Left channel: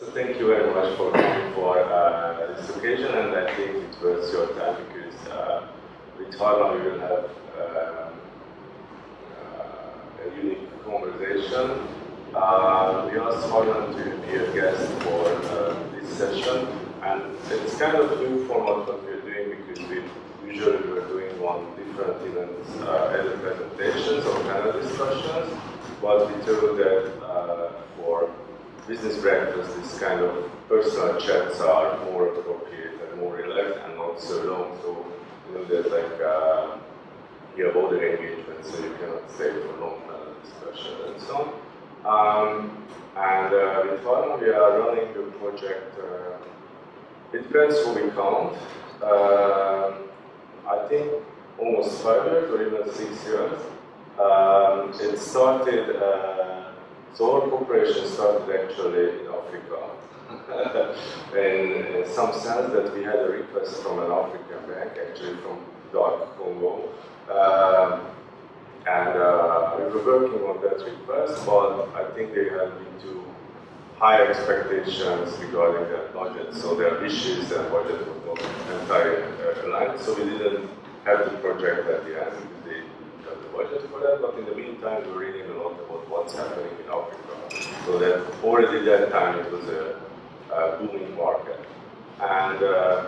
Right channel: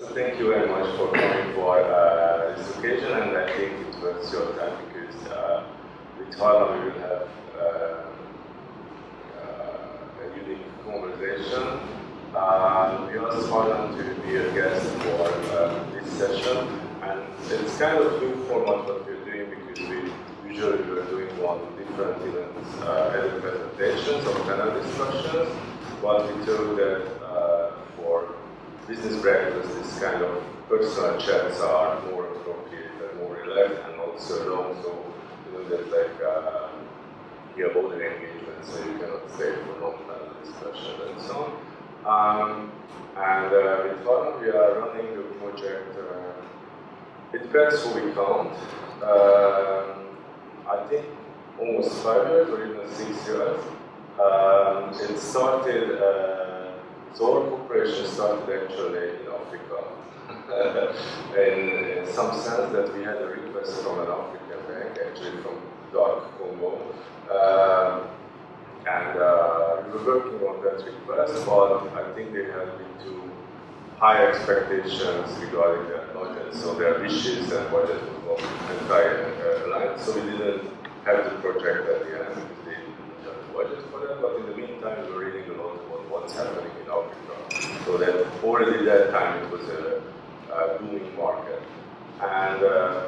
So thank you very much for coming for this occasion, and I think it was your time because with Harlan we will have a unique conversation. We asked Harlan to be a guest for this session, and it's kind of new format what we're doing because we usually we're doing on different events, either presentations or panel discussions, but we thought that for business breakfast, this kind of personal chats are more appropriate and more relaxed and not so long. So, there's like, you have other engagements, so you cannot stay for long panel discussions and so on. With Harlan, we are running the project, it depends who we count. I think almost 5 years or even 6 years. It started, so our cooperation started actually in Africa. in some sense that we had a request from an African bank, actually from Dark Congo. We were working on that request, but I think they had been too high expectations regarding their budget. So their wishes and budget was not entirely aligned. So we didn't have the project at the end because they didn't have the budget for that. But in the meantime, we were reading a lot about what's happening in Africa. So that already that time it was a booming market. And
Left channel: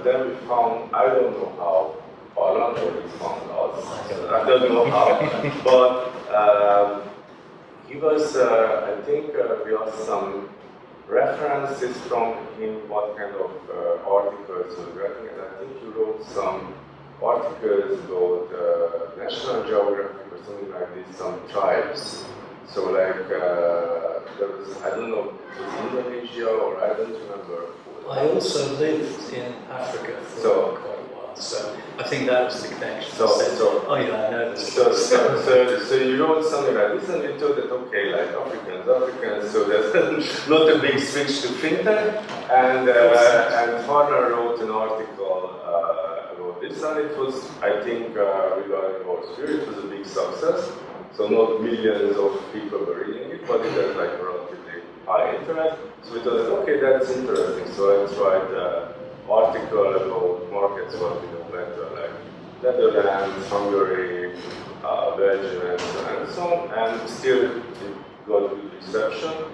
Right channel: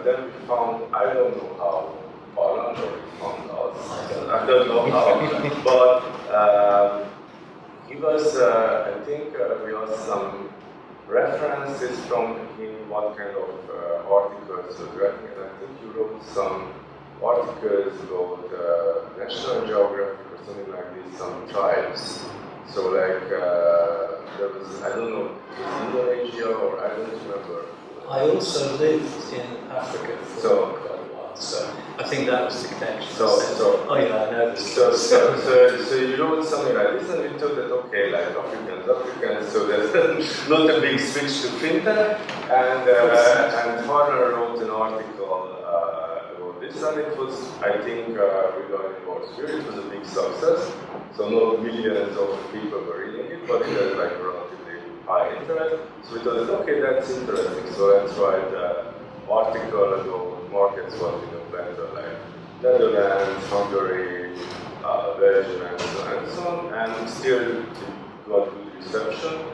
then we found, I don't know how, Harlan, or we found us, I don't know how, but he was, I think we asked some references from him, what kind of articles he was writing, and I think he wrote some articles about National Geographic or something like this, some tribes. So like, there was, I don't know, it was Indonesia or I don't remember. I also lived in Africa for quite a while, so I think that was the connection. Oh yeah, I know this. So you wrote something like this, and we thought that okay, like Africans. So that's not a big switch to Fintech. And Harlan wrote an article about this, and it was, I think, regarding our sphere, it was a big success. So not millions of people were reading it, but it had like a relatively high interest. So we thought that okay, that's interesting. So let's write an article about markets what we know better, like Netherlands, Hungary, Belgium, and so on. And still it got good reception.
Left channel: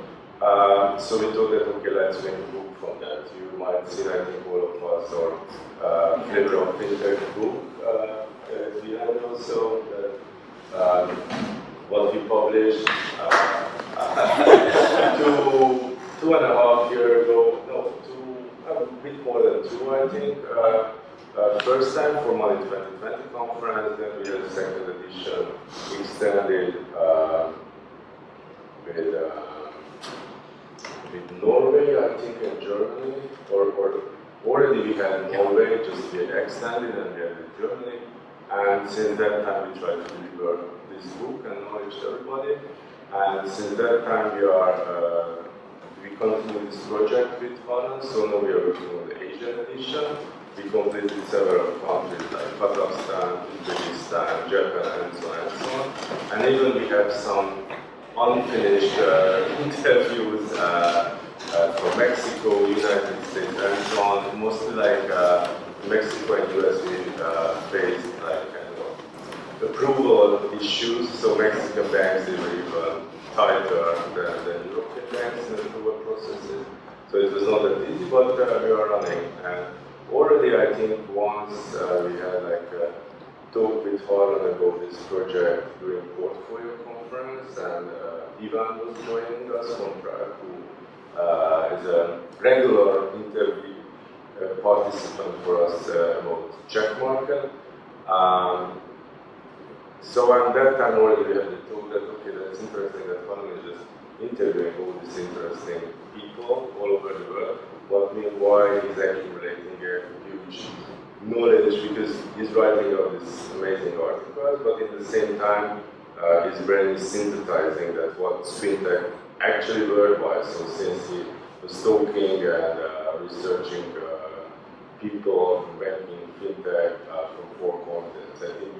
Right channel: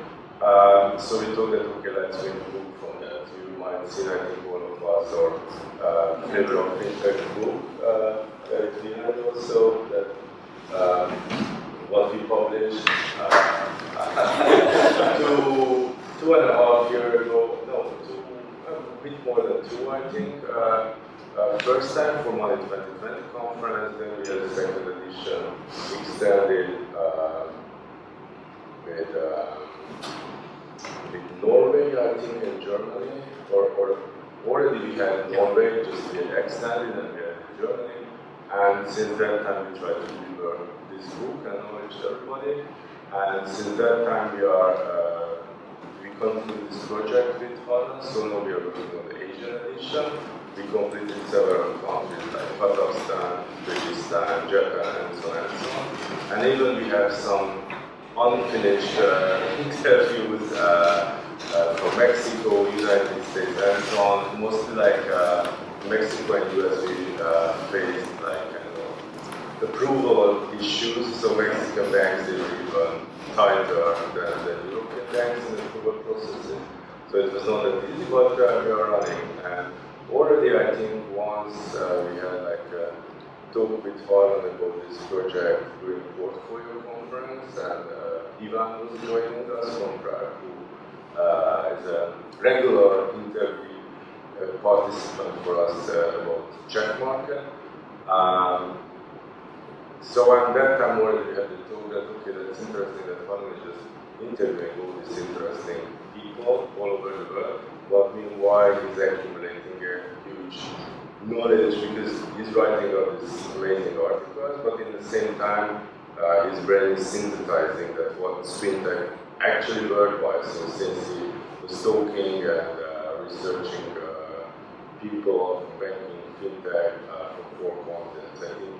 So we thought that okay, let's make a book from that. You might see, I think, all of us or Flavor of Fintech book that we had also. That, what we published 2.5 years ago, a bit more than 2, I think. First time for Money 2020 conference, then we had a second edition extended with Norway, I think, and Germany, or already we had Norway, just we had extended, and we had in Germany. And since that time, we try to deliver this book and knowledge to everybody. And since that time, we continue this project with Harlan. So now we are working on the Asian edition. We completed several countries like Kazakhstan, Uzbekistan, Japan, and so on and so on. And even we have some unfinished interviews from Mexico, United States, and so on. Mostly like Mexico and US we faced like kind of approval issues. So Mexican banks, they were even tighter than European banks in the approval processes. So it was not that easy, but we are running. And already I think once we had like a talk with Harlan about this project during portfolio conference, and Ivan was joining us from Prague, who is a regular interview participant for us about Czech market. So at that time already we had the talk that okay, that's interesting that Harlan is just interviewing all these interesting people all over the world, but meanwhile he's accumulating a huge knowledge because he's writing all these amazing articles, but in the same time his brain is synthesizing that what's fintech actually worldwide. So since he was talking and researching people from banking, fintech, from 4 continents. I think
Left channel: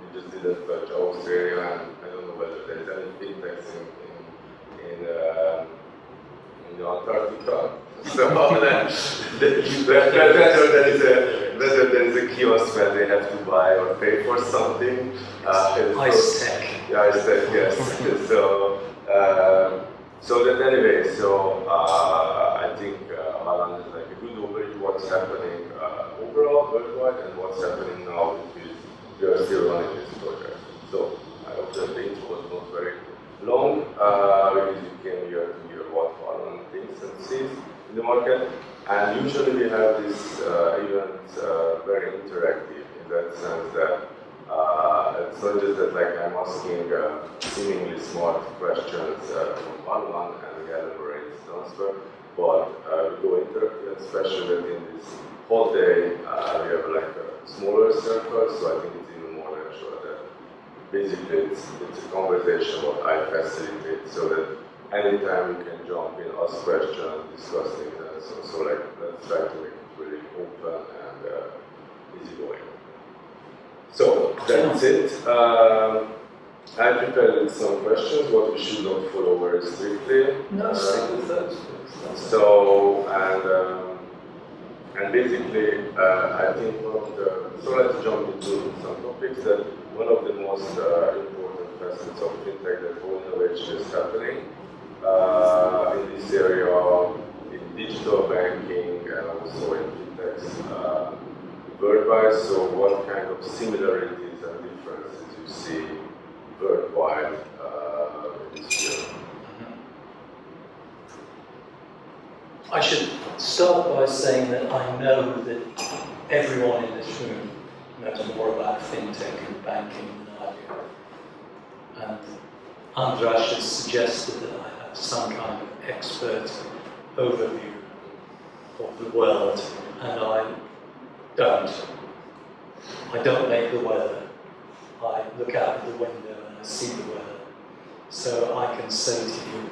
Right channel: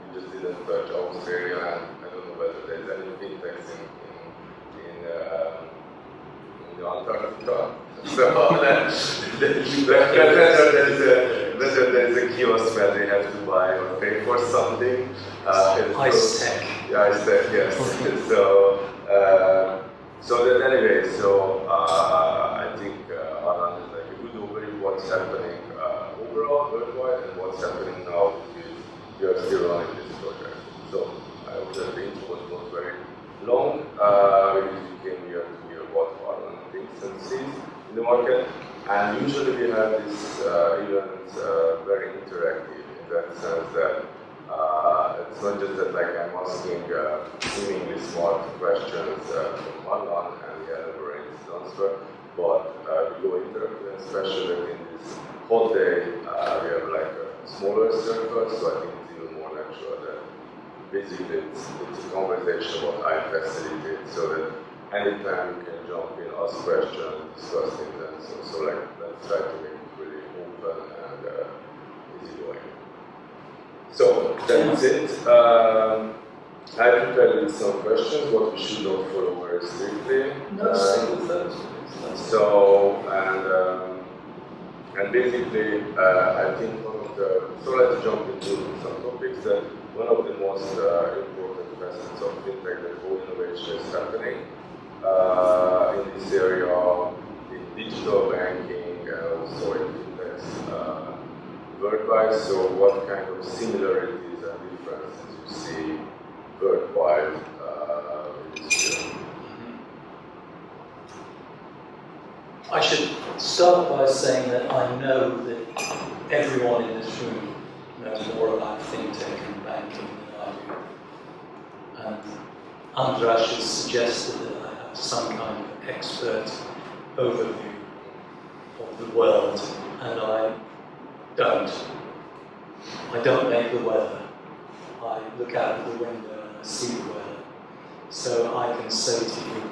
we just didn't touch Australia, and I don't know whether there's any fintechs in in the Antarctica. So whether there is a kiosk where they have to buy or pay for something. Ice tech. Yeah, ice tech, yes. So that anyway, I think Alan is like a good overview what's happening overall worldwide and what's happening now because we are still running this project. So I hope that the intro was not very long. We usually came here to hear what are running things and sees in the market. And usually we have this event very interactive in that sense that it's not just that like I'm asking seemingly smart questions from one and we elaborate the answer, but we go interactive, and especially that in this whole day we have like a smaller circle, so I think it's even more natural that basically it's a conversation what I facilitate, so that anytime you can jump in, ask questions, discuss things, and so like let's try to make it really open and easygoing. So that's it. I prepared some questions, what we should not follow very strictly. No, stick with those, please. So, and basically, I think so let's jump into some topics that one of the most important facets of Fintech, that whole innovation is happening in this area, in digital banking and also in Fintechs worldwide. So what kind of similarities and differences you see worldwide in this field? I should start by saying that I know that everyone in this room knows more about fintech and banking than I do. And Andras has suggested that I have some kind of expert overview of the world, and I don't. I don't make the weather. I look out of the window and I see the weather. So I can say to you,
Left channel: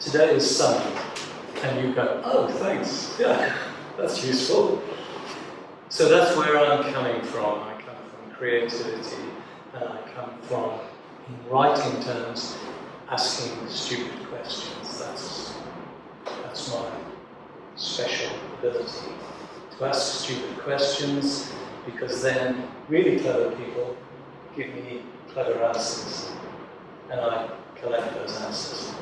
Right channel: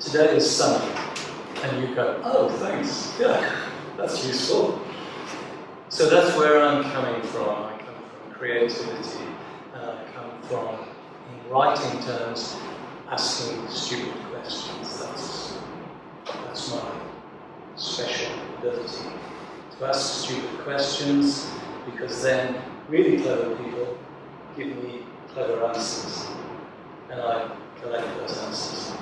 today is sunny. And you go, oh, thanks. Yeah, that's useful. So that's where I'm coming from. I come from creativity, and I come from, in writing terms, asking stupid questions. That's my special ability. To ask stupid questions, because then really clever people give me clever answers, and I collect those answers.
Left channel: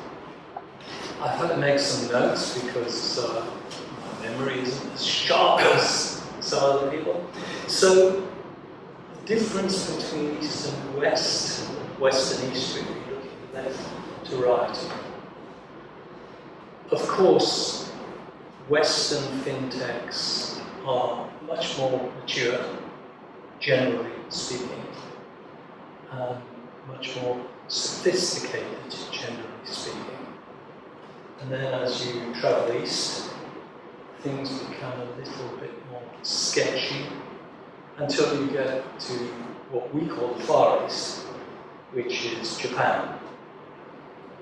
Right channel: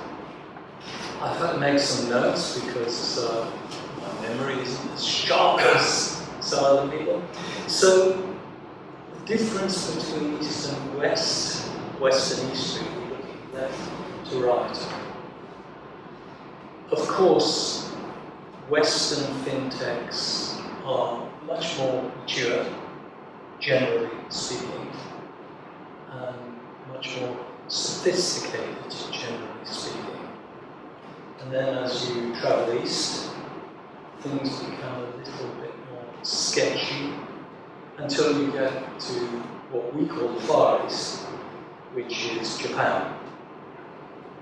I've had to make some notes because my memory isn't as sharp as some other people. So, the difference between East and West, West and East, really, looking left to right. Of course, Western fintechs are much more mature, generally speaking, and much more sophisticated, generally speaking. And then as you travel east, things become a little bit more sketchy until you get to what we call the Far East, which is Japan,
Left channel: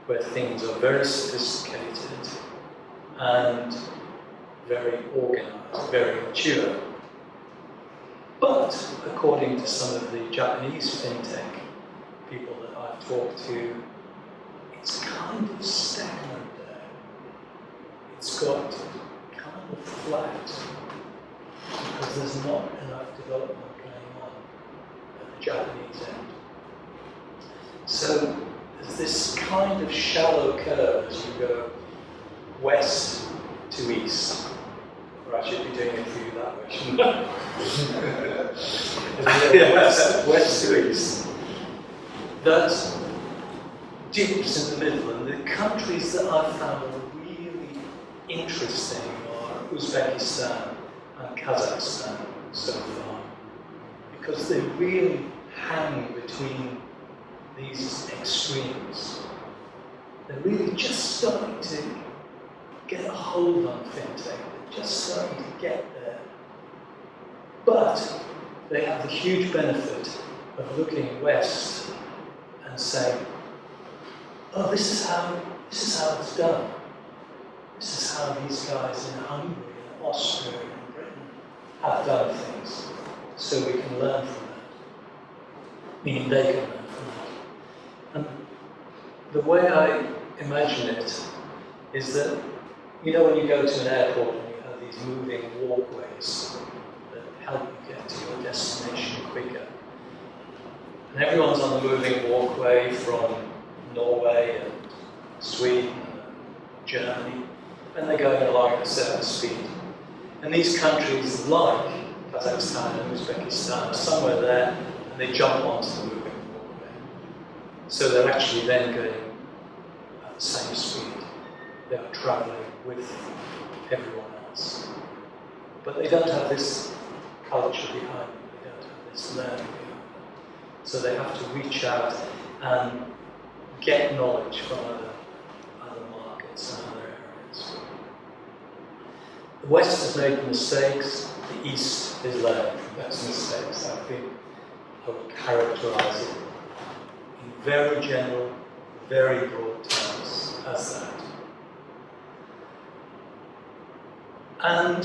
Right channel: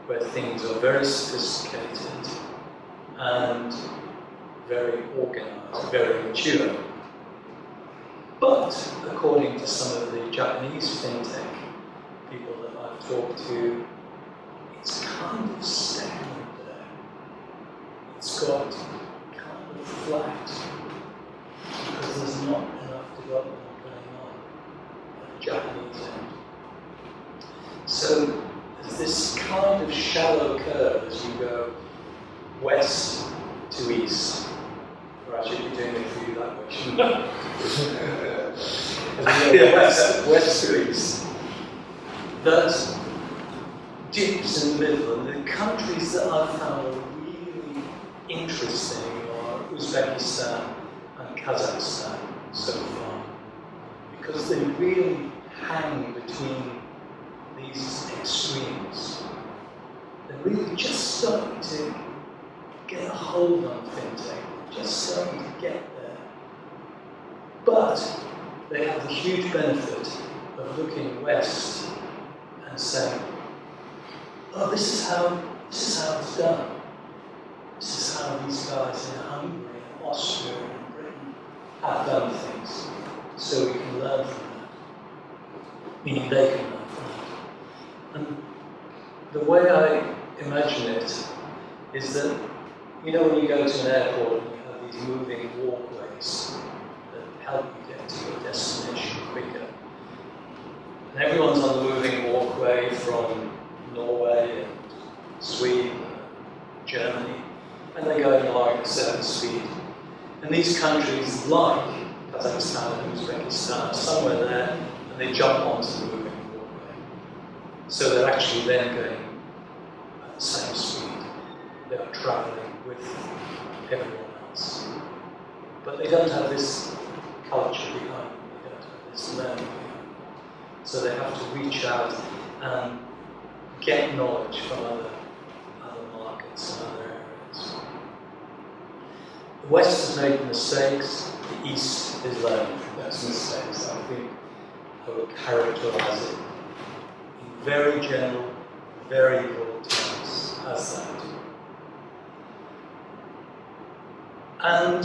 where things are very sophisticated and very organized, very mature. But according to some of the Japanese fintech people that I've talked to, it's kind of stagnant. It's got kind of flat because there's not enough development going on at the Japanese end. So there's this kind of shallow curve as you go west to east. Or I should be doing it for you that way, shouldn't I? As we go west to east. That dips in the middle, and the countries that I've found are interesting are Uzbekistan and Kazakhstan so far, because they really hang between these extremes. They're really just starting to get a hold on fintech, they're just starting to get there. But they have the huge benefit of looking west and saying, oh, this is how it's done. This is how these guys in Hungary and Austria and Britain have done things. So we can learn from that. Meaning they can learn from that. And the way I imagine it is that, you know, when you go to an airport and you have these moving walkways that help you get to your destination quicker. And everyone's on the moving walkway from Norway and Sweden and Germany, and they're going along at a certain speed. And these countries like Kazakhstan and Uzbekistan are somewhere there, and they jump onto the moving walkway. So they're actually then going at the same speed. They are travelling with everyone else. But they don't have this culture behind them, they don't have this learning behind them. So they have to reach out and get knowledge from other markets and other areas. The West has made mistakes, the East is learning from those mistakes. I think I would characterise it in very general, very broad terms as that. And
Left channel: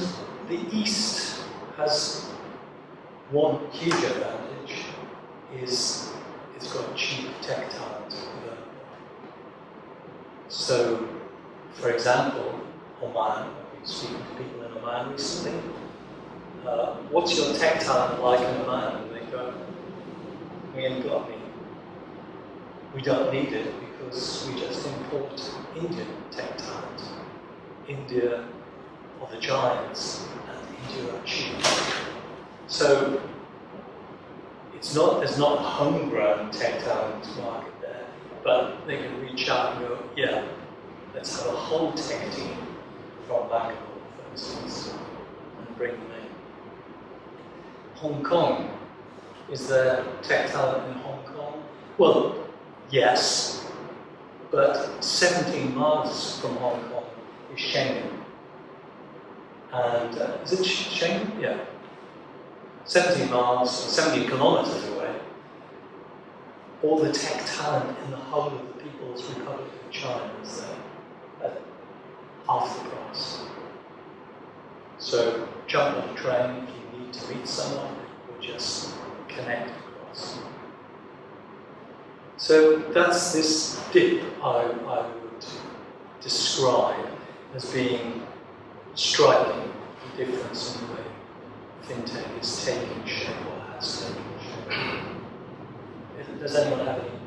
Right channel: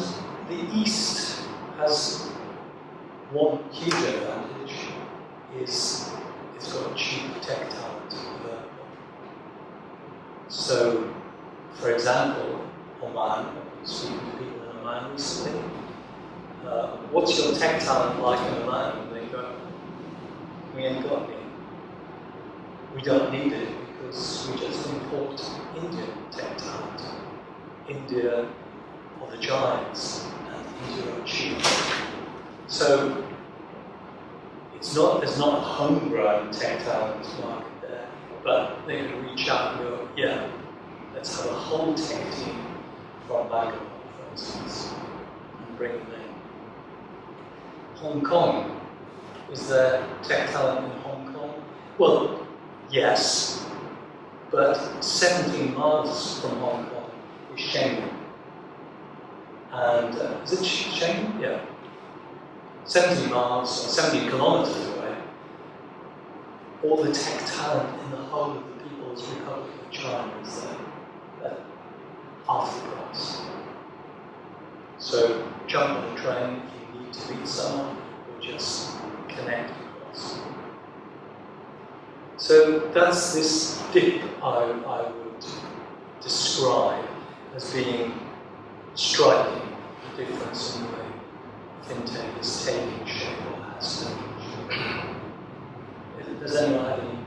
the East has one huge advantage, is it's got cheap tech talent available. So, for example, Oman, I've been speaking to people in Oman recently, what's your tech talent like in Oman? And they go, we ain't got any. We don't need it because we just import Indian tech talent. India are the giants, and India are cheap. So there's not homegrown tech talent market there, but they can reach out and go, yeah, let's have a whole tech team from Bangalore, for instance, and bring them in. Hong Kong, is there tech talent in Hong Kong? Well, yes, but 17 miles from Hong Kong is Schengen. And is it Schengen? Yeah. 17 miles, or 17 kilometers away. All the tech talent in the whole of the People's Republic of China is there at half the price. So jump on a train if you need to meet someone, or just connect across. So that's this dip I would describe as being striking, the difference in the way Fintech is taking shape or has taken shape. Does anyone have any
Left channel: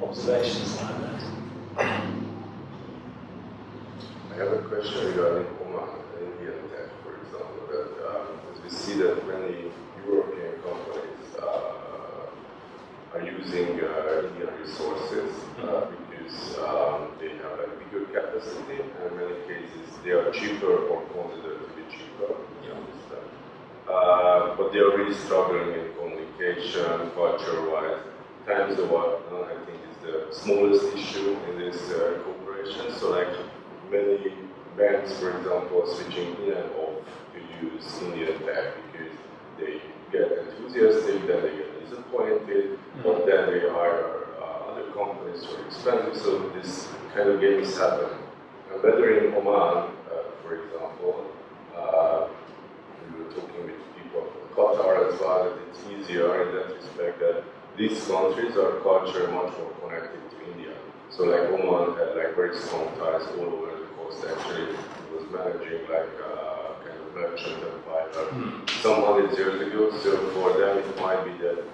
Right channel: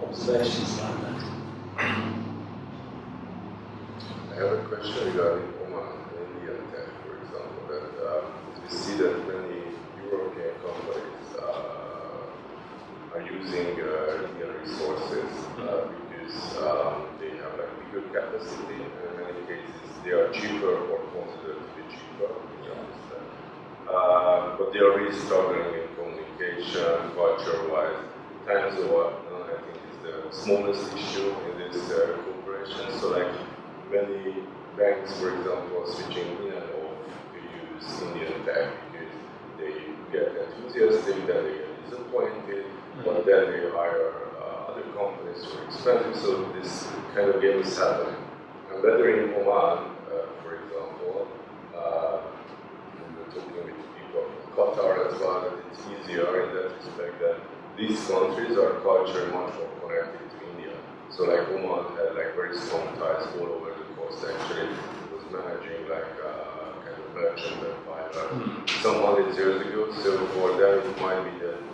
observations about that? I have a question regarding Oman and Indian tech, for example. That as we see that many European companies are using Indian resources because they have like bigger capacity, and in many cases they are cheaper or considered to be cheaper. But they are really struggling in communication, culture-wise. Times of what I think is the smallest issue in this cooperation. So like many banks, for example, are switching in and off to use Indian tech because they get enthusiastic, then they get disappointed, but then they hire other companies who are expensive. So this kind of game is happening. And whether in Oman, for example, we were talking with people from Qatar as well, that it's easier in that respect that these countries are culturally much more connected to India. So like Oman had like very strong ties all over the coast actually. It was managing like kind of merchant empire some 100 years ago. So for them it might be that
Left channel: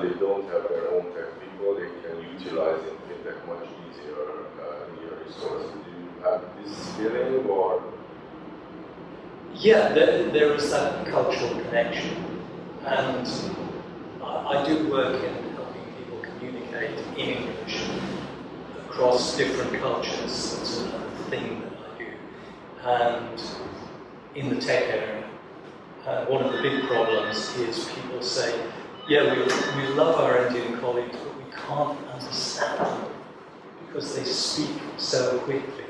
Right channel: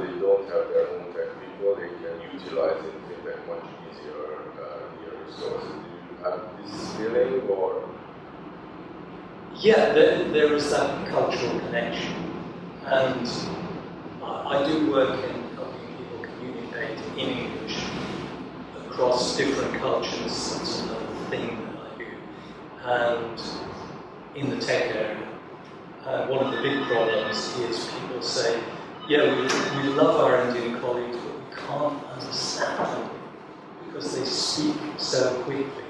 they don't have their own tech people, they can utilize in Fintech much easier India resources. Do you have this feeling or? Yeah, there is that cultural connection, and I do work in helping people communicate in English across different cultures. That's another thing that I do, and in the tech area. And one of the big problems is people say, yeah, we love our Indian colleagues, but we can't understand them because they speak so quickly.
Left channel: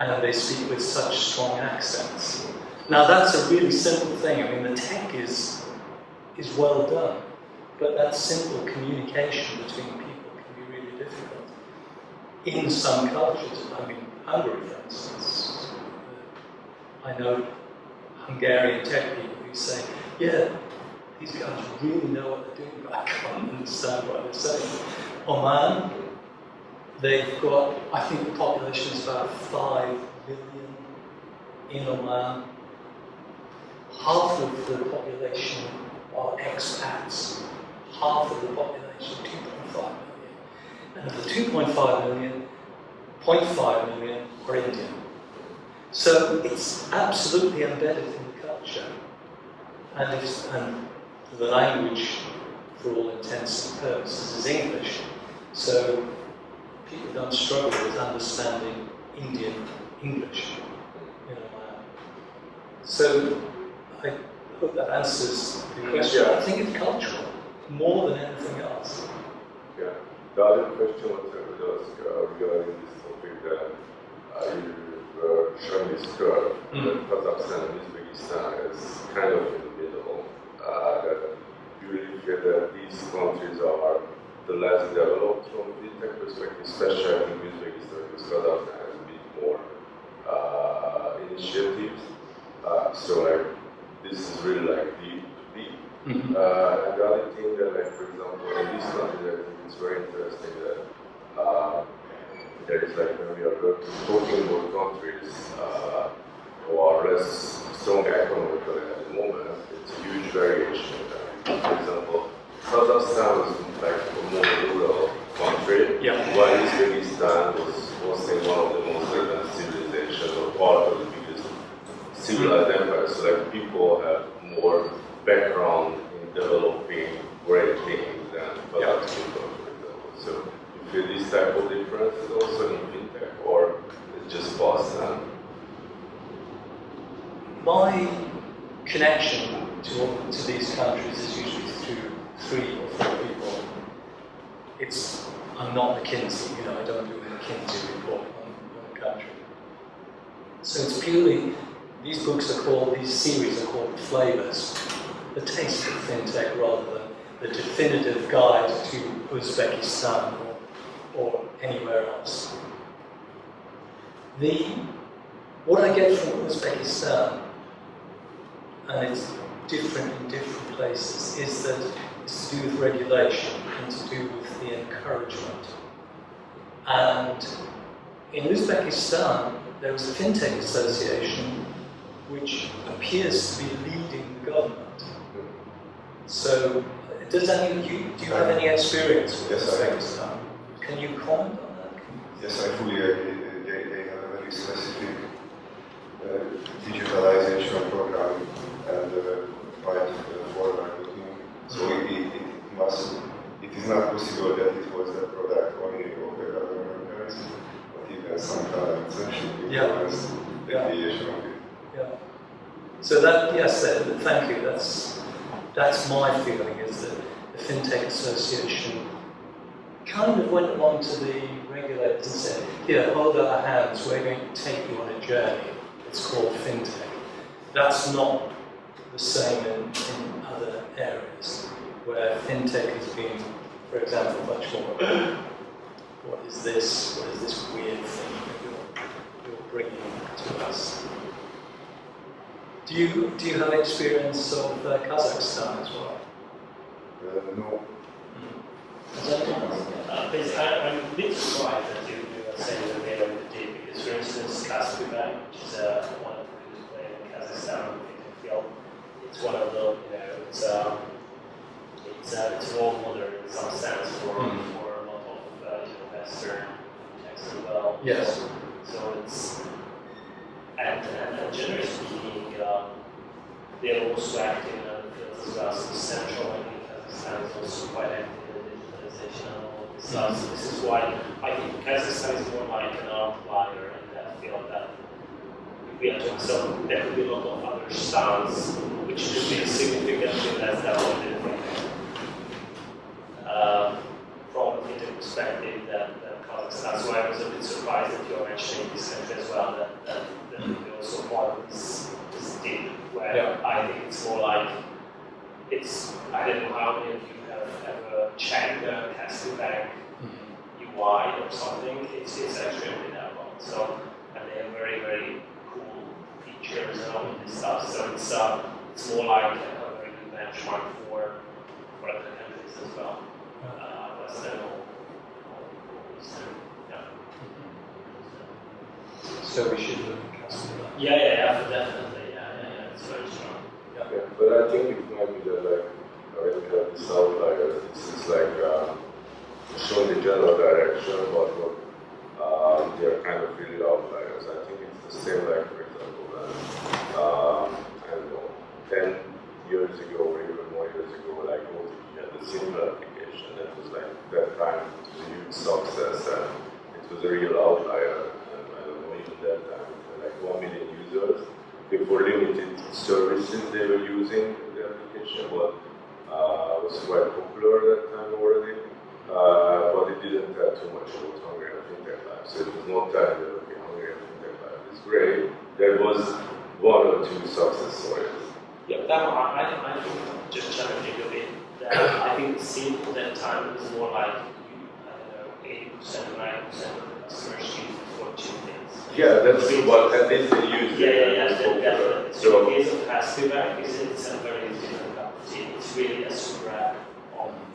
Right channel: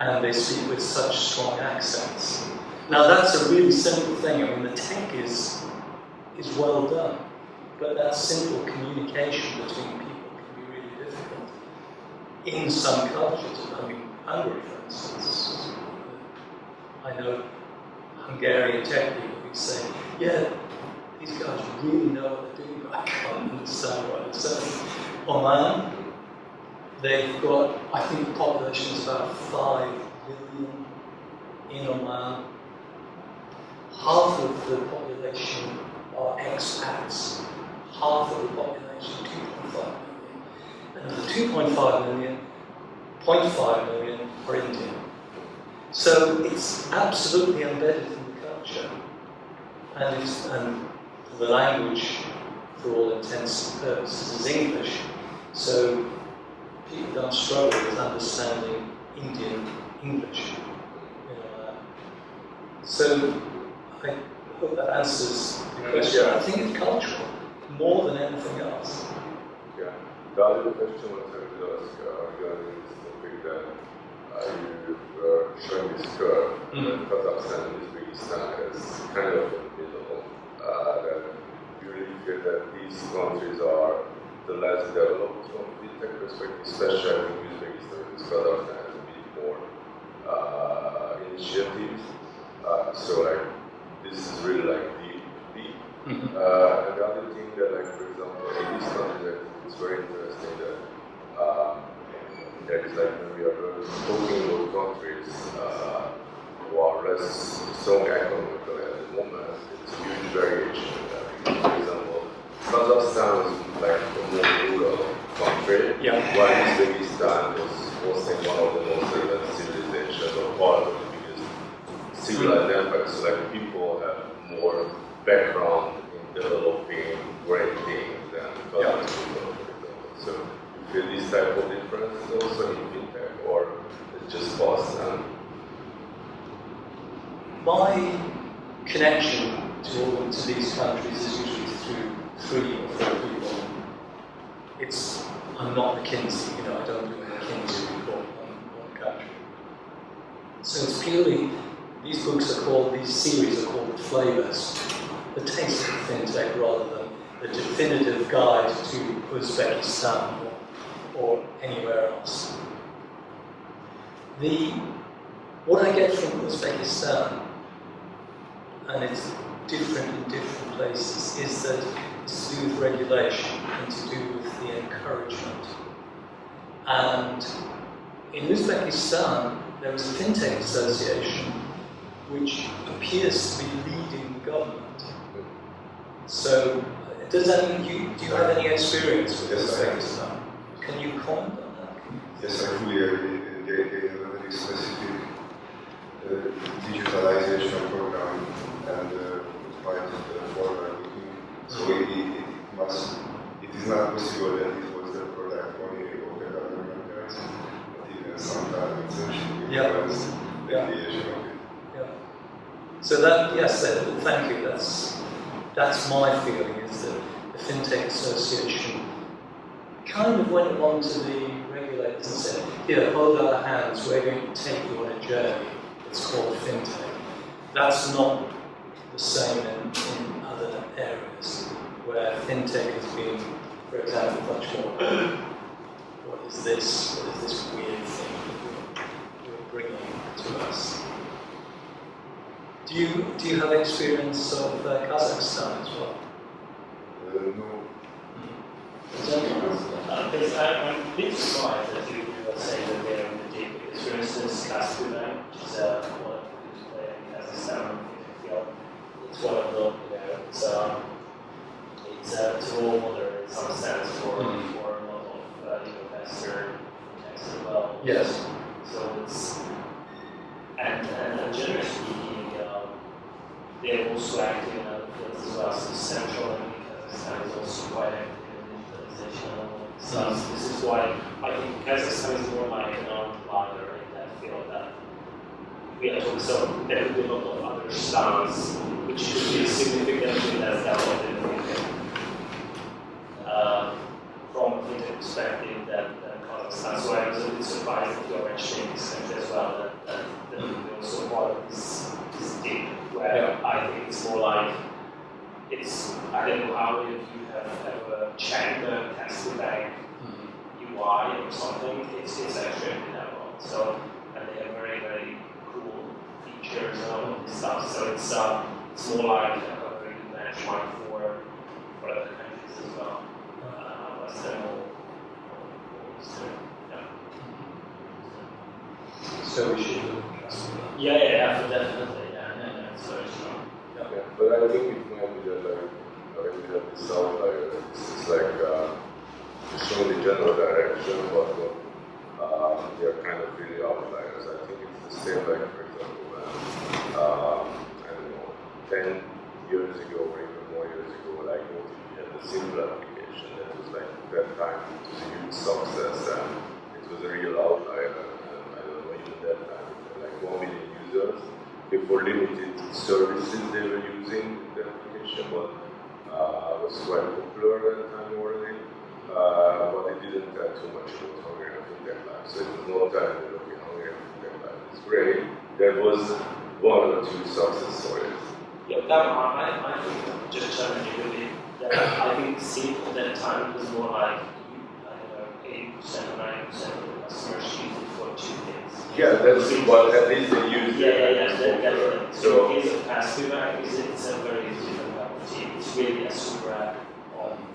And they speak with such strong accents. Now that's a really simple thing. I mean, the tech is well done, but that simple communication between people can be really difficult. In some cultures, I mean, Hungary, for instance, I know Hungarian tech people who say, yeah, these guys really know what they're doing, but I can't understand what they're saying. Oman, They've got, I think the population is about 5 million in Oman. Half of the population are expats. Half of the population, 2.5 million. And of the 2.5 million, 0.5 million are Indian. So it's absolutely embedded in the culture. And the language, for all intents and purposes, is English. So people don't struggle with understanding Indian English, you know. So I hope that answers the question. Yeah. I think it's cultural more than anything else. Yeah. The other question was regarding this topic that you were showing this curve that Kazakhstan and Uzbekistan is kind of in the middle. That you really feel that these countries are the less developed from a fintech perspective, especially I think Uzbekistan, because Kazakhstan has a bit more initiatives. So like this is really like deep. And the other thing that, like for example, in these countries, I think it's very interesting that there is like when we are talking about countries who are less strong economically at the moment, it's a huge variation in that. Because, for example, Kazakhstan was like the more rural country, while Uzbekistan was hosting one of the most advanced civilizations or part of the biggest civilized empires. So like people have more background in developing great things than Kazakh people, for example. So you feel this type of difference also in fintech, or it's just past and My connection to these countries is usually through 3 or 4 people. I'm not McKinsey, you know, I don't do a McKinsey report on a country. So it's purely, these series are called Flavors, the taste of fintech rather than the definitive guide to Uzbekistan or anywhere else. What I get from Uzbekistan, and it's different in different places, is that it's to do with regulation and to do with the encouragement. And in Uzbekistan, there is a Fintech association which appears to be leading the government. So, do you have any experience with Uzbekistan? Can you comment on that? Yes, I fully agree. They have a very specific digitalization program and quite forward-looking. So it is not possible that it was the product only of the government, but even some private should influence the creation of it. Yeah. So thank you. That's my feeling, is that the Fintech Association kind of went along to the regulators and said, here, hold our hands, we're going to take you on a journey. It's called Fintech. That's not the same in other areas, where Fintech has been, for example, much more, what is this weird thing that you're bringing to us? Do you have experience of Kazakhstan as well? No. I'm a bit surprised that you were saying that they're in the deep, because for instance, Kaspi Bank, which is one of the biggest players in Kazakhstan in the field, it's one of the, it's a role model in some sense for a lot of Western fintechs as well. Yes. So it's and generally speaking, they're also active in other fields as well. So the central bank in Kazakhstan is also quite active in digitalization and all this stuff. So this is why I think Kazakhstan is more like an outlier in that field. That we are talking, so there could be a lot of other styles which could be significantly less developed in fintech. From a fintech perspective than Kazakhstan. So I was a bit surprised that you're mentioning this country as well, that would be also part of this deep, where I think it's more like, I don't know how many of you have ever checked the Kaspi Bank UI or something. It's extremely narrow. So, and they have very, very cool features and all of this stuff. So it's more like a very good benchmark for other countries as well. Western or Eastern. So we should look at customer. Yeah, definitely. It's very strong. Yeah, but I think it might be that like when you have these outliers, this is like showing the general direction, but what they are kind of really outliers. I think it's the same like, for example, when I don't know, 10 years ago or even more years ago, like OTP had the simple application that was like that time it was a huge success and it was a real outlier. And I don't know, even that time it had like 1 million users. For limited services they were using the application, but it was quite popular at that time already. But it didn't tell too much about Hungarian fintech life. So it was not telling that okay, Hungarian fintech life is great. There was 1 or 2 success stories. Yeah, that I think just challenging a bit. That I think SIM at that time was more like 80% or 90% of the customers use it for 2 things. Yeah, that's what at least they used it. Definitely. So in the case of Kaspi Bank, it's a very different cup of tea. It's really a super app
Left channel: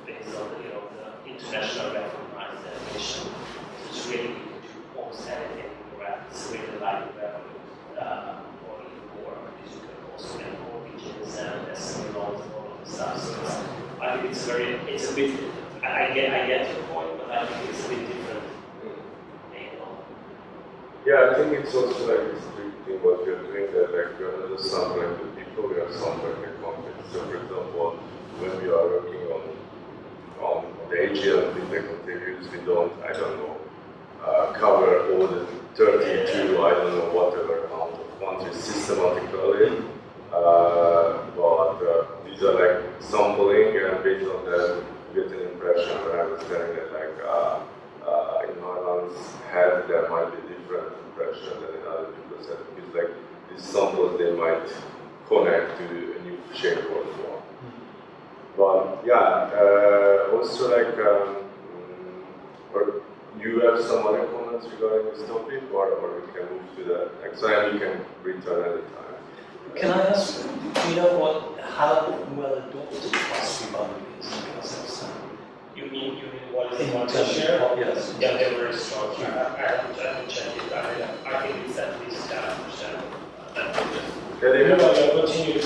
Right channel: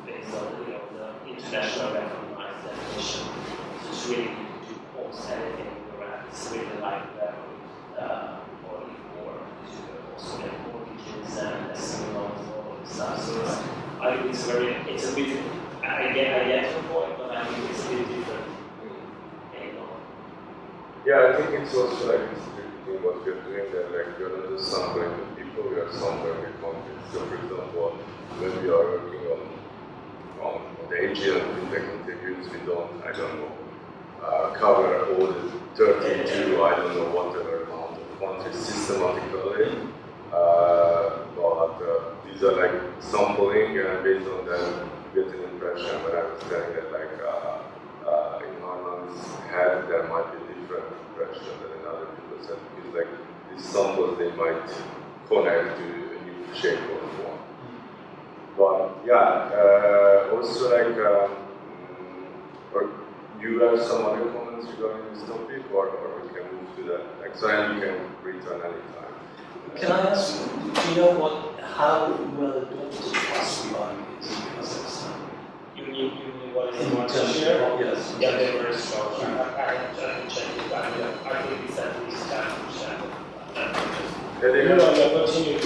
based on the international recognized definition. So it's really you can do almost anything with the app. It's really like Revolut or even more because you can also get mortgages and SME loans and all of the stuff. So I think it's a bit. I get your point, but I think it's a bit different. yeah, I think it's also like restricting what we are doing. That like we are not just sampling the people, we are sampling the content. So for example, when we are working on the AGL fintech interviews, we don't, I don't know, cover all the 32, I don't know, whatever amount of countries systematically. But these are like sampling, and based on that, you get an impression. When I was telling that, like in Harlan's head, there might be a different impression than in other people's head, because like these samples, they might connect to a new shape or form. But yeah, also like, or you have some other comments regarding this topic, or we can move to the next one, and you can return anytime. Can I ask, do you know how well adopted Kaspi Bank is in Kazakhstan? You mean what is In the market terms of- share? Yes. Yeah, they're very strong. I can check it. I think it's at least 10%. Yeah, they have, Continue to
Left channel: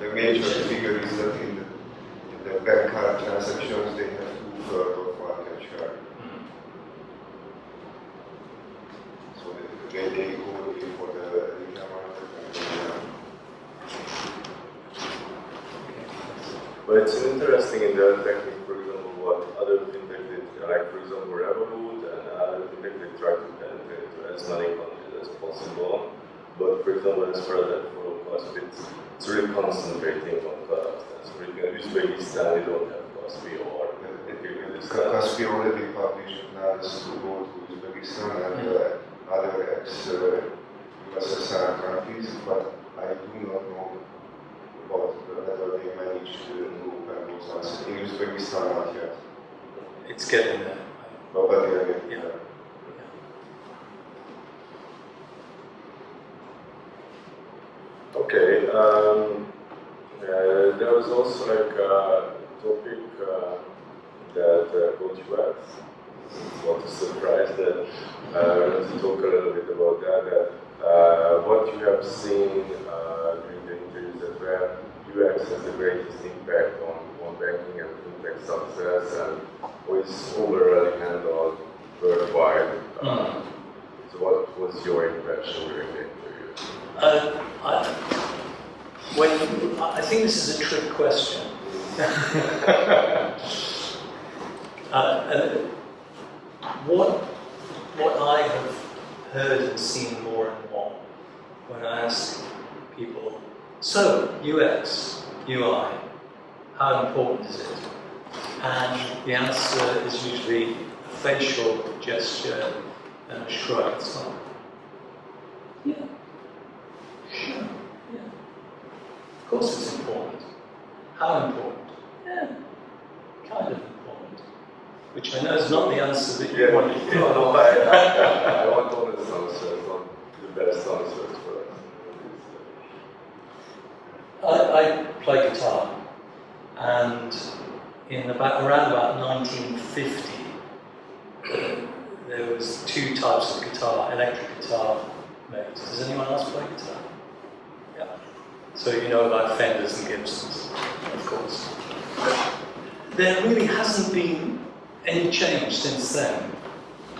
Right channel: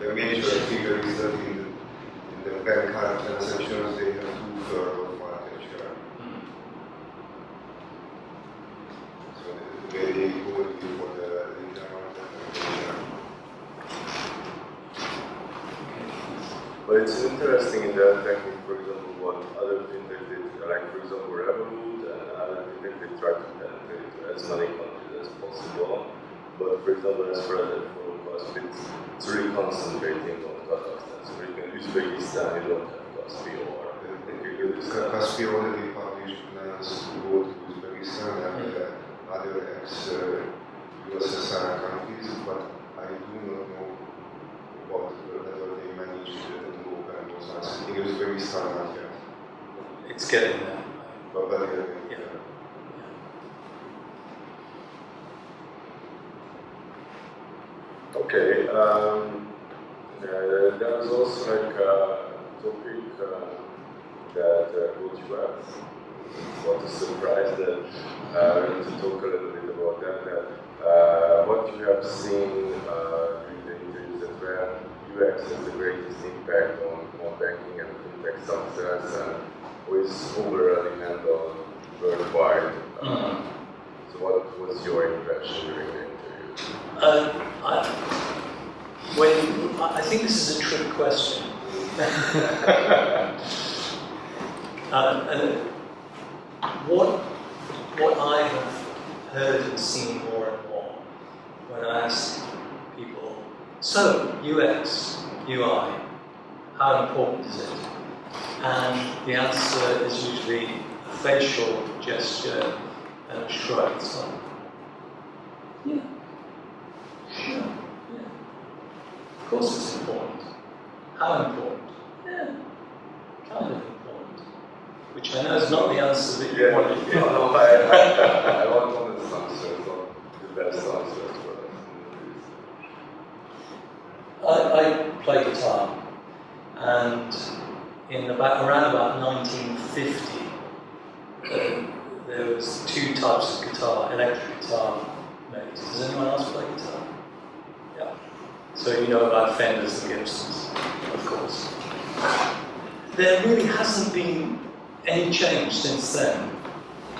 The major figure is that in the bank card transactions they have 2/3 of market share. So they go for the retail market. but it's interesting in that technique, for example, what other fintech did, like for example Revolut and other fintech, they try to penetrate to as many countries as possible. But for example, as far as that forum Kaspi, it's really concentrating on Kazakhstan. So in Uzbekistan, you don't have Kaspi or Kaspi already published plans to go to Uzbekistan and other ex-USSR countries, but I do not know about whether they managed to open those ones. In Uzbekistan, not yet. It's getting there. But they're getting Yeah. there. Okay, there was also like a topic that got you at. It's not a surprise that we want to talk a little bit about that. What you have seen during the interviews, that where UX has the greatest impact on banking and fintech success, and who is overall handled worldwide. So what was your impression during the interview? I think this is a trick question. And what I have heard and seen more and more when I ask people, so UX, UI, how important is it? And the answer is usually a facial gesture and a shrug. It's like, yeah. Sure, yeah. Of course it's important. How important? Yeah, kind of important. Which I know is not the answer that you wanted. No, I want honest answers, not the best answers for us. I play guitar, and around about 1950, there was 2 types of guitar, electric guitar made. Does anyone else play guitar? Yeah. So you know about Fenders and Gibsons, of course. There really hasn't been any change since then,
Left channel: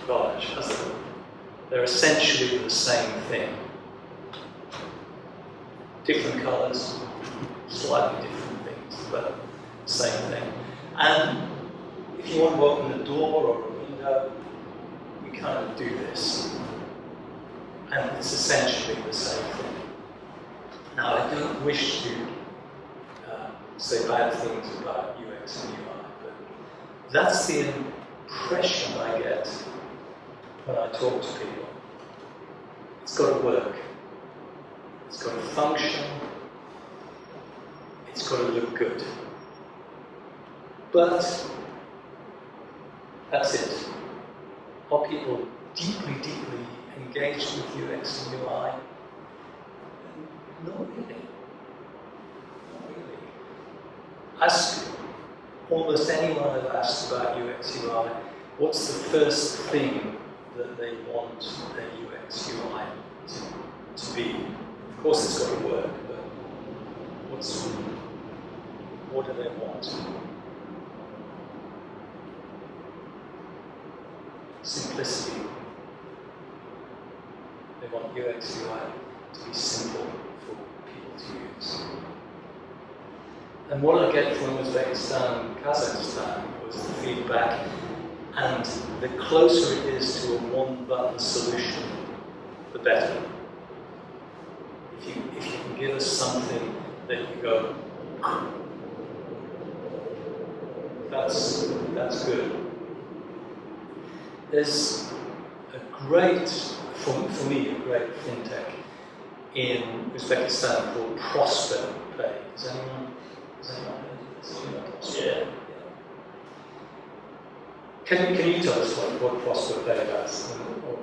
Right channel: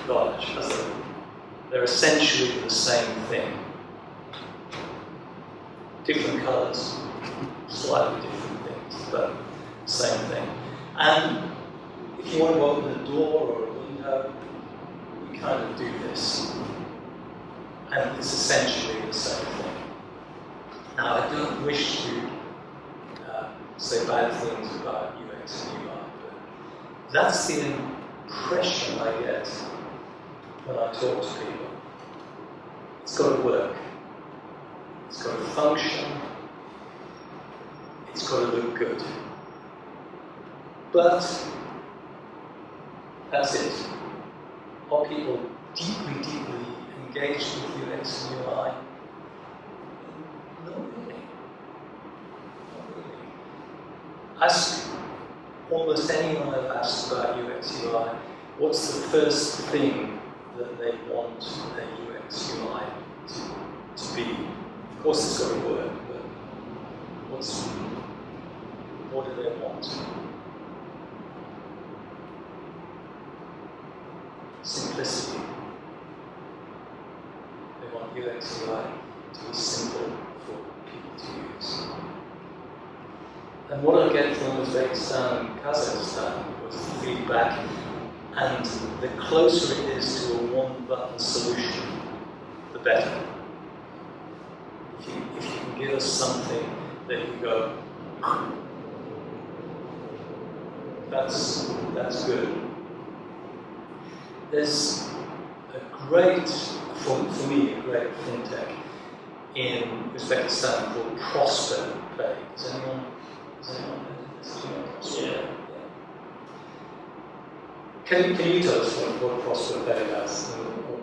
gosh, has there? They're essentially the same thing. Different colours, slightly different things, but same thing. And if you want to open a door or a window, you kind of do this. And it's essentially the same thing. Now, I don't wish to say bad things about UX and UI, but that's the impression I get when I talk to people. It's got to work. It's got to function. It's got to look good. But that's it. Are people deeply, deeply engaged with UX and UI? Not really. Not really. Ask almost anyone I've asked about UX UI, what's the first thing that they want their UX UI to be? Of course it's got to work, but what do they want? Simplicity. They want UX UI to be simple for people to use. And what I get from Uzbekistan and Kazakhstan was the feedback, and the closer it is to a one-button solution, the better. If you can give us something that you go, that's good. There's a great, for me, a great fintech in Uzbekistan called Prosper Pay. Does anyone know this? Do you know Prosper? Yeah. Can you tell us what Prosper Pay does? Or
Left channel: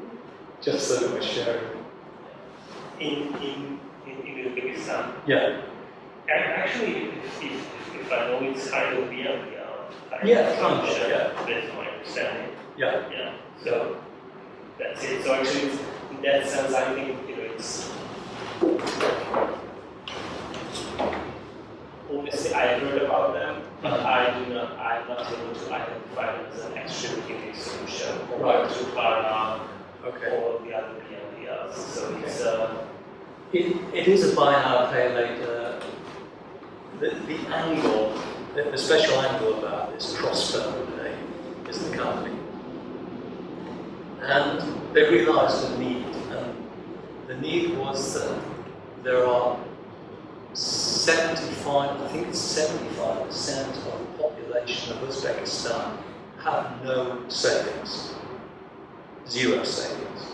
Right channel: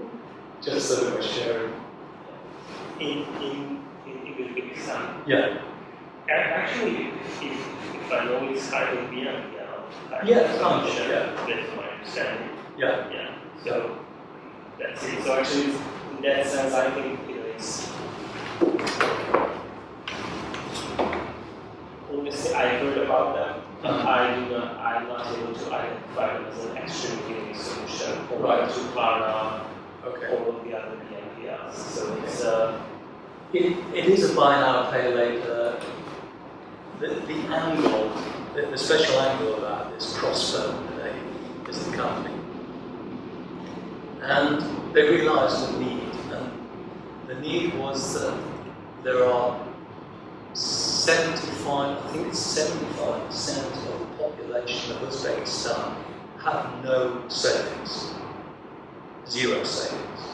just so that we're sharing. In Uzbekistan? Yeah. Actually, if I know it's kind of beyond that's my understanding. Yeah. Yeah. So that's it. So actually, in that sense, I think it's obviously I heard about them, but I'm not able to identify them as an extremely unique solution compared to Klarna or the other BNPLs. So it's it is a buy now, pay later. The angle, the special angle about this, Prosper Pay, is the company. And they realised the need, and the need was that there are 75% of the population of Uzbekistan have no savings, 0 savings.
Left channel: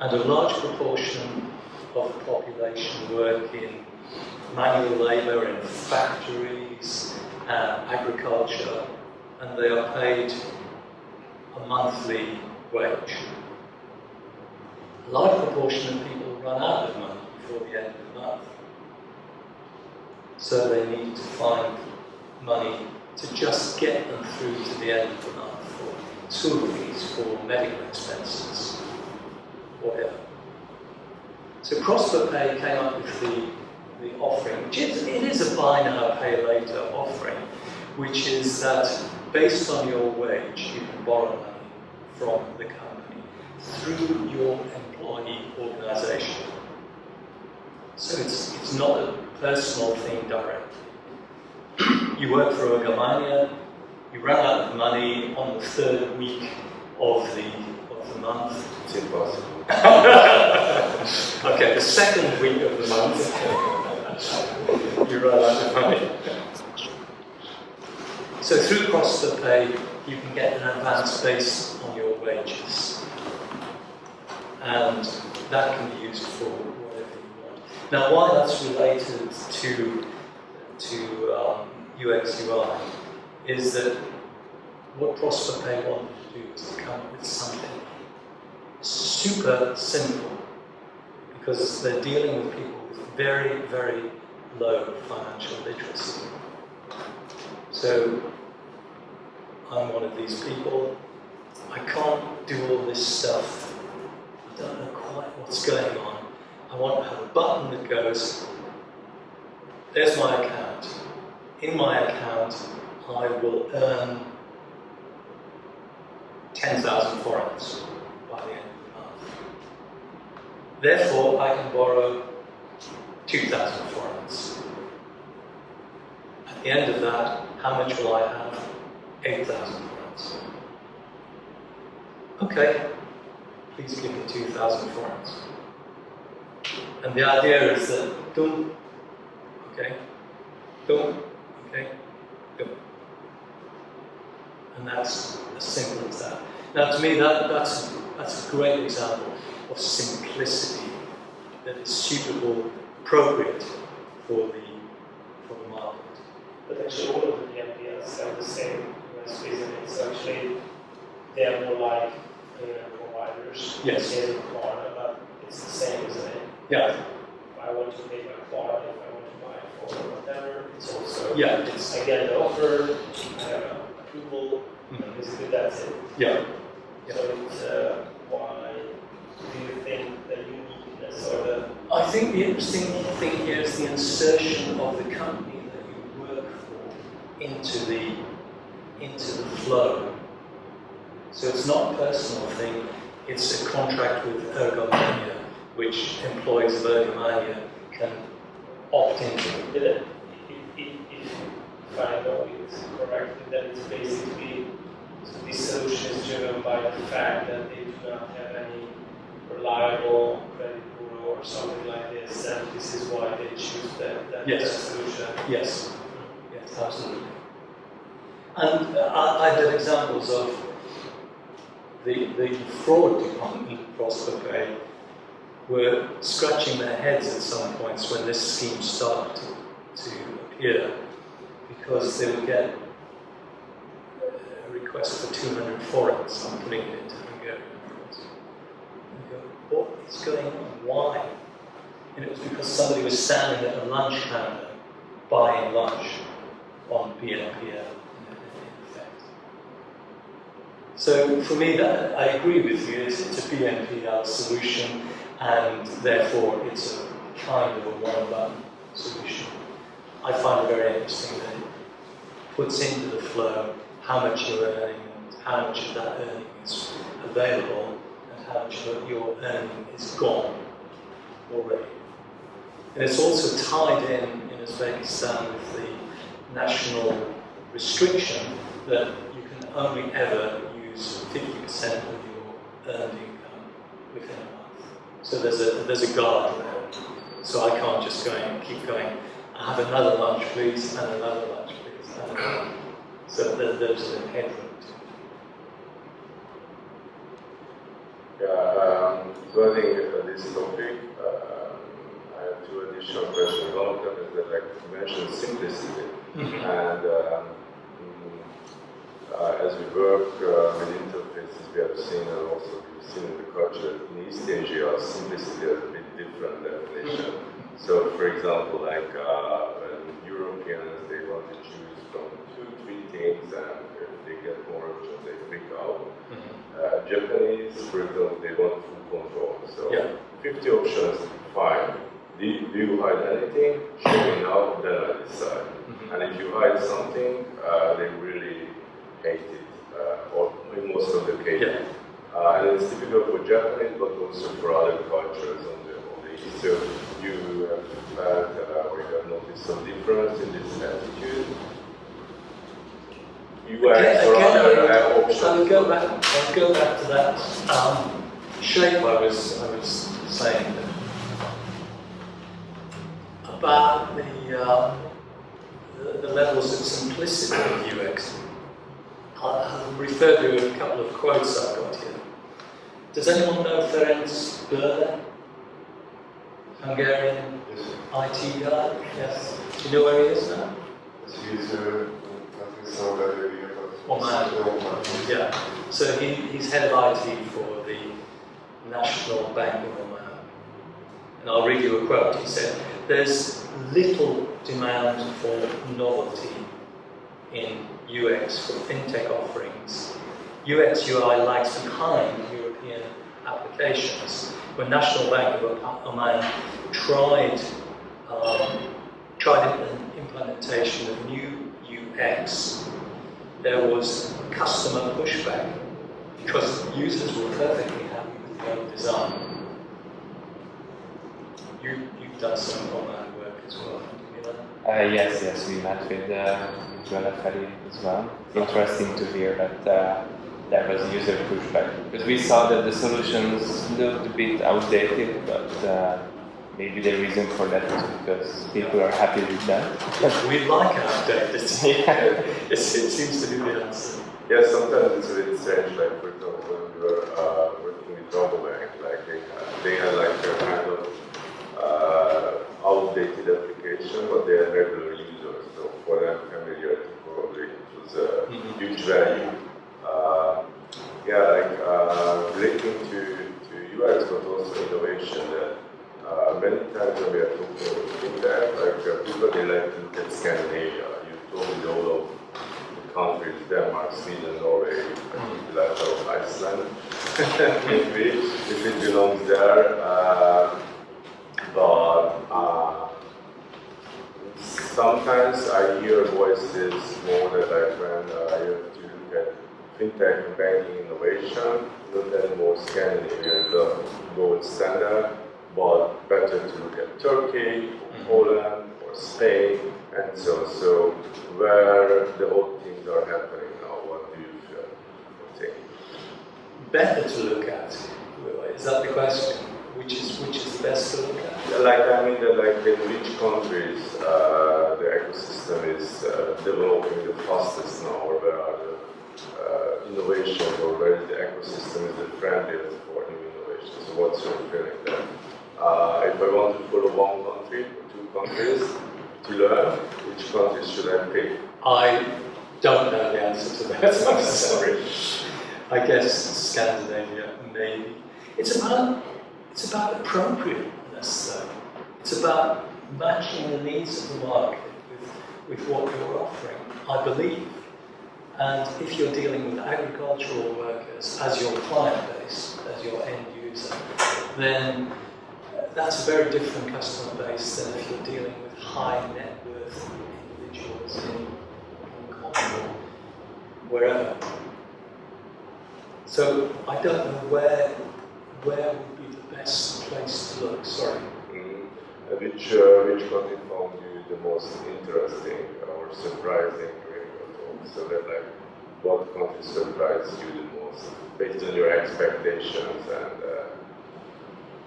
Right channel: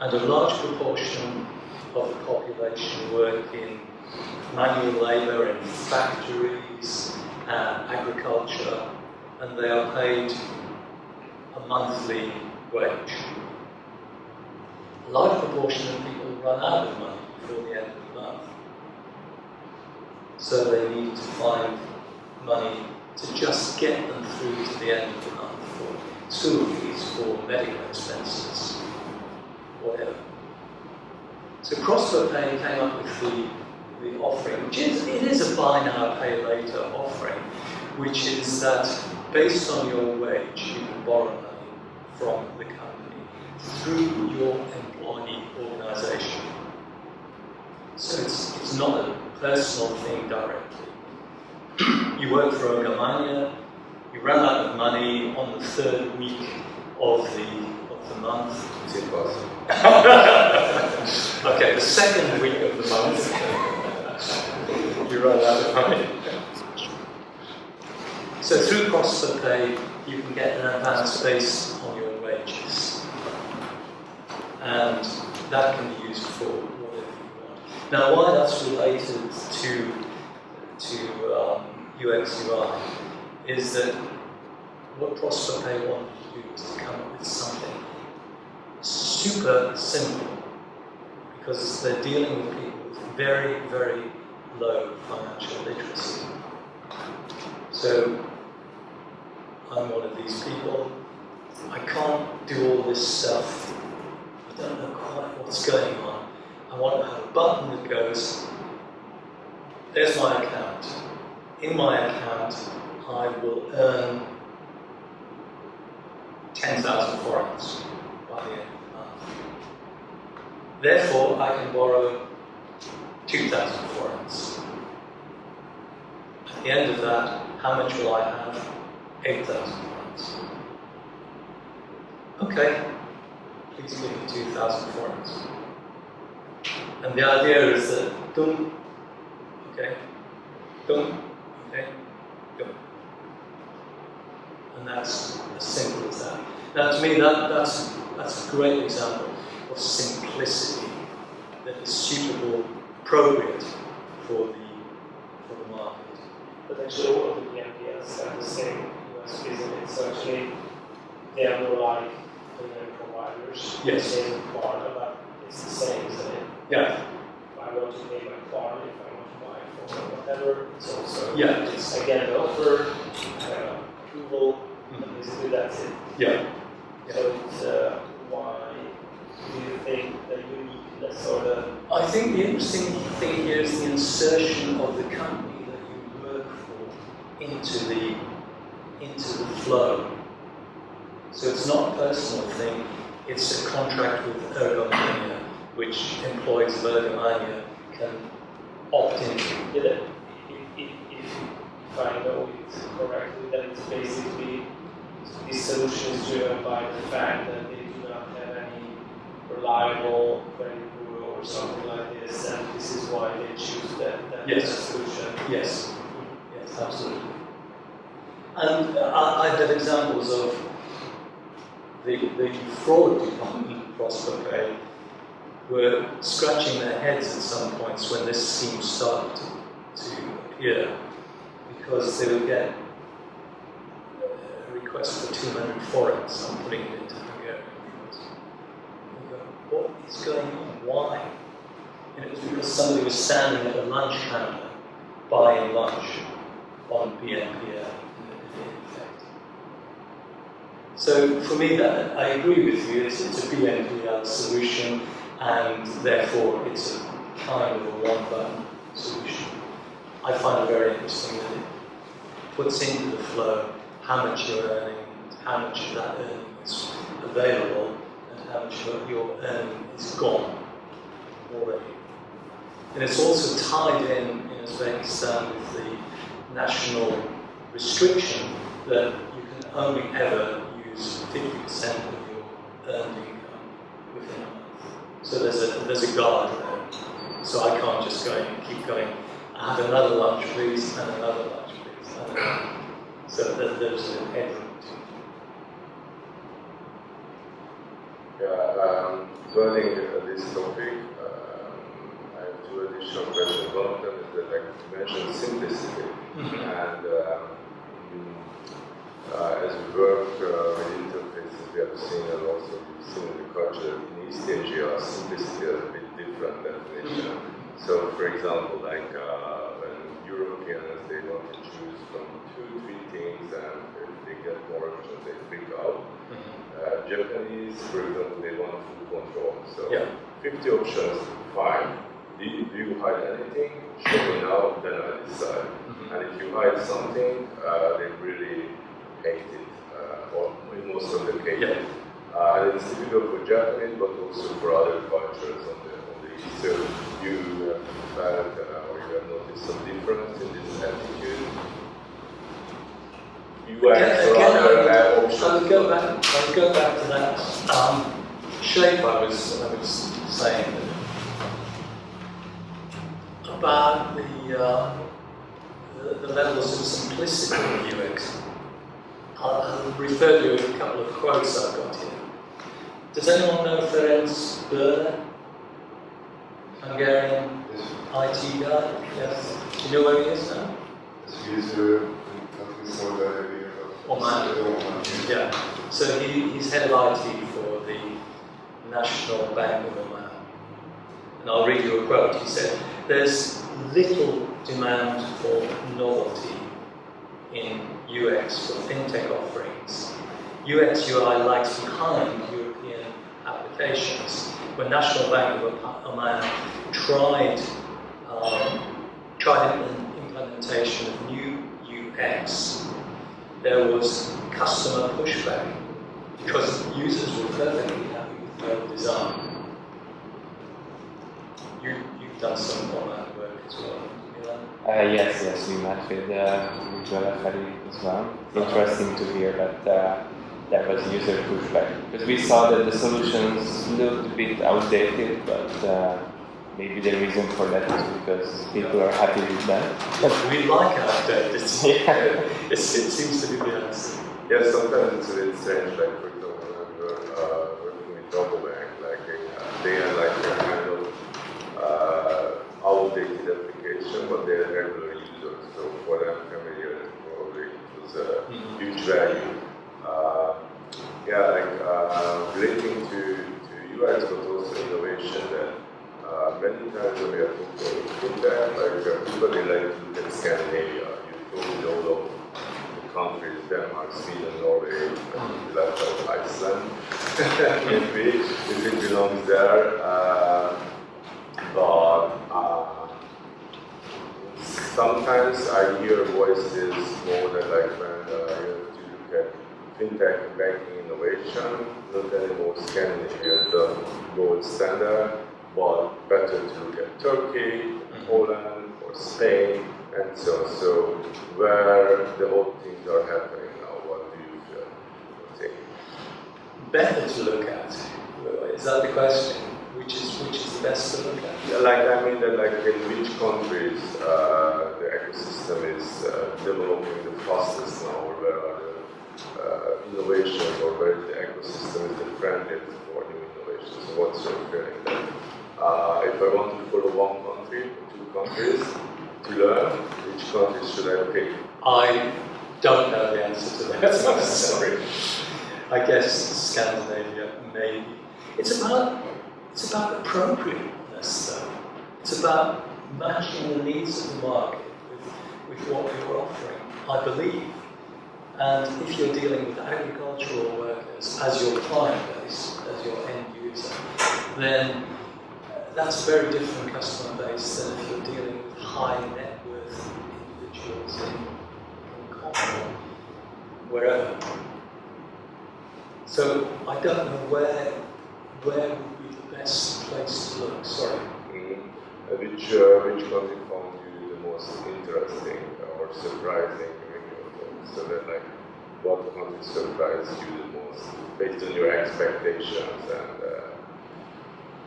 And a large proportion of the population work in manual labour in factories and agriculture, and they are paid a monthly wage. A large proportion of people run out of money before the end of the month. So they need to find money to just get them through to the end of the month for school fees, for medical expenses, whatever. So Prosper Pay came up with the offering, which is a buy now, pay later offering, which is that based on your wage, you can borrow money from the company through your employee organisation. So it's not a personal thing directly. You work for Ergomania, you run out of money on the 3rd week of the month. It's impossible. Okay, the 2nd week of the month, you run out of money. So through Prosper Pay, you can get an advance based on your wages. And that can be used for whatever you want. Now, why that's related to UX UI is that what Prosper Pay wanted to do was to come up with something super simple, because they're dealing with people with very, very low financial literacy. So I'm one of these people. I can't do all this stuff. I don't know quite what's going on. I want to have a button that goes, there's my account. In my account, I will earn 10,000 forints by the end of the month. Therefore, I can borrow 2,000 forints. At the end of that, how much will I have? 8,000 forints. Okay, please give me 2,000 forints. And the idea is that, dum, okay, dum, okay, dum. And that's as simple as that. Now, to me, that's a great example of simplicity that is suitable, appropriate for the market. But actually, all of the BNPLs have the same USPs in it. So actually, they are more like payment providers. Yes. Same card, but it's the same, isn't it? Yeah. If I want to pay my card, if I want to buy a phone or whatever, it's also. Yeah. It's, I get the offer, I have an approval, and basically that's it. yeah. So it's why do you think the uniqueness or the. I think the interesting thing here is the insertion of the company that you work for into the flow. So it's not a personal thing, it's a contract with Ergomania, which employees of Ergomania can opt into. If I know it correctly, then it's basically this solution is driven by the fact that they do not have any reliable credit bureau or something like this, and this is why they choose that Yes. solution. Yes, yes, absolutely. And I've had examples of the fraud department, ProsperPay, were scratching their heads at some points when this scheme started to appear, because they would get a request for 200 forints. I'm putting it into Hungarian forints. And go, what is going on? Why? And it was because somebody was standing at a lunch counter buying lunch on BNPL. So for me, that I agree with you. It's a BNPL solution, and therefore it's a kind of a one-button solution. I find it very interesting that it puts into the flow how much you're earning, and how much of that earning is available, and how much of your earning is gone already. And it's also tied in Uzbekistan with the national restriction that you can only ever use 50% of your earned income within a month. So there's a guardrail. So I can't just go and keep going, I have another lunch please, and another lunch please, and another. So there's a headroom to it. Yeah, so I think this topic, I have two additional questions. One of them is that I mentioned simplicity. And as we work with interfaces, we have seen, and also we've seen in the culture in East Asia, simplicity has a bit different definition. So, for example, like when Europeans, they want to choose from 2-3 things, and if they get more options, they click out. Japanese, for example, they want full control. So, 50 options, fine. Do you hide anything? Show me now, then I decide. And if you hide something, they really hate it, or in most of the cases. And it's typical for Japanese, but also for other cultures on the East. So you have found, or you have noticed some difference in this attitude? UX or other options? I would go back to that shape I was saying about the levels of simplicity of UX. I'll refer to a couple of quotes I've got here. Does anyone know Ferenc Böller? Hungarian IT guy? Yes. Do you know where he is now? Yes, he's in Saudi Arabia. Oman. Yeah. So he's head of IT for the National Bank of Oman. And I'll read you a quote. He said, "There's little demand for novelty in UX for fintech offerings UX UI lags behind European applications. When National Bank of Oman tried implementation of new UX, there was customer pushback because users were perfectly happy with the old design. You've done some Oman work as well, Milan? Yes, we met with Joella Ferry as well. Interesting to hear that there was user pushback, because we saw that the solutions looked a bit outdated, but maybe the reason for that is because people are happy with them. We like outdated. Yeah. It seems to be the answer. Yeah, sometimes it's a bit strange, like for example, when we were working with Rabobank, like they had like a kind of outdated application, but they are regular users, so for them familiarity probably it was a huge value. Relating to UX, but also innovation, that many times when we are talking about Fintech, like people, they like to look at Scandinavia. You told me all of the countries, Denmark, Sweden, Norway, we left out Iceland, maybe, if it belongs there. Sometimes I hear voices more that like when you have to look at Fintech and banking innovation, not anymore Scandinavia, the gold standard, but better to look at Turkey, or Poland, or Spain, and so where the old things are happening now, what do you feel or think? Better to look at? Is that the question? Which is the best to look at? Yeah, like I mean that like in which countries the ecosystem is developing the fastest now, or where are the innovations, or where the ecosystem is the friendliest for new innovations. So what's your feeling there? If I want to follow one country or two countries to learn, which countries should I pick? I don't know the answer to that. I'm sorry. I guess Scandinavia, maybe. It's about appropriateness, though. It's about matching the needs of the market with what you're offering, I believe. And if you're dealing with agricultural workers as your client base, as your end user, then that's a very different customer base than if you're dealing with high net worth individuals in Hong Kong or wherever. So I don't know where would be the best place to look. Sorry. Which country found you the most interesting or surprising during your talk? So that like, what country surprised you the most based on your expectations?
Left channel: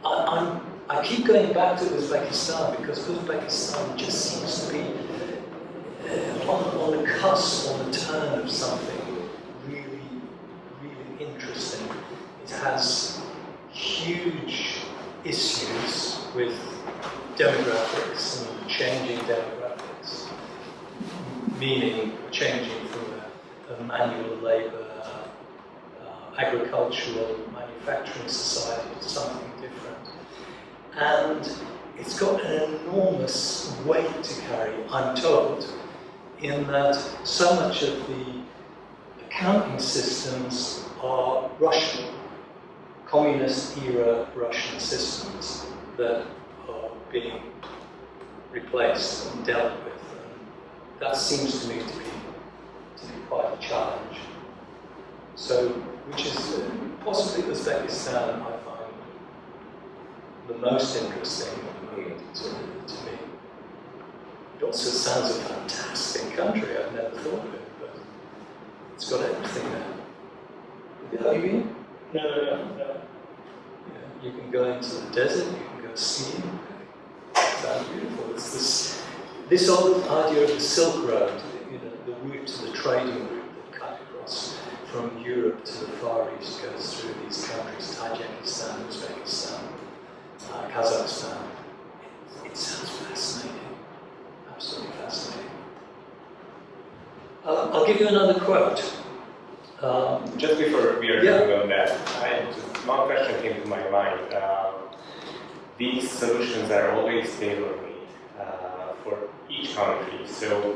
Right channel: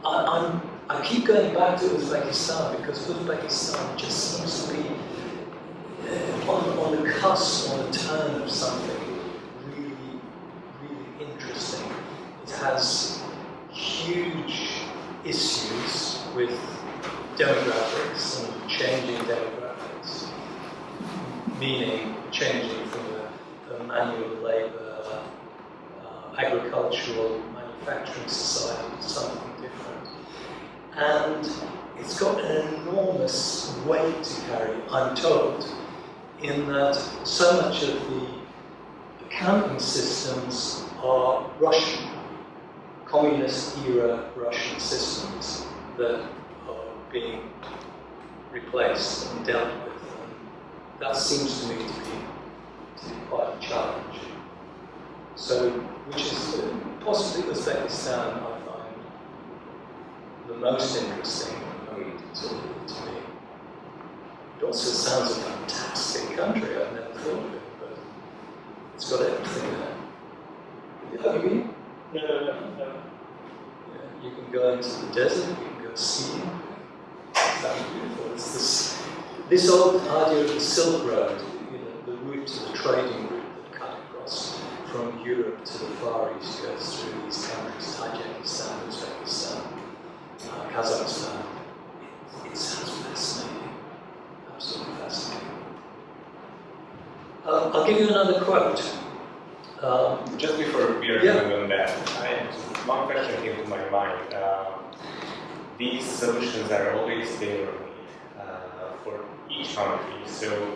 And I keep going back to Uzbekistan because Uzbekistan just seems to be on the cusp, on the turn of something really, really interesting. It has huge issues with demographics and changing demographics, meaning changing from a manual labour, agricultural, manufacturing society to something different. And it's got an enormous weight to carry, I'm told, in that so much of the accounting systems are Russian, communist-era Russian systems that are being replaced and dealt with. And that seems to me to be quite a challenge. So, which is possibly Uzbekistan, I find the most interesting at the moment to me. It also sounds a fantastic country. I've never thought of it, but it's got everything there. Have you been? No. Yeah, you can go into the desert, you can go skiing. Sounds beautiful. It's this old idea of the Silk Road, the route to the trading route that cut across from Europe to the Far East, goes through these countries, Tajikistan, Uzbekistan, Kazakhstan. It sounds fascinating, absolutely fascinating. I'll give you another quote. Just before we are moving on that, one question came to my mind. These solutions are always tailor-made for each country. So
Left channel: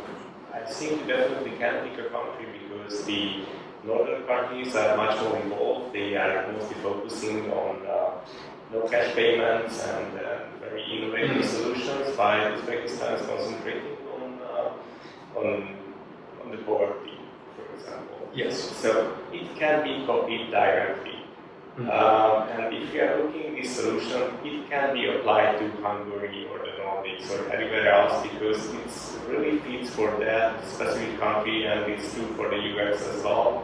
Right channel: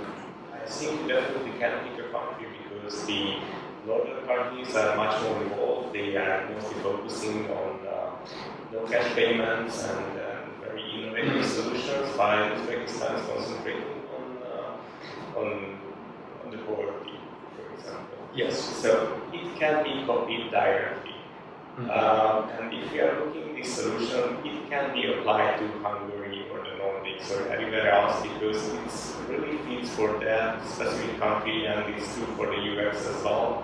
I think you definitely can pick a country because the northern countries are much more involved. They are mostly focusing on no cash payments and very innovative solutions, while Uzbekistan is concentrating on the poverty, for example. Yes. So it can be copied directly. And if you are looking at this solution, it can be applied to Hungary or the Nordics or anywhere else, because it really fits for that specific country, and it's true for the UX as well,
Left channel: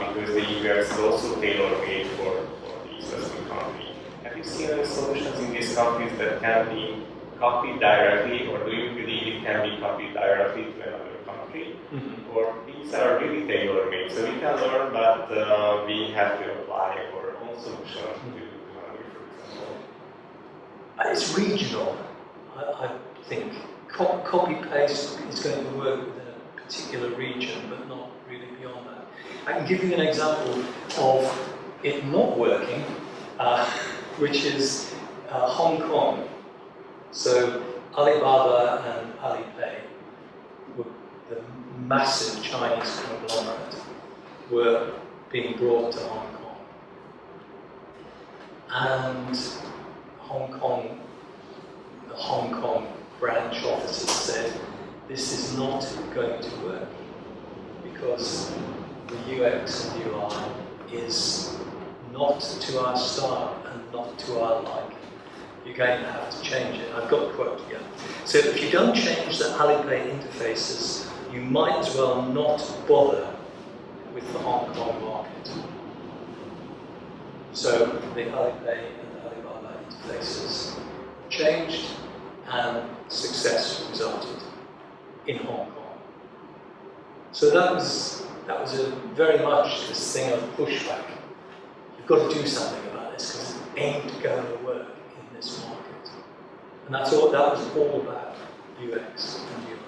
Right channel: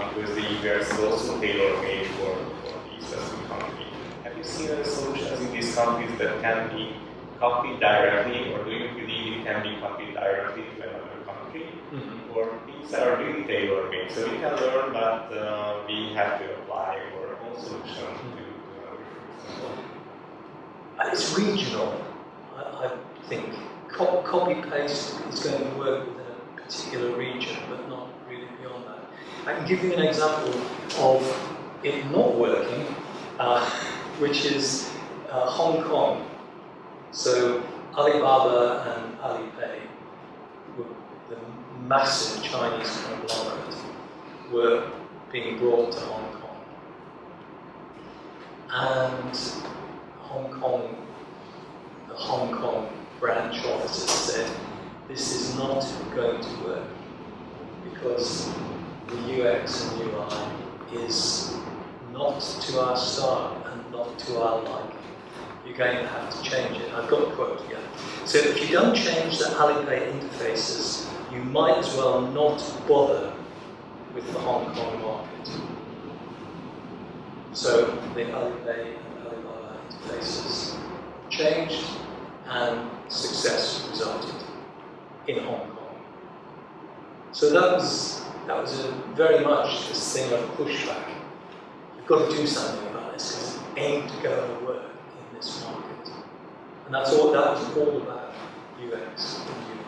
because the UX is also tailor-made for the specific country. Have you seen any solutions in these countries that can be copied directly, or do you believe it can be copied directly to another country? Or these are really tailor-made, so we can learn, but we have to apply our own solution to Hungary, for example? It's regional, I think. Copy-paste is going to work within a particular region, but not really beyond that. I can give you an example of it not working, which is Hong Kong. So Alibaba and Alipay, the massive Chinese conglomerate, were being brought to Hong Kong. And the Hong Kong branch officers said, this is not going to work because the UX and UI is not to our style and not to our liking. You're going to have to change it. I've got a quote here. So if you don't change the Alipay interfaces, you might as well not bother with the Hong Kong market. So the Alipay and Alibaba interfaces changed, and success resulted in Hong Kong. So that was a very much this thing of pushback. You've got to do something about this because it ain't going to work in this market. And that was all about UX and UI,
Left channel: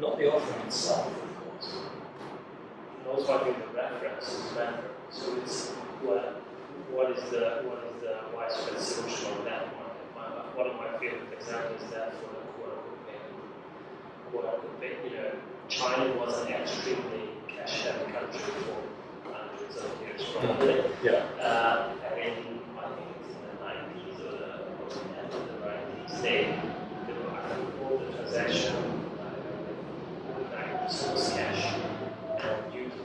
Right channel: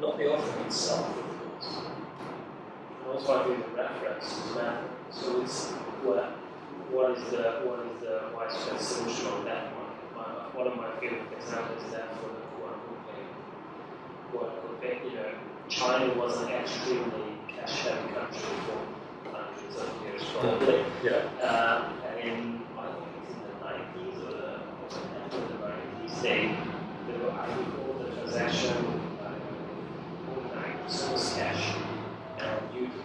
not the offering itself, of course. And also, I think the reference is matter. So it's what is the widespread solution on that market? One of my favorite examples is that for the QR code payment. China was an extremely cash-heavy country for hundreds of years, probably. Yeah. And I think it's in the 90s or the end of the 90s, they were, I think, all the transaction, 90% was cash. And due to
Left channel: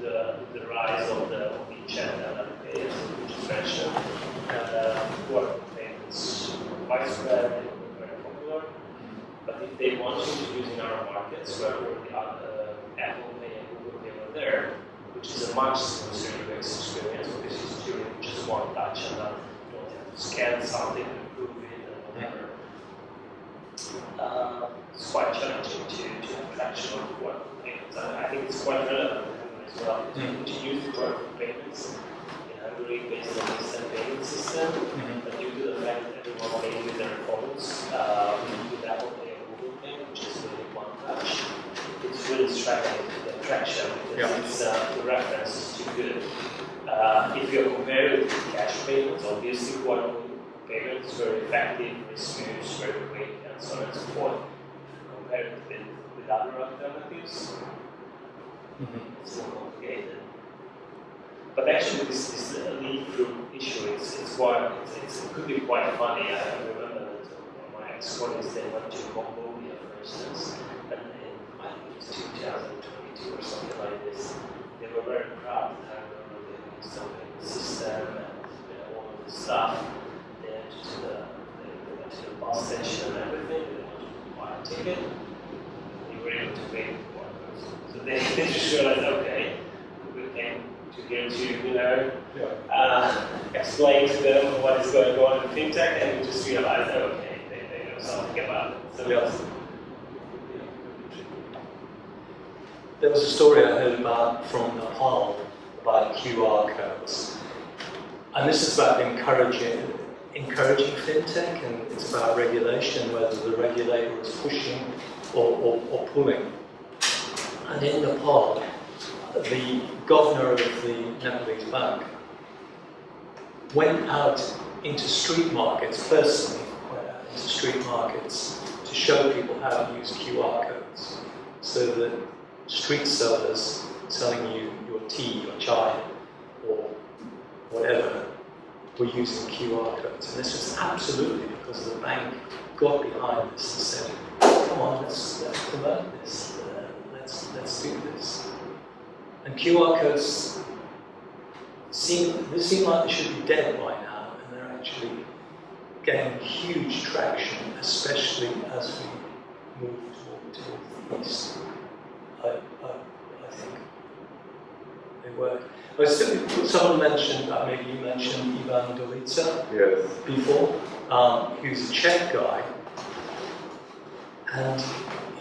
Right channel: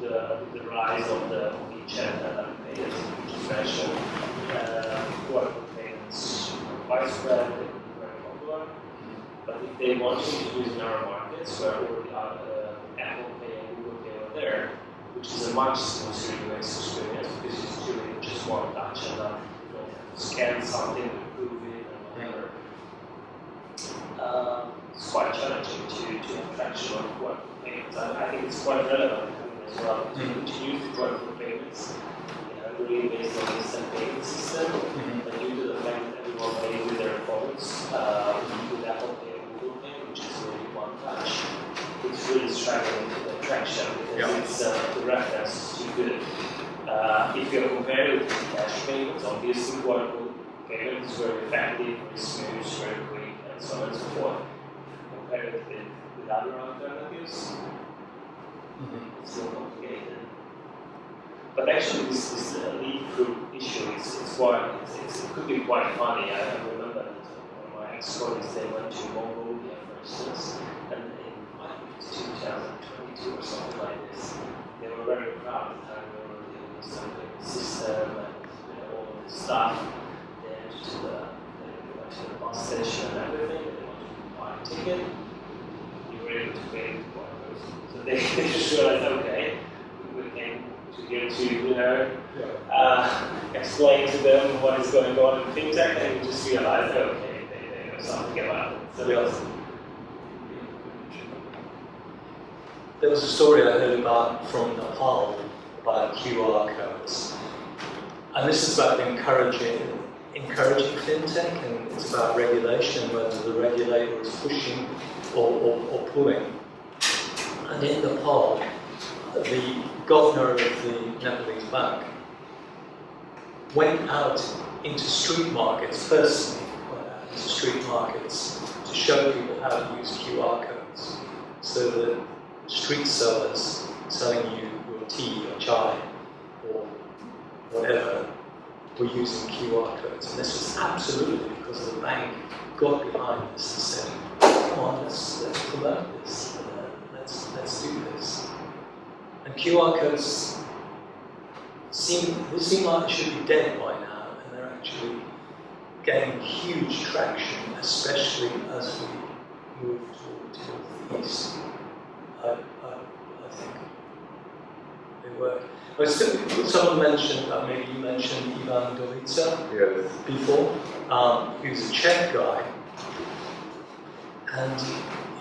the rise of the WeChat and Alipay, which is mentioned, QR code payments widespread, very popular. But if they want to introduce in our markets, where already Apple Pay and Google Pay were there, which is a much smoother UX experience because it's really just one touch and not you don't have to scan something to prove it and whatever. It's quite challenging to have traction on QR code payments. I think it's quite relevant as well to introduce the QR code payments in Hungary based on the instant payment system, but due to the fact that everyone pays with their phones, with Apple Pay or Google Pay, which is really one touch, it's really struggling to get traction because the reference is too good. If you're comparing it with cash payments, obviously QR code payment is very effective, very smooth, very quick, and so on and so forth. Compared with other alternatives, it's more complicated. But actually, this lead-through issue it could be quite funny. I remember that one of my ex-colleagues, they went to Mongolia, for instance, and I think it was 2022 or something like this. They were very proud of how they were the instant payment system and all of this stuff. They went to the bus station and everything. They wanted to buy a ticket. You were able to pay with QR codes. So they just realized, okay, we came to here to explain to them what is going on in Fintech, and we just realized, okay, they know something about it. So There was a story I heard about from Nepal about QR codes, and this is about encouraging fintech, and it's about regulation, whether the regulator is pushing or pulling. And in Nepal, the governor of the Nepalese bank went out into street markets, personally went out into street markets to show people how to use QR codes so that street sellers, selling you your tea or chai or whatever were using QR codes. And this was absolutely because the bank got behind this and said, come on, let's promote this, let's do this. And QR codes seem like they should be dead by now, and they're actually gaining huge traction, especially as we move towards the east. I think they work. Someone mentioned, maybe you mentioned Ivan Dolica Yes. before. He was a Czech guy, and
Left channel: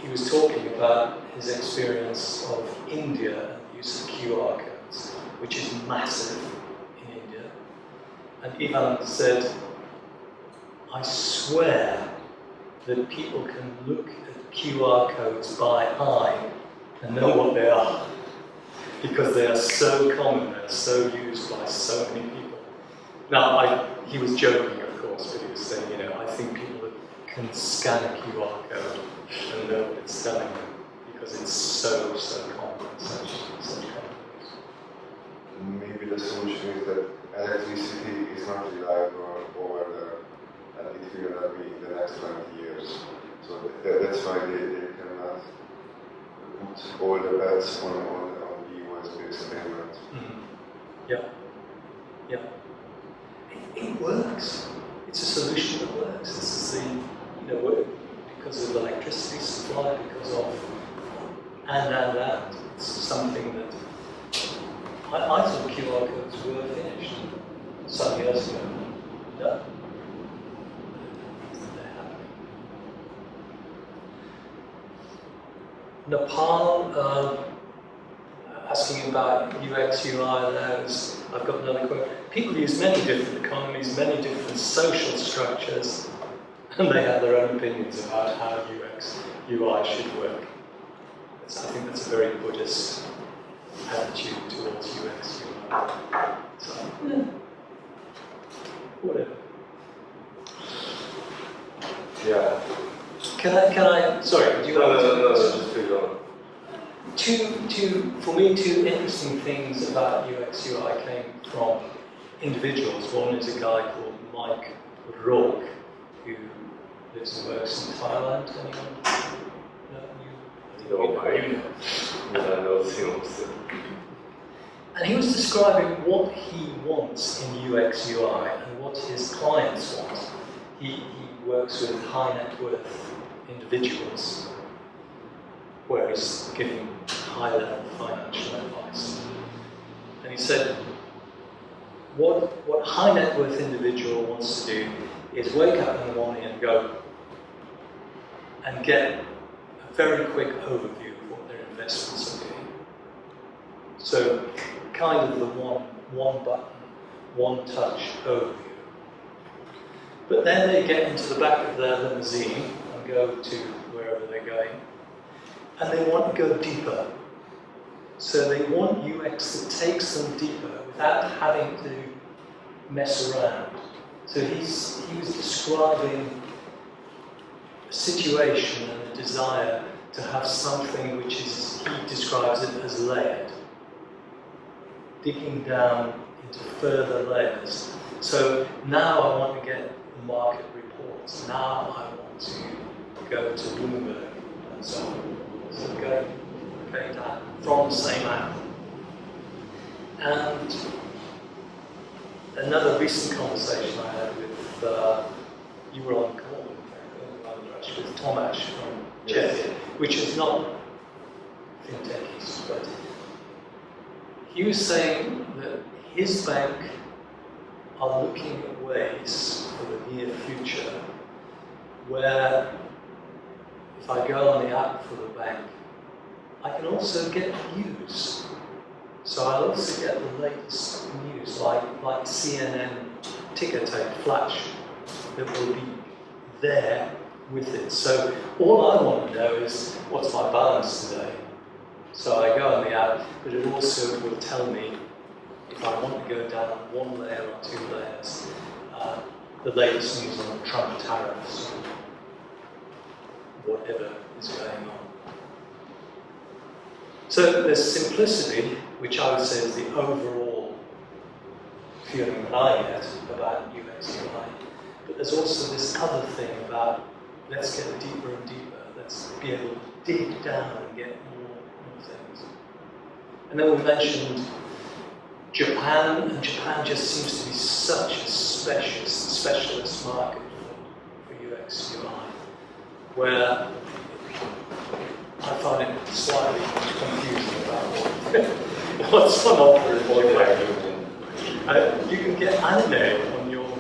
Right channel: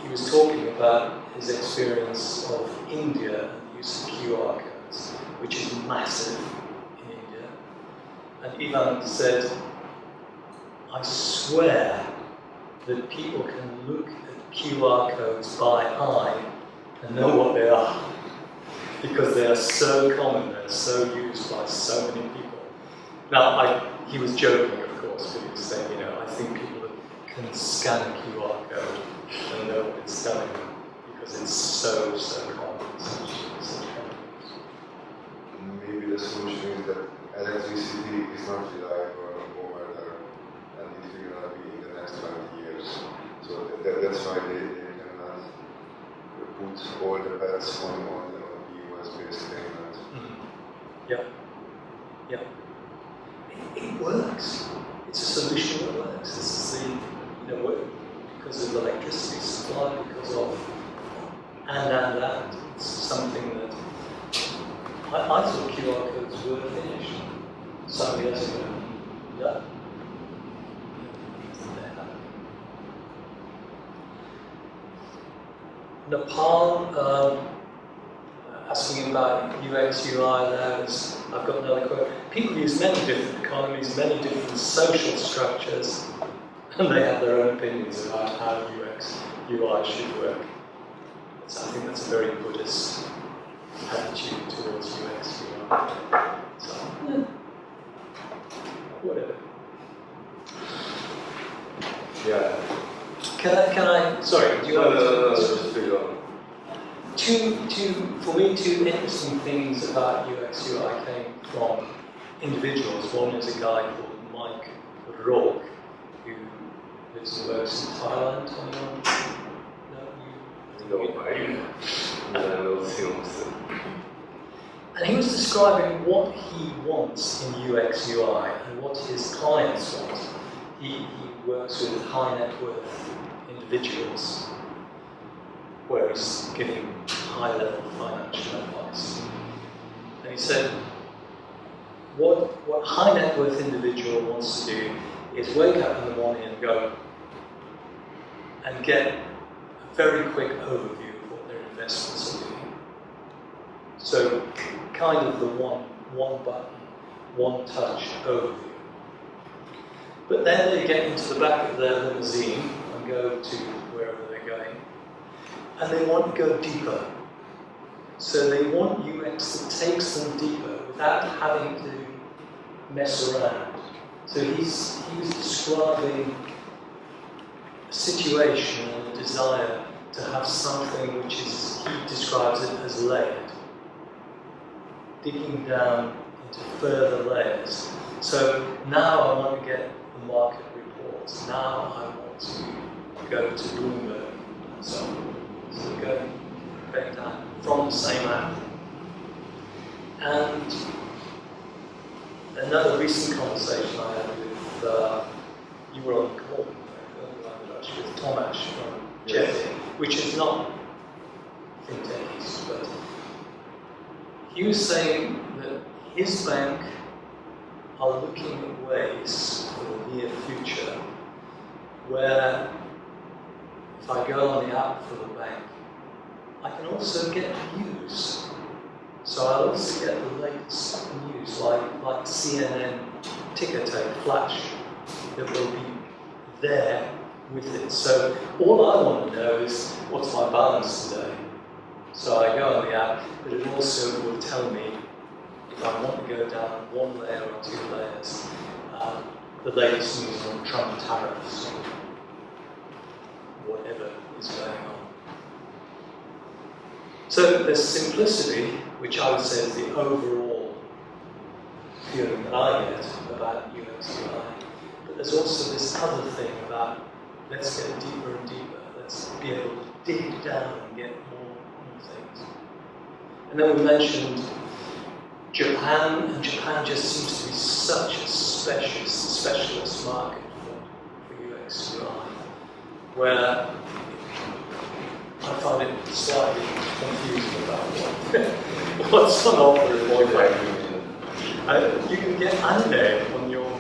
he was talking about his experience of India and the use of QR codes, which is massive in India. And Ivan said, I swear that people can look at QR codes by eye and know what they are, because they are so common, they're so used by so many people. Now, he was joking, of course, but he was saying, I think people can scan a QR code and know what it's telling them, because it's so common in such companies. Maybe the solution is that electricity is not reliable over there, and it will not be in the next 20 years. So that's why they cannot put all the bets on US-based payments. Mm-hmm. Yeah. It works. It's a solution that works. This is because of electricity supply, because of and. It's something that I thought QR codes were finished some years ago. No. They're happening. Nepal, asking about UX, UI there, I've got another quote. People use many different economies, many different social structures, and they have their own opinions about how UX, UI should work. I think that's a very Buddhist attitude towards UX, UI. So, whatever. Yeah. Can I, sorry, do you want to... No, just pick on. For me, two interesting things about UX UI came from individuals. One is a guy called Mike Rourke, who lives and works in Thailand. Anyone? No, Mike. I know films. And he was describing what he wants in UX UI and what his clients want. He works with high net worth individuals, where he's giving high-level financial advice. And he said, what high net worth individual wants to do is wake up in the morning and go and get a very quick overview of what their investments are doing. So kind of the one button, one touch overview. But then they get into the back of their limousine and go to wherever they're going, and they want to go deeper. So they want UX that takes them deeper without having to mess around. So he was describing a situation and a desire to have something which is, he describes it as layered, digging down into further layers. So now I want to get the market reports. Now I want to go to Bloomberg and so on. So going down from the same app. And another recent conversation I had with, you were on the call, in fact, with Tomasz from Czechia, which is not Fintech, but he was saying that his bank are looking at ways for the near future where if I go on the app for the bank, I can also get news. So I'll also get the latest news, like CNN ticker tape flash, that will be there with it. So all I want to know is what's my balance today. So I go on the app, but it also will tell me if I want to go down one layer or two layers, the latest news on Trump tariffs, or whatever is going on. So there's simplicity, which I would say is the overall feeling that I get about UX UI. But there's also this other thing about let's get deeper and deeper. Let's be able to dig down and get more things. And then we mentioned Japan, and Japan just seems to be such a specialist market for UX UI, where I find it slightly confusing about what's on offer in Japan. You can get anime on your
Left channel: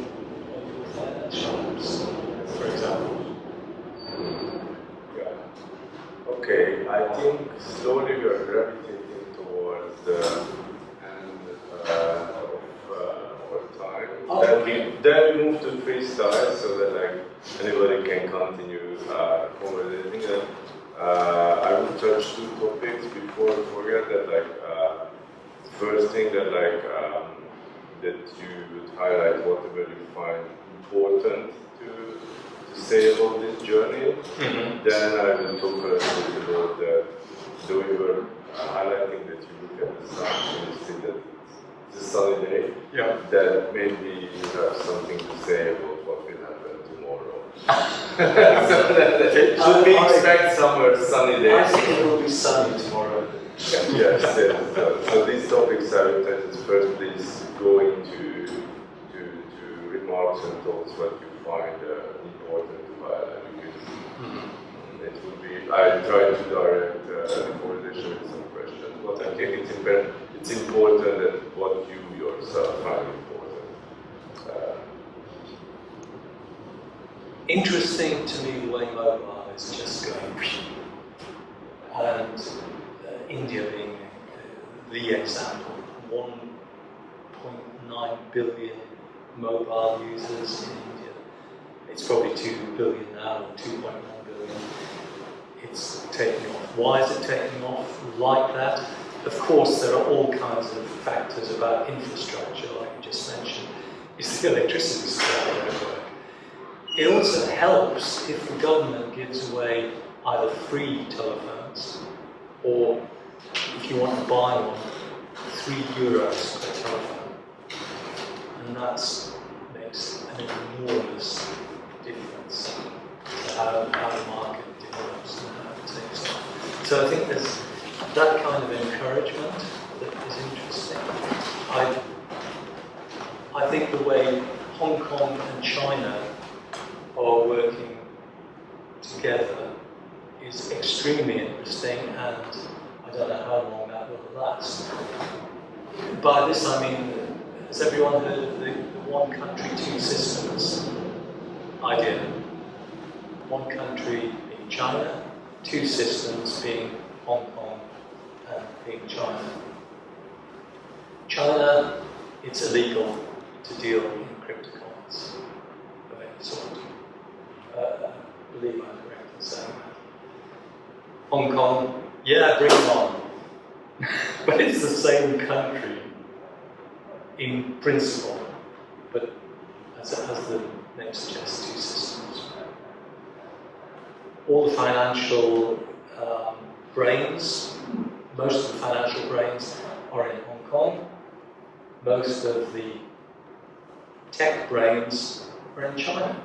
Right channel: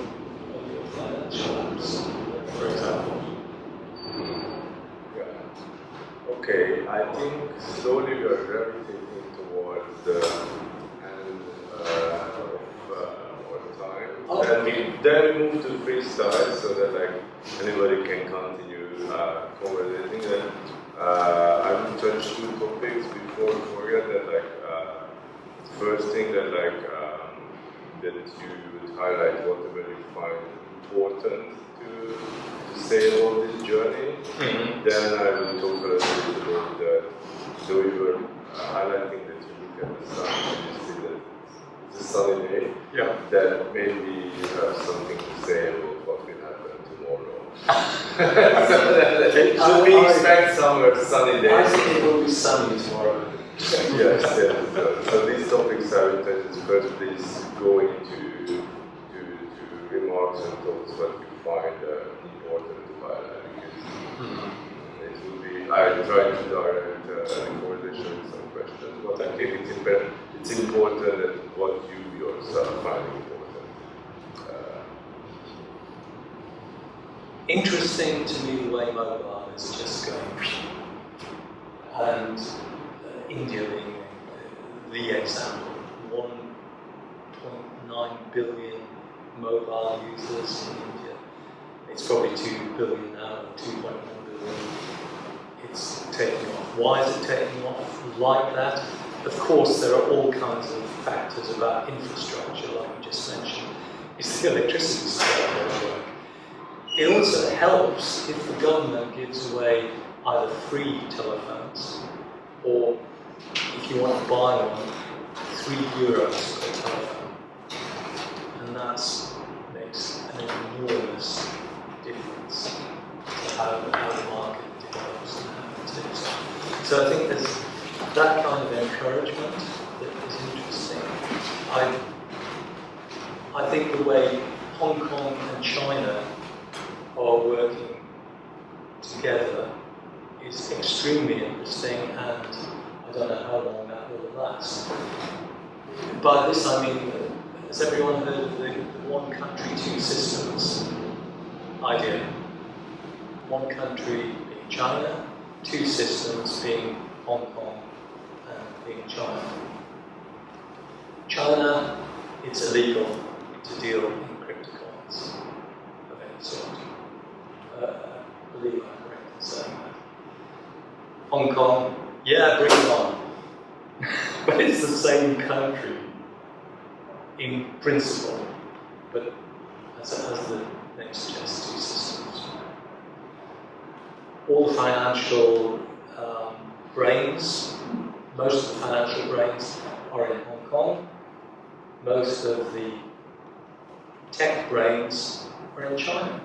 financial apps, for example. Yeah. Okay, I think slowly we are gravitating towards the end of our time. Then we move to freestyle so that like anybody can continue conversating. I will touch two topics before we forget that first thing that that you would highlight whatever you find important to say about this journey. Mm-hmm. Then I will talk a little bit about that. So we were highlighting that you look at the sun and you see that it's a sunny day. Yeah. Then maybe you have something to say about what will happen tomorrow. Should we expect summer sunny days? I think it will be sunny tomorrow. Yes. So these topics I will touch first. Please go into remarks and thoughts what you find important to highlight, because it would be. I try to direct the conversation with some questions, but I think it's important that what you yourself find important. Interesting to me the way mobile is just going, and India being the example, 1.9 billion mobile users in India. It's probably 2 billion now, or 2.1 billion. It's taking off. Why is it taking off like that? Of course, there are all kinds of factors about infrastructure, like you just mentioned. Is the electricity supply going to work? It also helps if the government gives away either free telephones, or if you want to buy one, €3 per telephone. And that makes an enormous difference to how the market develops and how it takes off. So I think there's that kind of encouragement that is interesting. I think the way Hong Kong and China are working together is extremely interesting, and I don't know how long that will last. By this I mean, has everyone heard of the one country, two systems idea? One country being China, two systems being Hong Kong and being China. China, it's illegal to deal in cryptocurrency of any sort. I believe I'm correct in saying that. Hong Kong, yeah, bring it on. But it's the same country in principle, but as the name suggests, two systems. All the financial brains, most of the financial brains are in Hong Kong. Most of the tech brains are in China.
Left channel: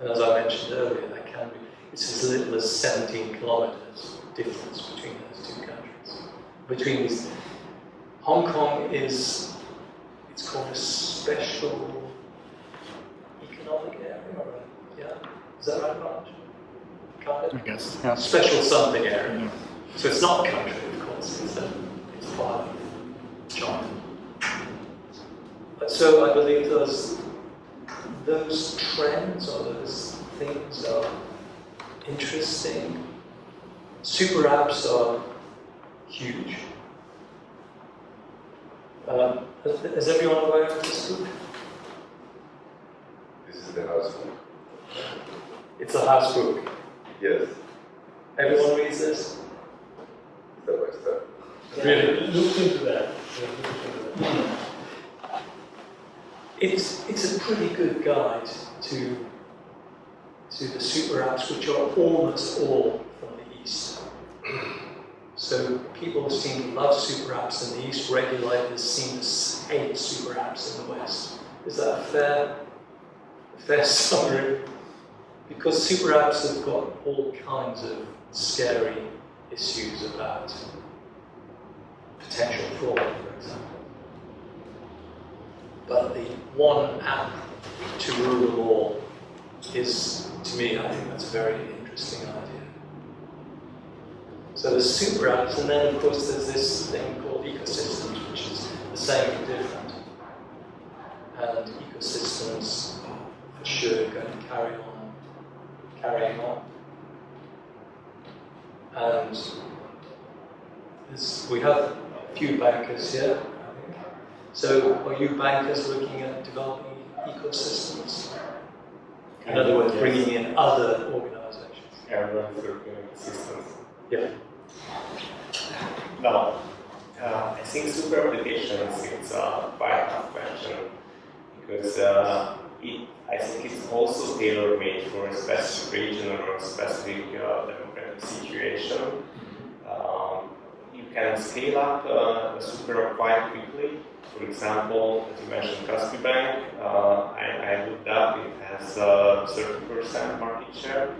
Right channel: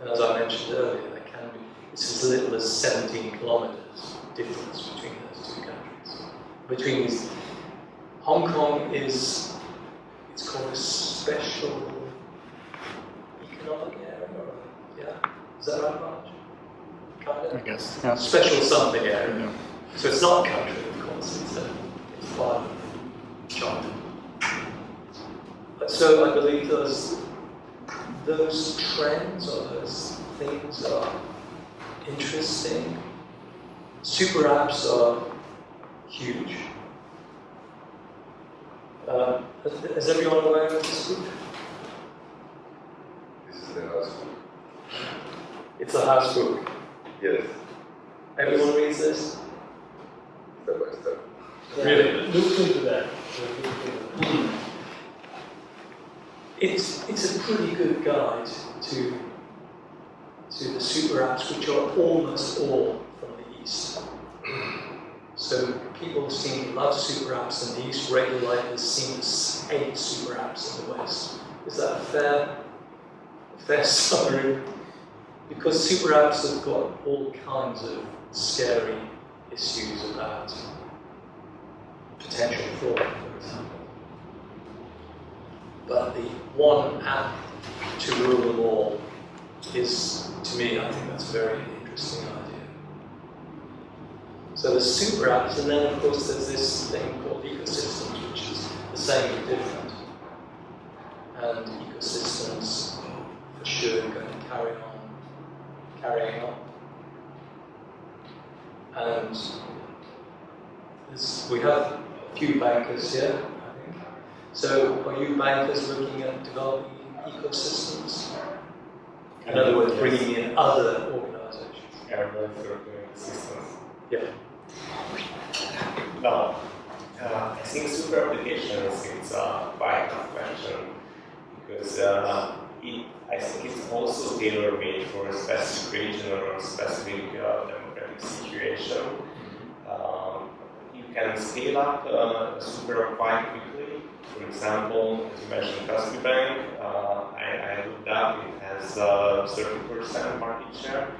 And as I mentioned earlier, there can be, it's as little as 17 kilometers difference between those two countries. Between these, Hong Kong is, it's called a special economic area, yeah? Is that right, Marge? Kind of? I guess, yeah. Special something area. Yeah. So it's not a country, of course, it's part of China. But so I believe those trends or those things are interesting. Super apps are huge. Is everyone aware of this book? This is the house book. It's a house book. Yes. Everyone reads this? Step by step. Yeah. Really? Look into that. It's a pretty good guide to the super apps, which are almost all from the East. So people seem to love super apps in the East, regulators seem to hate super apps in the West. Is that a fair summary? Because super apps have got all kinds of scary issues about potential fraud, for example. But the one app to rule them all is, to me, I think that's a very interesting idea. So there's super apps, and then of course there's this thing called ecosystems, which is the same but different. And ecosystems are for sure going to carrying on. And we have a few bankers here, I think. So are you bankers looking at developing ecosystems? In other words, bringing in other organizations. Everyone's working on systems. Yeah. No, I think super applications is a quite tough question because I think it's also tailor-made for a specific region or a specific demographic situation. You can scale up a super app quite quickly. For example, as you mentioned, Kaspi Bank, I looked up, it has 30% market share.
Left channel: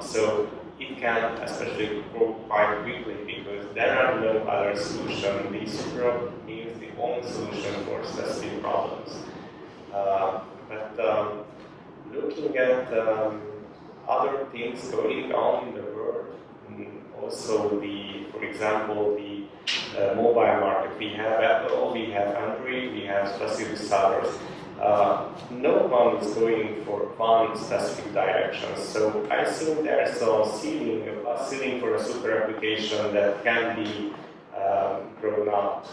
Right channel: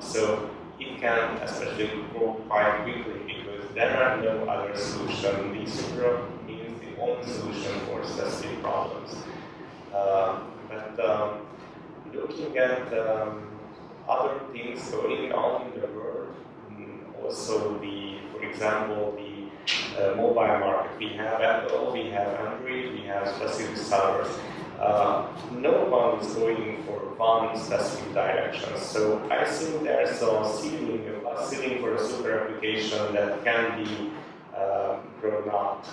So it can especially grow quite quickly because there are no other solutions. The super app means the only solution for specific problems. But looking at other things going on in the world, also for example, the mobile market. We have Apple, we have Android, we have specific sellers. No one is going for one specific direction. So I think there's a ceiling for a super application that can be grown out.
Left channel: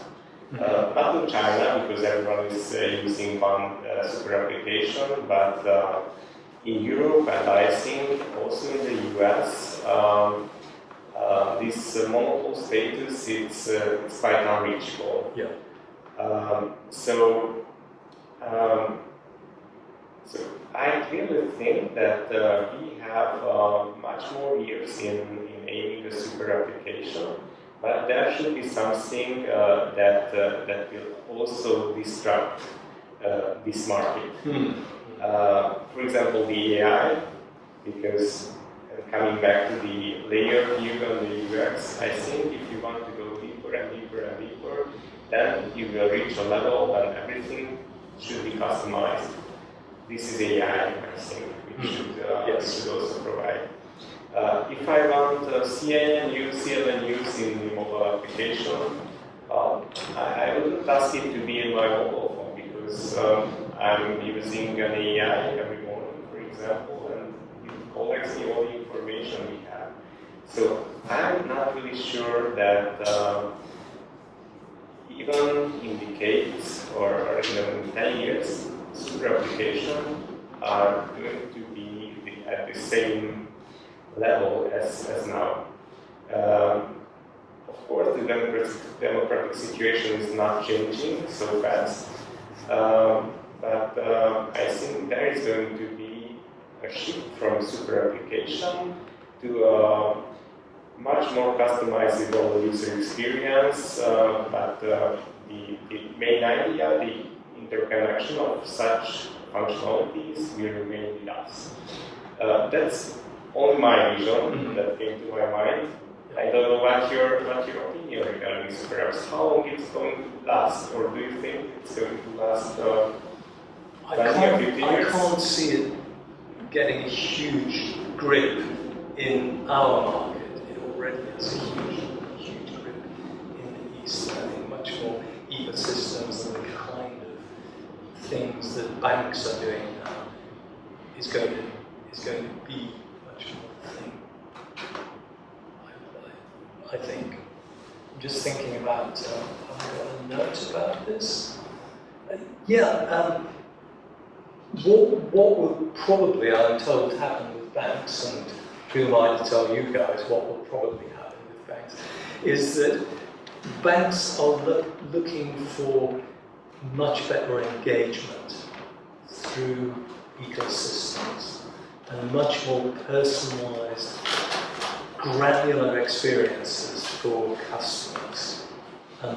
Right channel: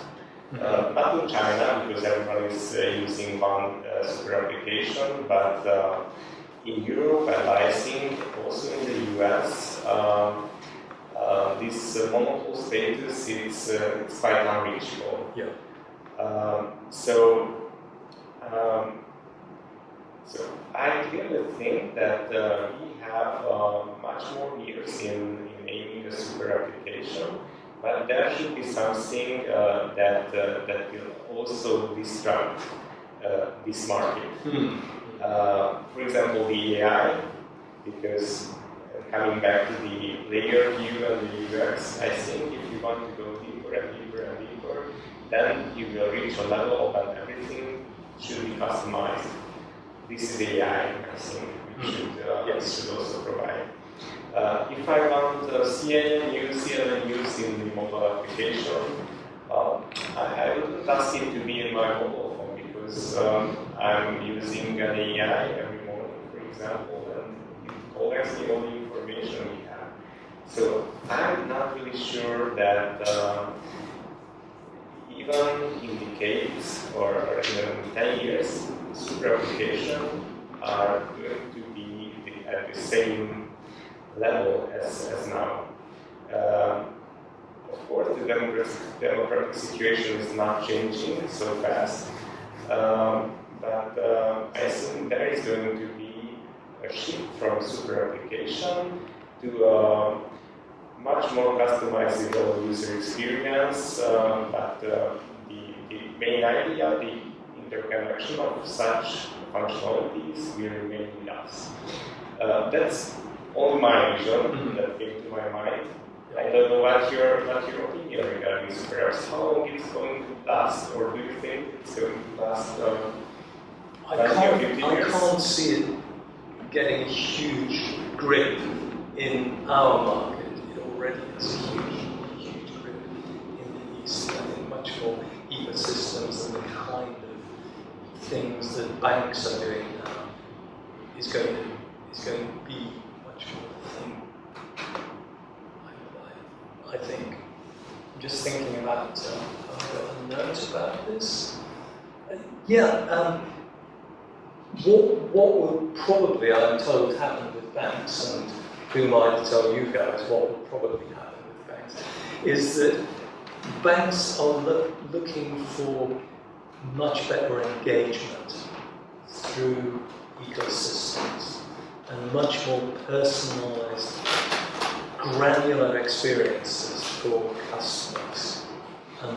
Not in China, because everyone is using one super application, but in Europe and I think also in the US, this monopoly status it's quite unreachable. Yeah. So I clearly think that we have much more years in aiming a super application, but there should be something that will also disrupt this market. For example, the AI, because coming back to the layer view and the UX, I think if you want to go deeper and deeper and deeper, then you will reach a level when everything should be customized. This is AI, I think, which should also provide. If I want CNN news in the mobile application, I wouldn't ask it to be in my mobile phone because I'm using an AI every morning, for example, and it collects the all the information we have. So I'm not really sure that even in decades or even in 10 years, super applications are going to be at the same level as now. Of course, the democratic situation is not changing so fast, but I think there is going to be a shift from super application to a much more customizable user experience, but the main idea, the interconnection of such functionalities will remain with us. That's only my vision that came to my mind. I don't know what's your opinion regarding super apps. How long it's going to last, or do you think it's going to last 10 or 15 years? I can't see it getting a huge grip in our market. It already has a huge grip in the East. I think much more ecosystems and the kind of things that banks are doing now is going to be much more of a thing. I think. I'm just thinking about. I've got a note about this. What would probably, I'm told, happen with banks, and who am I to tell you guys what will probably happen with banks, is that banks are looking for much better engagement through ecosystems and much more personalized granular experiences for customers, and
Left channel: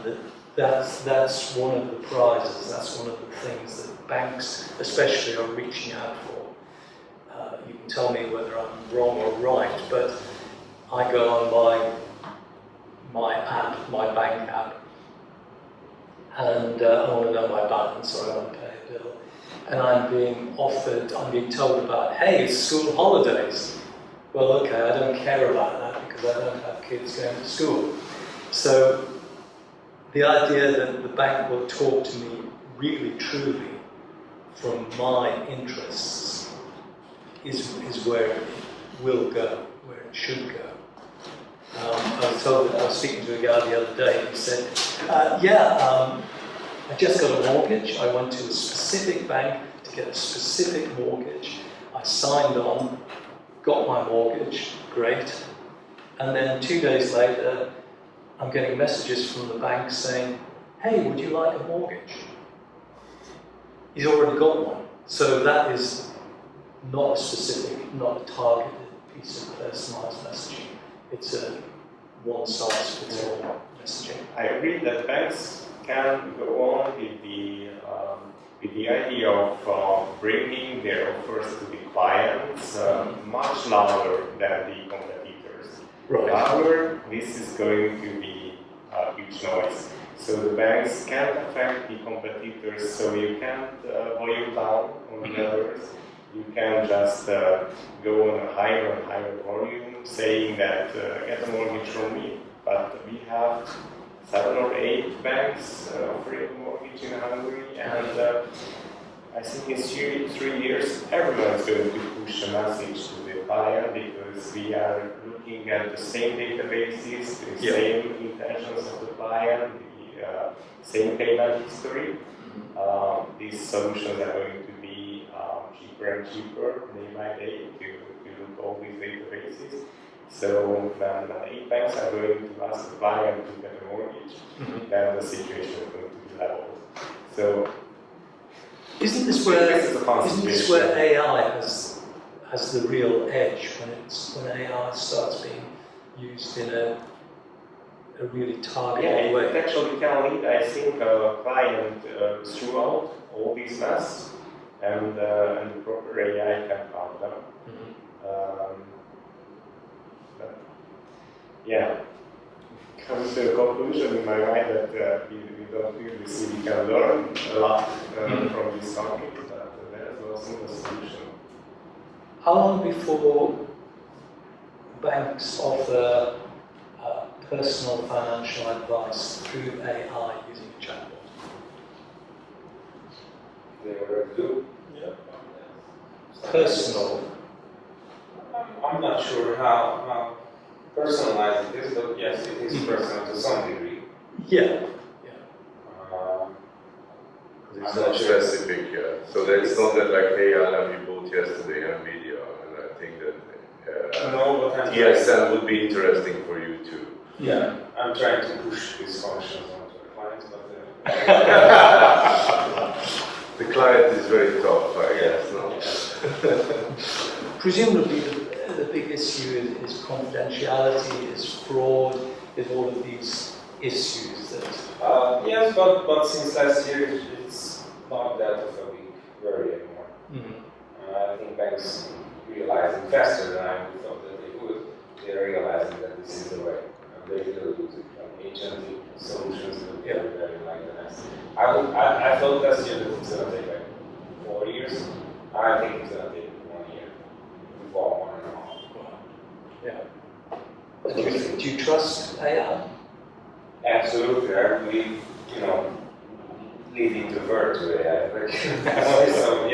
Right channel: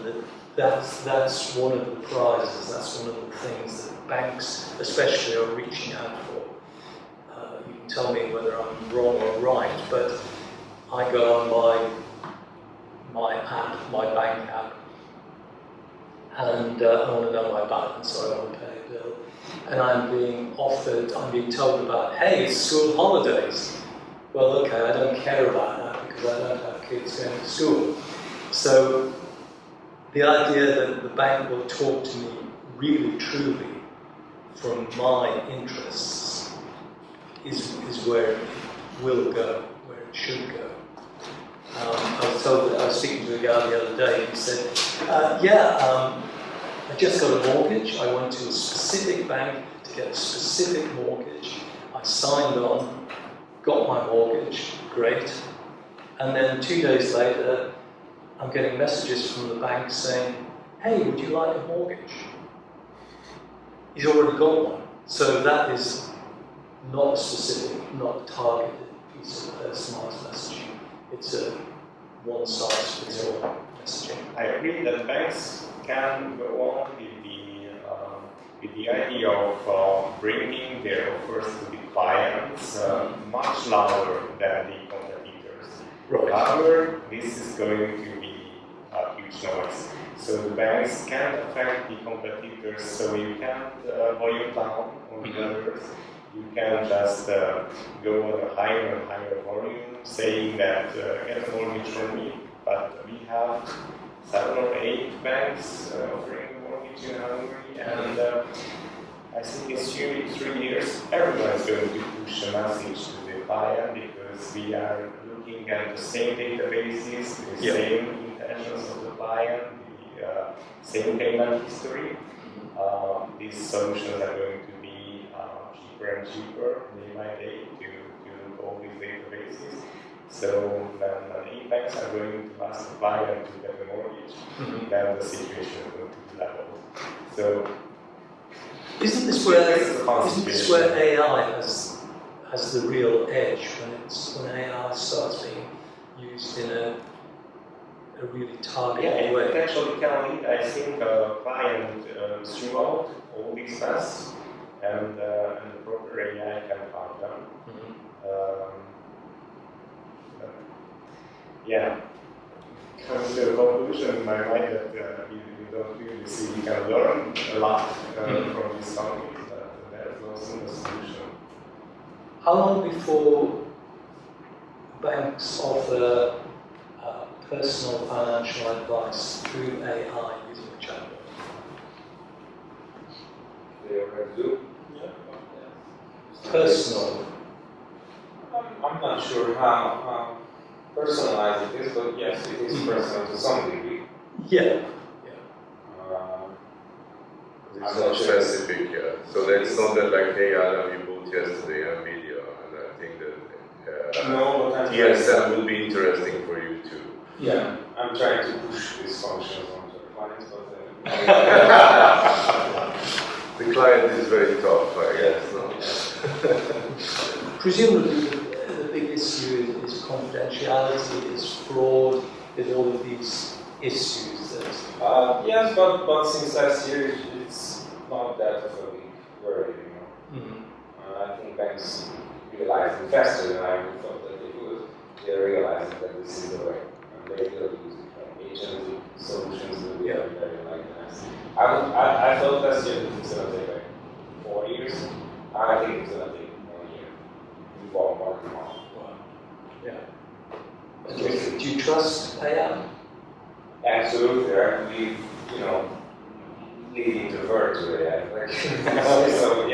that's one of the prizes. That's one of the things that banks, especially, are reaching out for. You can tell me whether I'm wrong or right, but I go on my app, my bank app, and I want to know my balance, or I want to pay a bill, and I'm being told about, hey, it's school holidays. Well, okay, I don't care about that because I don't have kids going to school. So the idea that the bank will talk to me really, truly from my interests is where it will go, where it should go. I was told that I was speaking to a guy the other day, and he said, I just got a mortgage. I went to a specific bank to get a specific mortgage. I signed on, got my mortgage, great. And then 2 days later, I'm getting messages from the bank saying, hey, would you like a mortgage? He's already got one. So that is not a specific, not a targeted piece of personalised messaging. It's a one-size-fits-all messaging. I agree that banks can go on with the idea of bringing their offers to the clients much louder than the competitors. Right. However, this is going to be a huge noise. So the banks can't affect the competitors, so you can't volume down on the others. You can just go on a higher and higher volume, saying that get a mortgage from me. But we have 7 or 8 banks offering a mortgage in Hungary, and I think in 3 years everyone is going to push a message to the client, because we are looking at the same databases, the same intentions of the client, the same payment history. These solutions are going to be cheaper and cheaper day by day to look all these databases. So when 8 banks are going to ask the client to get a mortgage, then the situation is going to be leveled. So isn't this where AI has the real edge, when AI starts being used in a really targeted way? It actually can lead, I think, a client throughout all these masks, and the proper AI can help them. Comes to a conclusion in my mind that we don't really see we can learn a lot from this topic, but there is no single solution. How long before banks offer personal financial advice through AI using a chatbot? They already do. Yeah. Personal. I'm not sure how personalized it is, but yes, it is personal to some degree. Yeah. It's not specific, So that's not that like, hey, Adam, you bought yesterday on video, and I think that No, but I'm TSM would be interesting for you too. Yeah, I'm trying to push these functions onto the clients, but the client is very tough, I guess. No? Presumably the big issue is confidentiality, is fraud, is all of these issues that... yes, but since last year it's not that of a big worry anymore. I think banks realizing faster than I thought that they would. They're realizing that this is the way, and they will use it. Agentic solutions will be very nice. I thought last year that it's going to take like 4 years. I think it's going to take 1 year, before 1.5. Wow. Yeah. Do you trust AI? Absolutely. I believe, leading the verb to AI. So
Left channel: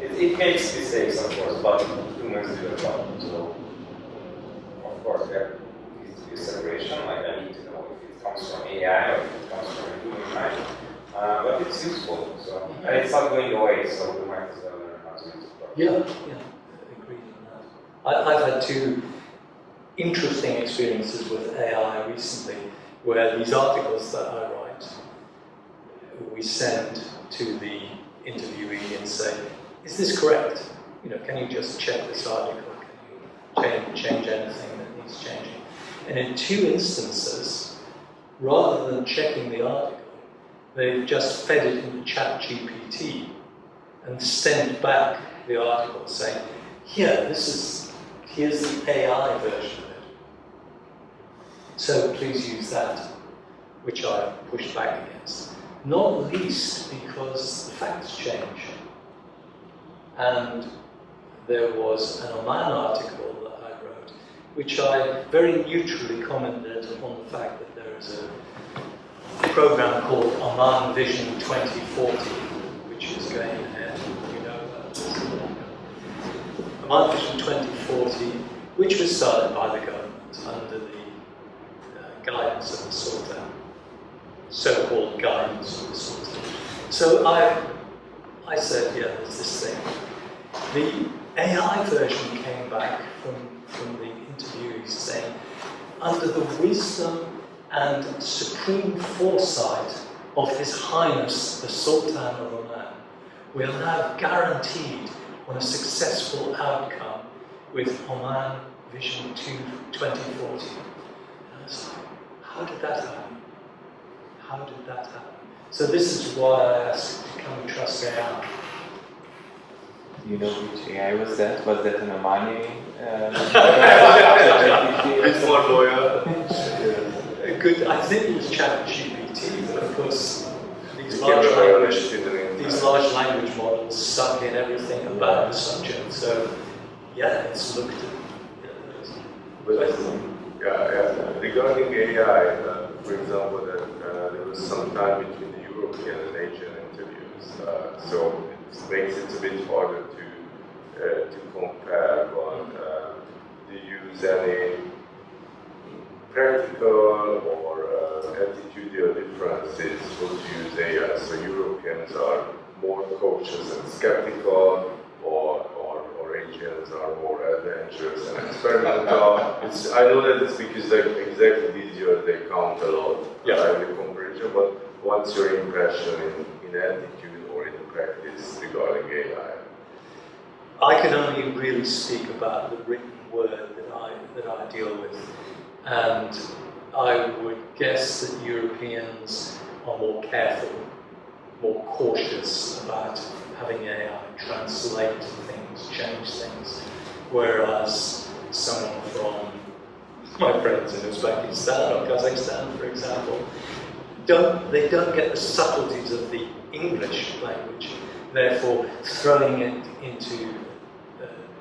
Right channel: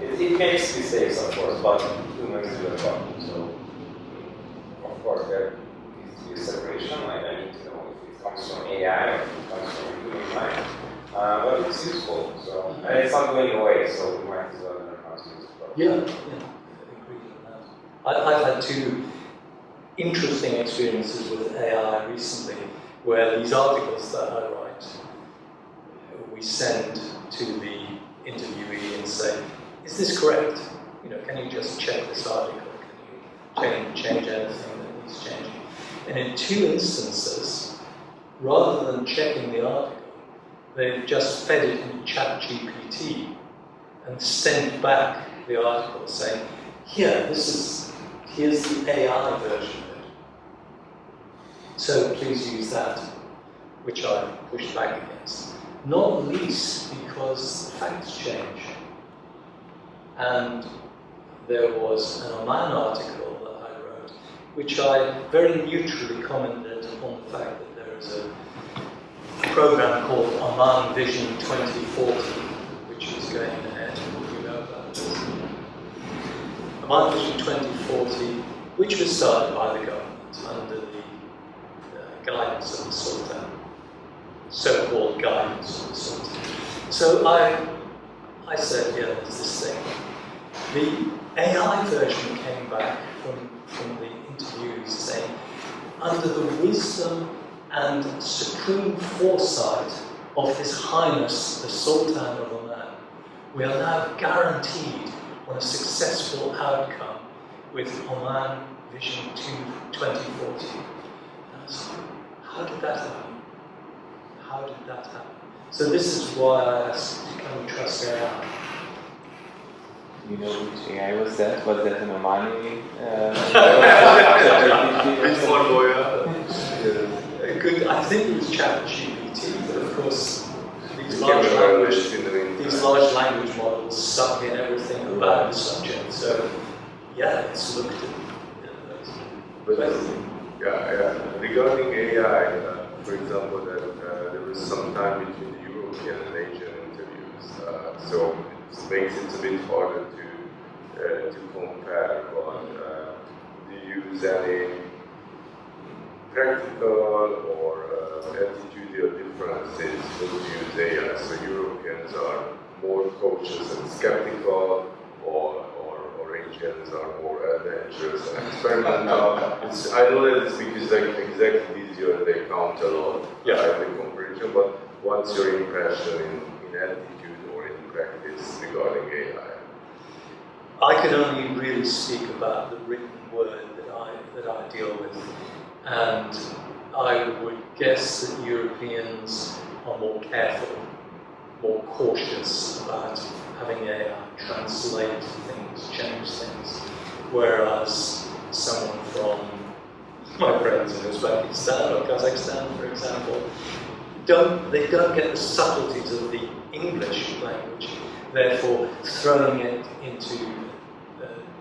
it makes mistakes, of course, but humans do as well. So, of course, there needs to be a separation. Like, I need to know if it comes from AI or if it comes from a human mind. But it's useful, so and it's not going away. So we might as well learn how to use it. Yeah, agreed on that. I've had 2 interesting experiences with AI recently, where these articles that I write, we send to the interviewee and say, is this correct? Can you just check this article? Can you change anything that needs changing. And in 2 instances, rather than checking the article, they've just fed it into ChatGPT and sent back the article saying, here's the AI version of it. So please use that, which I pushed back against. Not least because the facts change. And there was an Oman article that I wrote, which I very neutrally commented on the fact that there is a program called Oman Vision 2040, which is going ahead. You know about this? Oman Vision 2040, which was started by the government under the guidance of the Sultan, so-called guidance of the Sultan. So I said, yeah, there's this thing. The AI version came back from the interviewees saying, under the wisdom and supreme foresight of His Highness the Sultan of Oman, we are now guaranteed on a successful outcome with Oman Vision 2040. And I was like, how did that happen? How did that happen? So this is why I asked, can we trust AI? You know which AI was that? Was that an Omani? It's more lawyer. Good. I think it was ChatGPT, but of course these It large can be language violated in the meantime. these large language models suck in everything about the subject. So yeah, it's looked at those. But yeah. Regarding AI, for example, that there was some time between the European and Asian interviews, so it makes it a bit harder to compare. But do you use any practical or attitudinal differences to use AI? So Europeans are more cautious and skeptical, or Asians are more adventurous and experimental. I know that it's because exactly this year they count a lot in the comparison, but what's your impression in attitude or in practice regarding AI? I can only really speak about the written word that I deal with, and I would guess that Europeans are more careful, more cautious about having AI translate things, change things, whereas someone from my friends in Uzbekistan or Kazakhstan, for example, don't get the subtleties of the English language, therefore throwing it into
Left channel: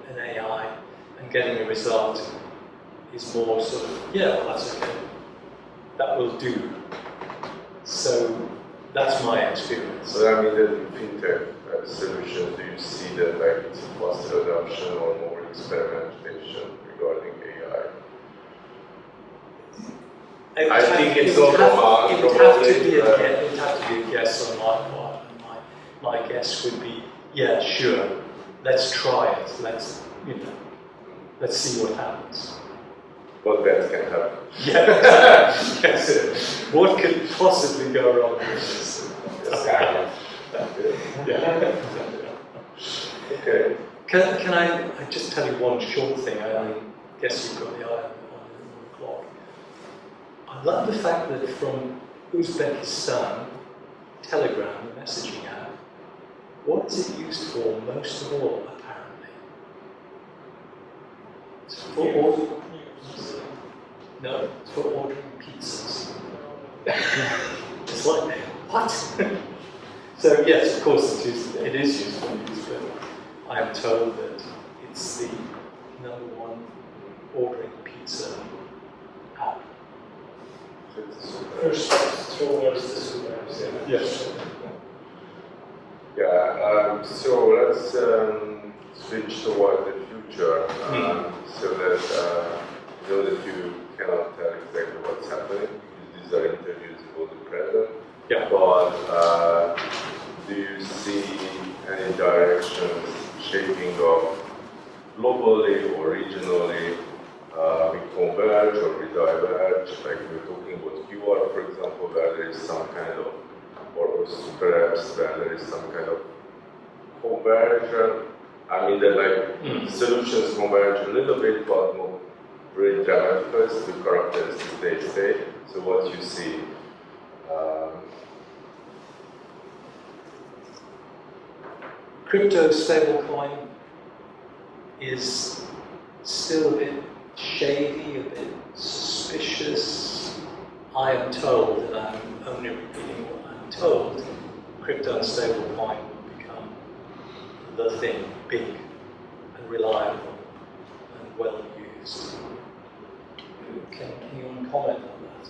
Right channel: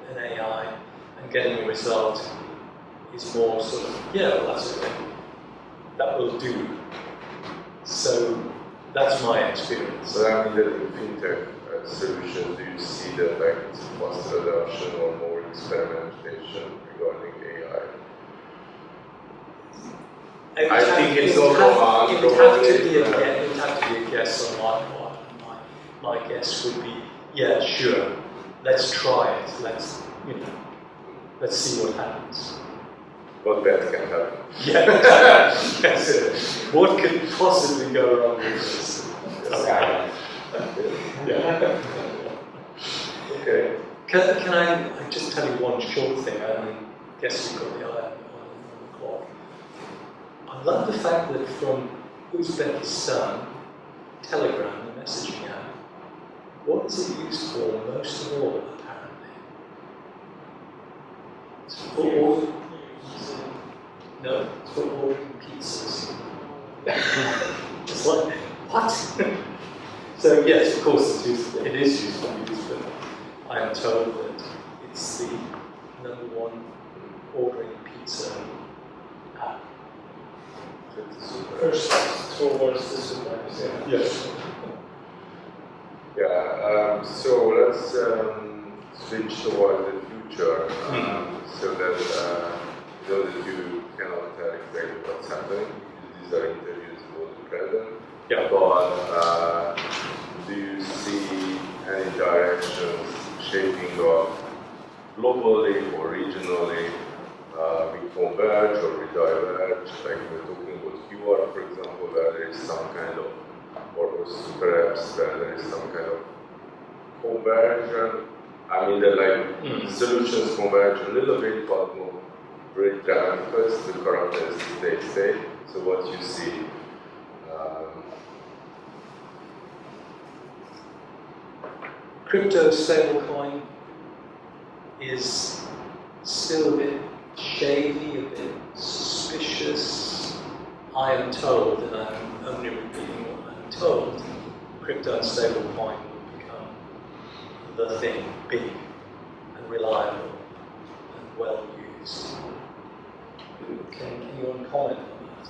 an AI and getting a result is more sort of, yeah, well, that's okay, that will do. So that's my experience. So I mean that in Fintech solutions, do you see that it's a faster adoption or more experimentation regarding AI? I think it's not Oman, it would have to be a guess on my part. My guess would be, yeah, sure, let's try it. Let's see what happens. What bad can happen? Yeah, yes. What could possibly go wrong with this? Yeah. Okay. Can I just tell you one short thing? I guess you've got the eye on the clock. I love the fact that from Uzbekistan, Telegram, the messaging app, what is it used for most of all, apparently? It's for ordering. No, it's for ordering pizzas. It's like, what? So yes, of course it is used for news, but I am told that it's the #1 ordering pizza app. First towards the super. Yes. Yeah, so let's switch toward the future, so that you know that you cannot tell exactly what's happening, because these are interviews about the present. Yeah. But do you see any directions shaping up globally or regionally? We converge or we diverge, like we're talking about QR, for example, where there is some kind of, or super apps where there is some kind of conversion. I mean that solutions converge a little bit, but really dramatic, it's the characters they stay. So what you see. Crypto stablecoin is still a bit shady, a bit suspicious. I am told, and I'm only repeating what I'm told, crypto and stablecoin will become the thing, big and reliable and well used. Can anyone comment on that?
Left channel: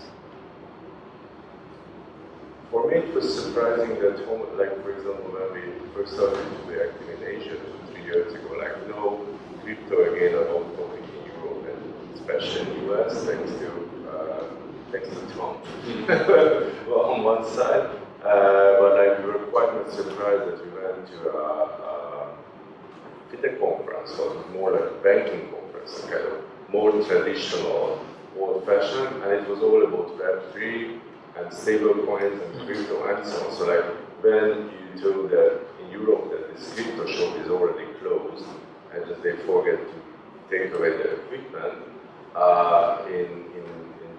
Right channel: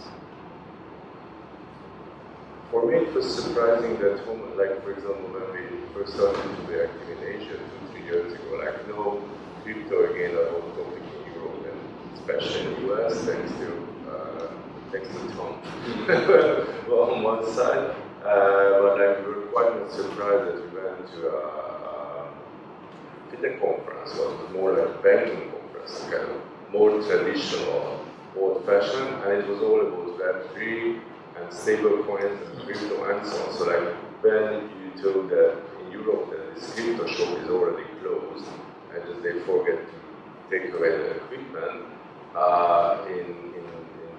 For me, it was surprising that, like for example, when we first started to be active in Asia 2-3 years ago, like no crypto again a hot topic in Europe and especially in the US, thanks to Trump. Well, on one side, but like we were quite much surprised that we went to a Fintech conference, but more like a banking conference, a kind of more traditional, old-fashioned, and it was all about Web3 and stable coins and crypto and so on. So like when you told that in Europe that this crypto shop is already closed and just they forget to take away the equipment, in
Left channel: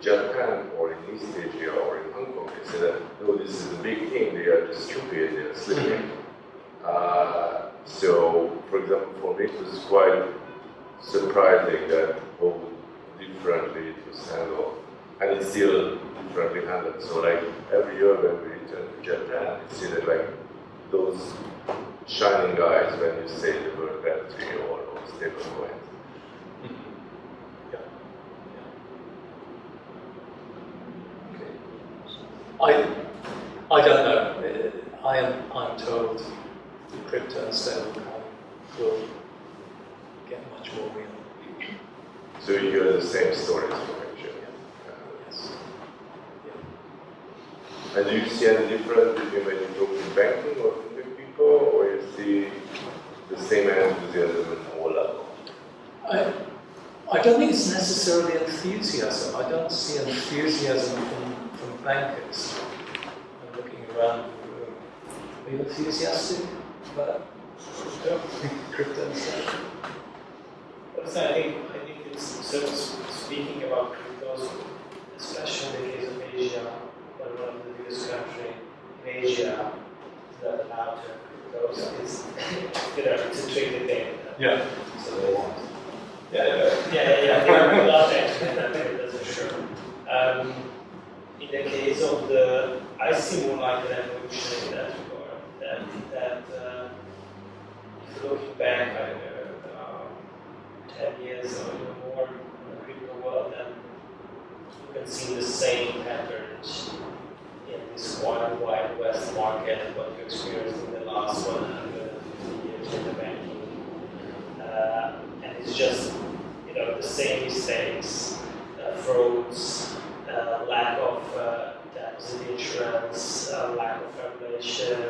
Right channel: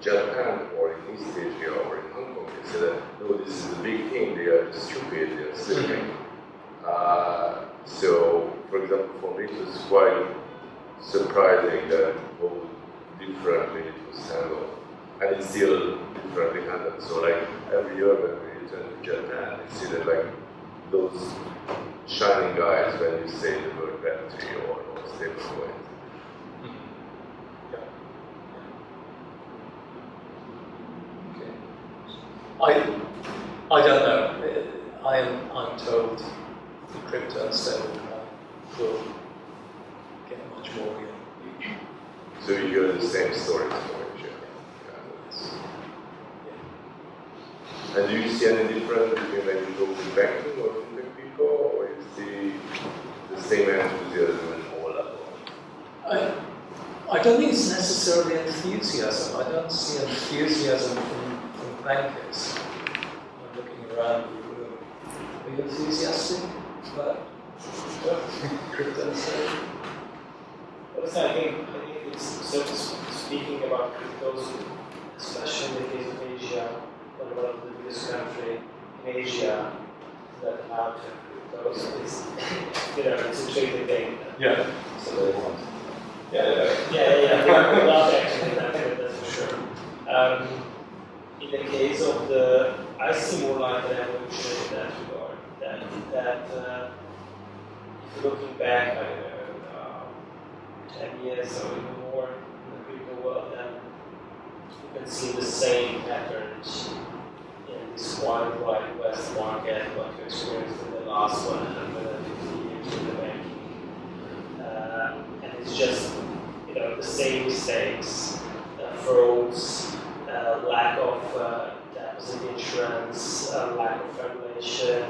Japan or in East Asia or in Hong Kong, they say that no, this is the big thing, they are just stupid, they are sleeping. So for example, for me it was quite surprising that how differently it was handled. And it's still differently handled. So like every year when we return to Japan, we see that like those shining eyes when you say the word Web3 or stable coins. Yeah. Okay. I don't know. I'm told the crypto and stablecoin will get much more real. So you hear the same stories from Asia. Yes. Yeah. And do you see any difference between when you talk with banking or fintech people, or you see the same enthusiasm at all levels? I don't think it's necessarily enthusiasm. I don't see enthusiasm from bankers. I'm looking around the room. Are you enthusiastic about crypto and stablecoin? I think it's so speaking about cryptos, especially in the case of Asia, one of the biggest countries in Asia that allowed to have cryptos. It's it's a tricky thing. Yeah. So they want. Yeah. They're not actually that's for sure. In the case of I see more like an evolution in that regard. That if you're looking back, I don't know, 10 years or even more in the crypto world, then you can see the same patterns in this Wild West market, what you experienced in the last 150 years in the banking. And it's just, the same mistakes, frauds, lack of deposit insurance, lack of regulation,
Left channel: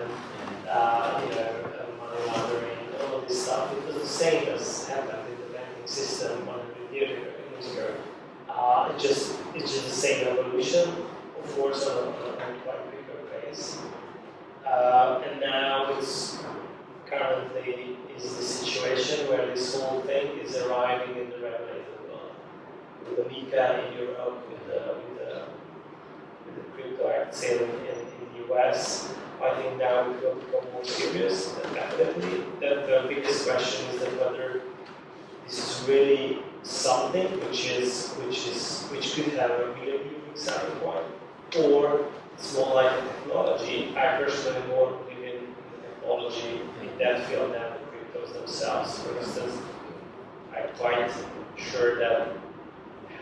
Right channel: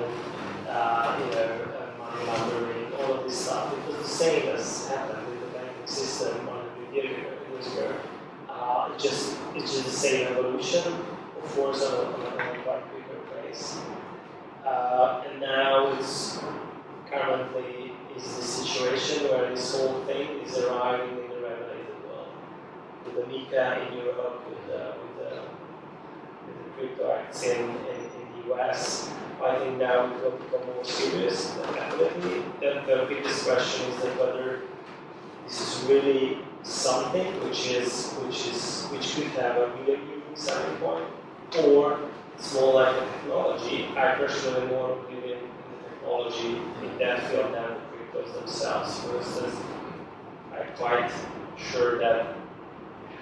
money laundering, all of this stuff. It was the same as happened in the banking system 100 years ago. It's just the same evolution, of course, on a quite bigger pace. And now it's currently is the situation where this whole thing is arriving in the regulated world. With the MiCA in Europe, with the Crypto Acts in the US, I think now it will become more serious, definitely. The biggest question is that whether this is really something which could have a real unique selling point, or it's more like a technology. I personally more believe in the technology in that field than the cryptos themselves. For instance, I'm quite sure that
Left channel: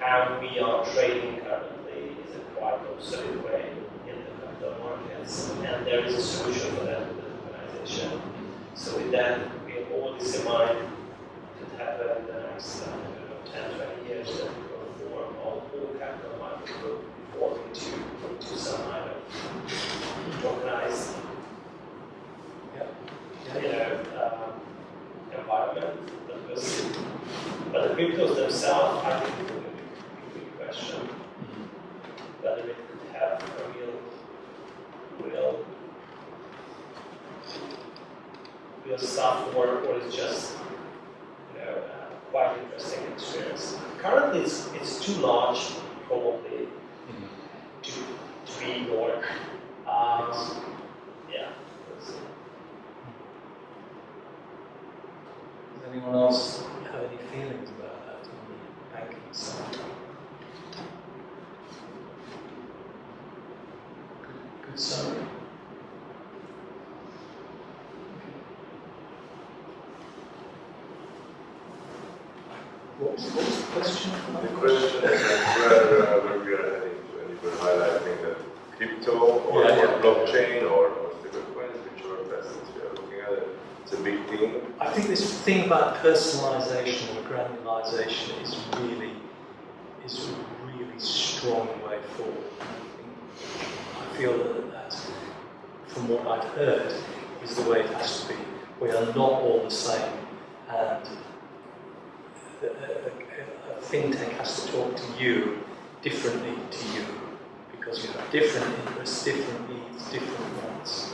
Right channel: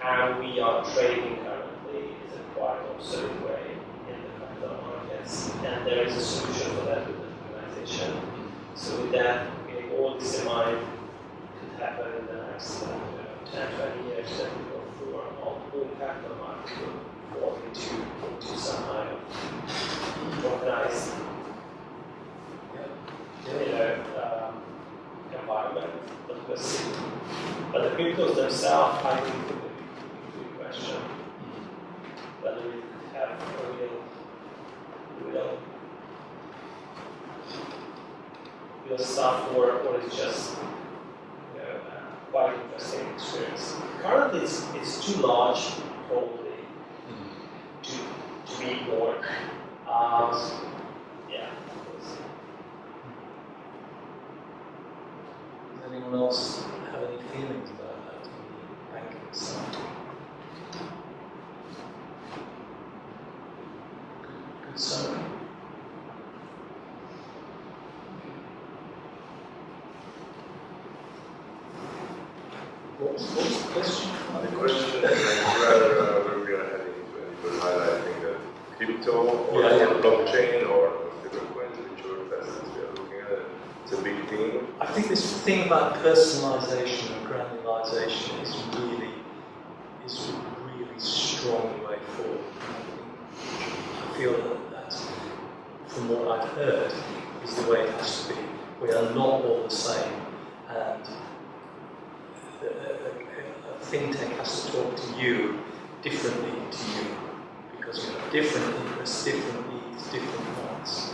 how we are trading currently is a quite obsolete way in the capital markets, and there is a solution for that with the organization. So with that, we have all this in mind to happen in the next 10, 20 years, that we will form all capital markets will fall into some kind of organized environment. But the cryptos themselves, I think, it will be a big question whether it could have a real stuff, or it's just quite quite interesting experience. Currently, it's too large, probably, to be ignored. Yeah. Does anyone else have any feelings about that on the banking side? Good summary. What was the question? The question is where we are heading to, and you were highlighting that crypto or blockchain or stablecoins, which are investments we are looking at. It's a big thing. I think this thing about personalization and granularization is a really strong way forward. I feel that from what I've heard is the way it has to be. We are not all the same, and a fintech has to talk to you differently to you, because you have different interests, different needs, different wants.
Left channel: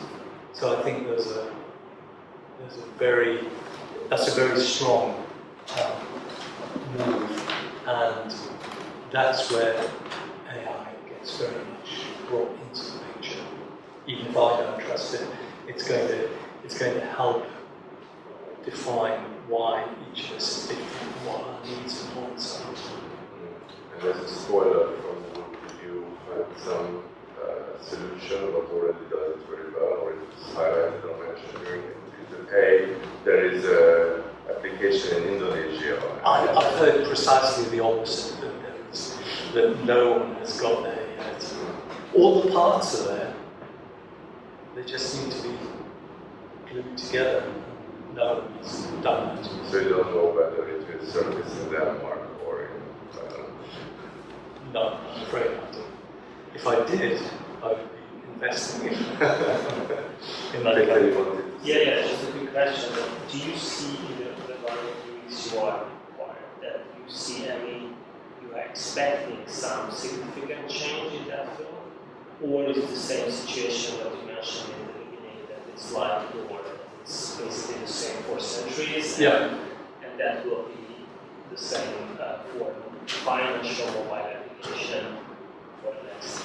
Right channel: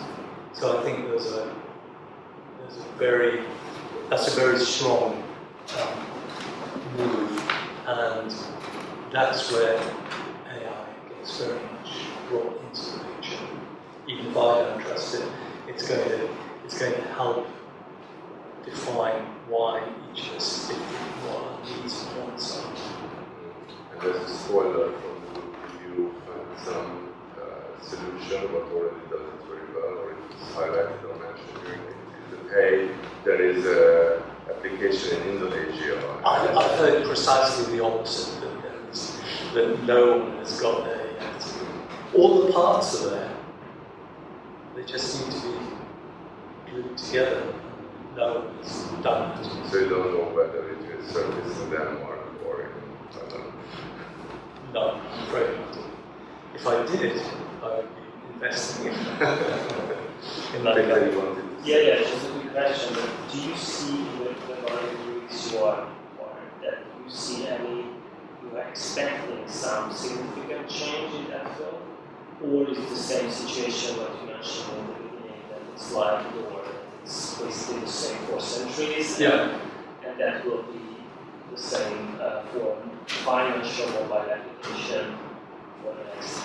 So I think that's a very strong move, and that's where AI gets very much brought into the picture. Even if I don't trust it, it's going to help define why each of us is different, what our needs and wants are. And there's a spoiler from the book. If you find some solution but already does it very well, or it's highlighted or mentioned during the pay, there is an application in Indonesia. I've heard precisely the opposite, that no one has got there yet. All the parts are there, they just need to be glued together. No one has done that. So you don't know whether it will surface in Denmark or in, I don't know. No, I'm afraid not. If I did, I would be investing in that company. Yeah, just a quick question. But do you see in the various you are that you see you are expecting some significant change in that field? Or is it the same situation that you mentioned in the beginning, that it's like door, that it's basically the same for centuries, and that will be the same for financial mobile application for the next,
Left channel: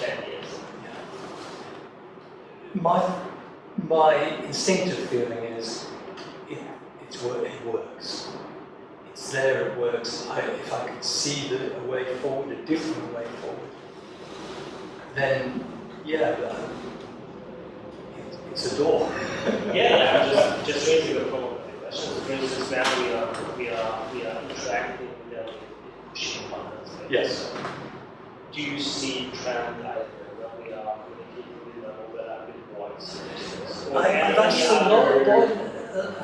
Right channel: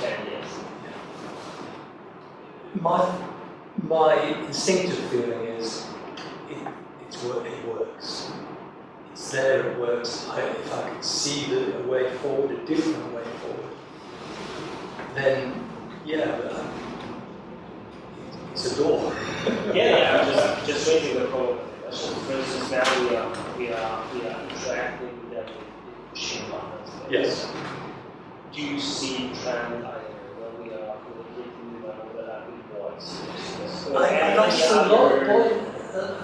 10 years? My instinctive feeling is it works. It's there, it works. If I could see a way forward, a different way forward, then it's a door. I'm just raising the problem with the question. For instance, now we are interacting with them with pushing buttons. Yes. Do you see trend either when we are communicating with them or whether with voice? I've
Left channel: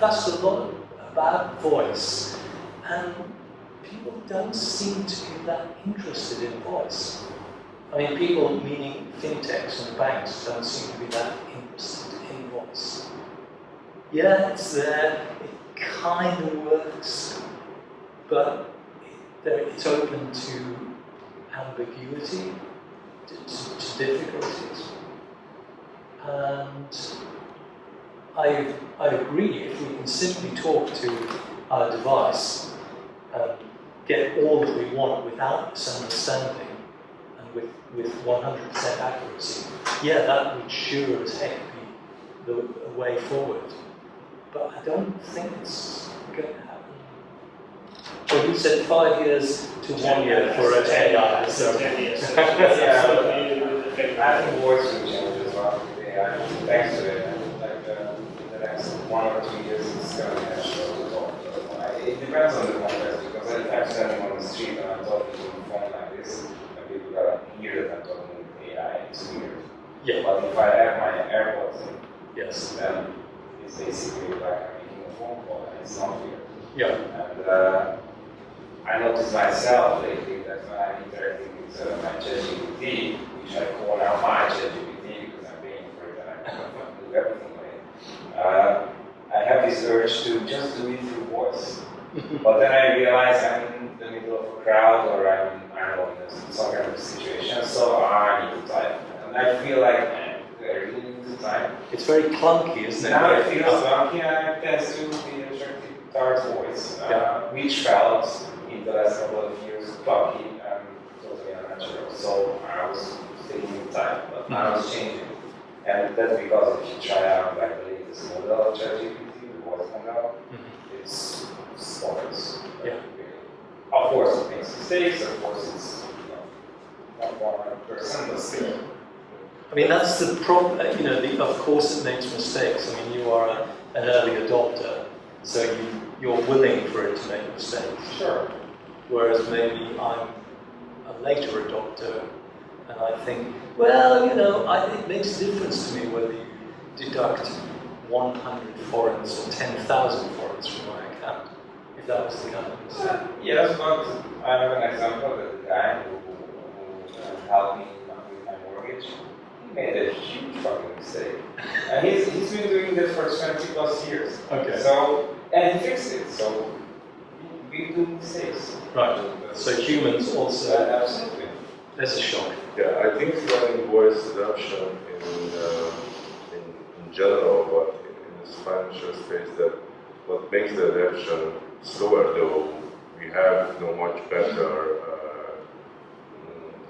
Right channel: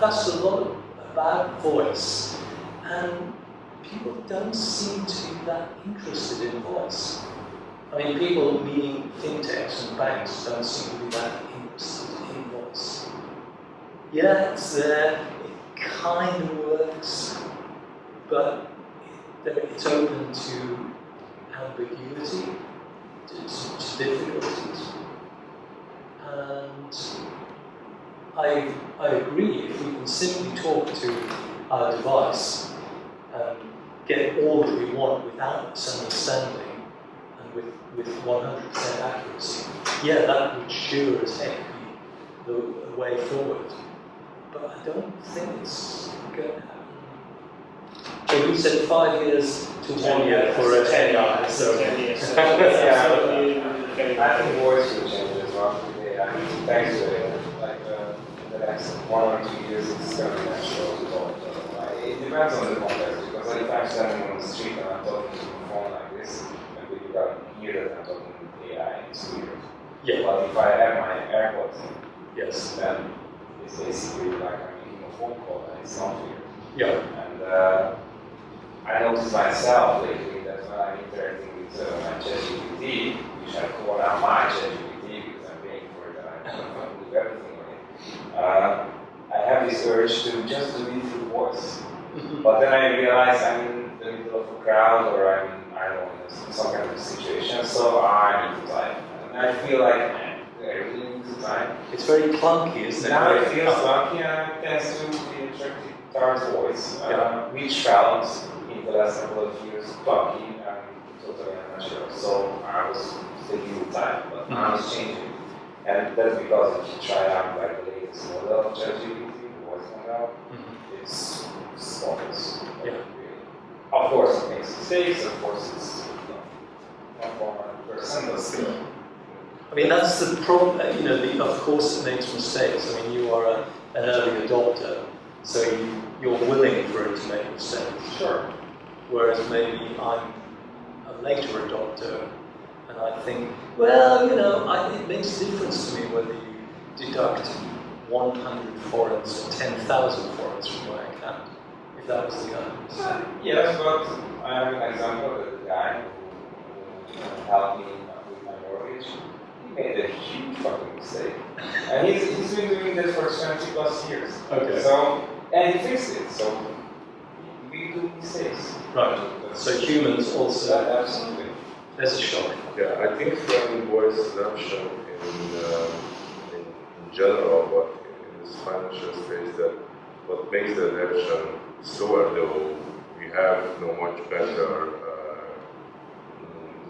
asked a lot about voice, and people don't seem to be that interested in voice. I mean, people, meaning fintechs and banks, don't seem to be that interested in voice. Yeah, it's there, it kind of works, but it's open to ambiguity, to difficulties. And I agree, if we can simply talk to our device and get all that we want without misunderstanding and with 100% accuracy, that would sure as heck be the way forward. But I don't think it's going to happen. Well, you said 5 years to 1 year for a 10 years. So 10 years. So I think voice will change as well. Yeah, thanks to it. The next 1 or 2 years, it's going to be natural to talk to them. It depends on the context, because if I'm standing on the street and I'm talking to the phone like this, and people gotta hear that I'm talking with AI, it's weird. Yeah. But if I have my AirPods in, yes. then it's basically like I'm making a phone call, and it's not weird. Yeah. And I noticed myself lately that when I'm interacting with my ChatGPT, which I call now my ChatGPT because I'm paying for it and I can do everything on it, I have this urge to just do it through voice. But then I realize I'm in the middle of a crowd or I'm, I don't know, in some kind of situation, so I need to type. And I feel like I really need to type. It's very clunky, isn't it? Now it feels clunky and it tends to be attracted towards voice, which felt in the last couple of years clunky and totally unnatural. So I was taking time, but now it's changing. And that's because if you try out like the latest model of ChatGPT, the voice model, it's bonkers. Yeah. Of course it makes mistakes, of course it's not 100%, but still. I mean, that's the problem, of course it makes mistakes. I mean, you are an early adopter, so you're willing for it to make mistakes. Sure. Whereas maybe I'm a later adopter, and I think, well, it makes a difference to me whether you deduct 100 forints or 10,000 forints from my account, if that was the kind of mistake. Yes, but I have an example that the guy who helped me with my mortgage, he made a huge fucking mistake. And he's been doing this for 20 plus years. Okay. So, and he fixed it, so we do mistakes. Right. So humans also, Absolutely. there's a shock. Yeah, I think in voice adoption in general, but in this financial space, that what makes the adoption slower, though, we have much better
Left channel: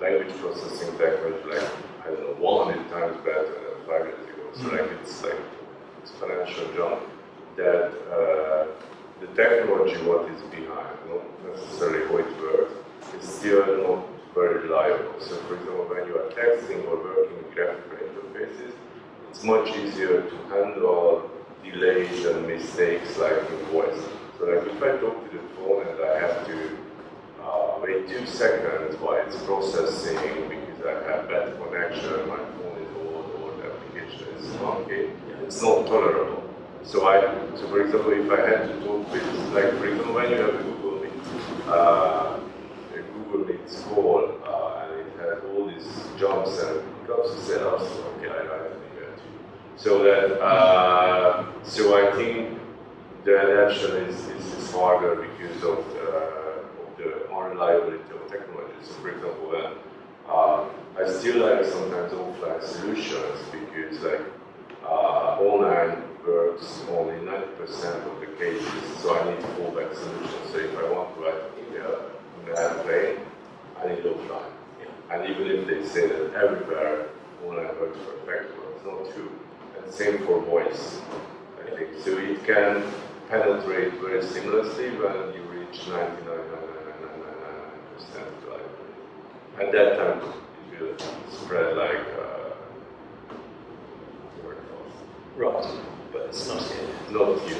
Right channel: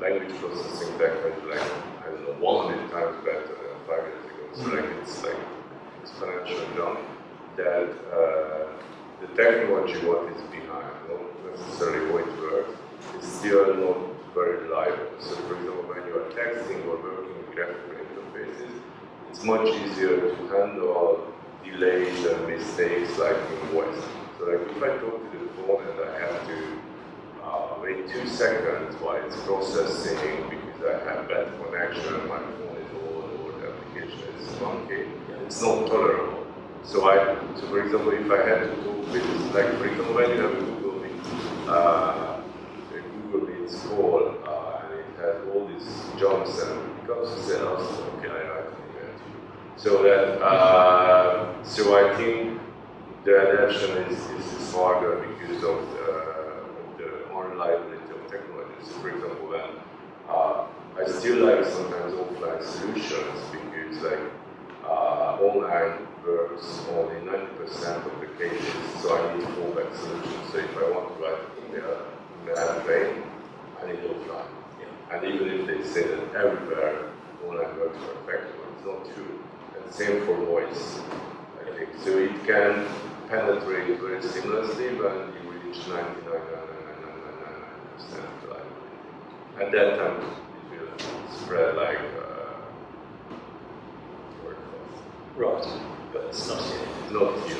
language processing technology, like, I don't know, 100 times better than 5 years ago. So it's like exponential jump that the technology, what is behind, not necessarily how it works, is still not very reliable. So for example, when you are texting or working with graphical interfaces, it's much easier to handle delays and mistakes like in voice. So like if I talk to the phone and I have to wait 2 seconds while it's processing because I have bad connection, my phone is old or the application is funky, it's not tolerable. So for example, if I had to talk with, like for example, when you have a Google Meets call, and it has all these jumps and it comes to say, oh, okay, I write an email too. So that, so I think the adaptation is harder because of the unreliability of technology. So for example, when I still like sometimes offline solutions because like online works only 90% of the cases, so I need fallback solutions. So if I want to write an email in an airplane, I need offline. Yeah. And even if they say that everywhere online works perfectly, it's not true. And same for voice, I think. So it can penetrate very seamlessly when you reach 99.99999% reliability. At that time, it will spread like word fast. Right, but it's not yet. Not yet.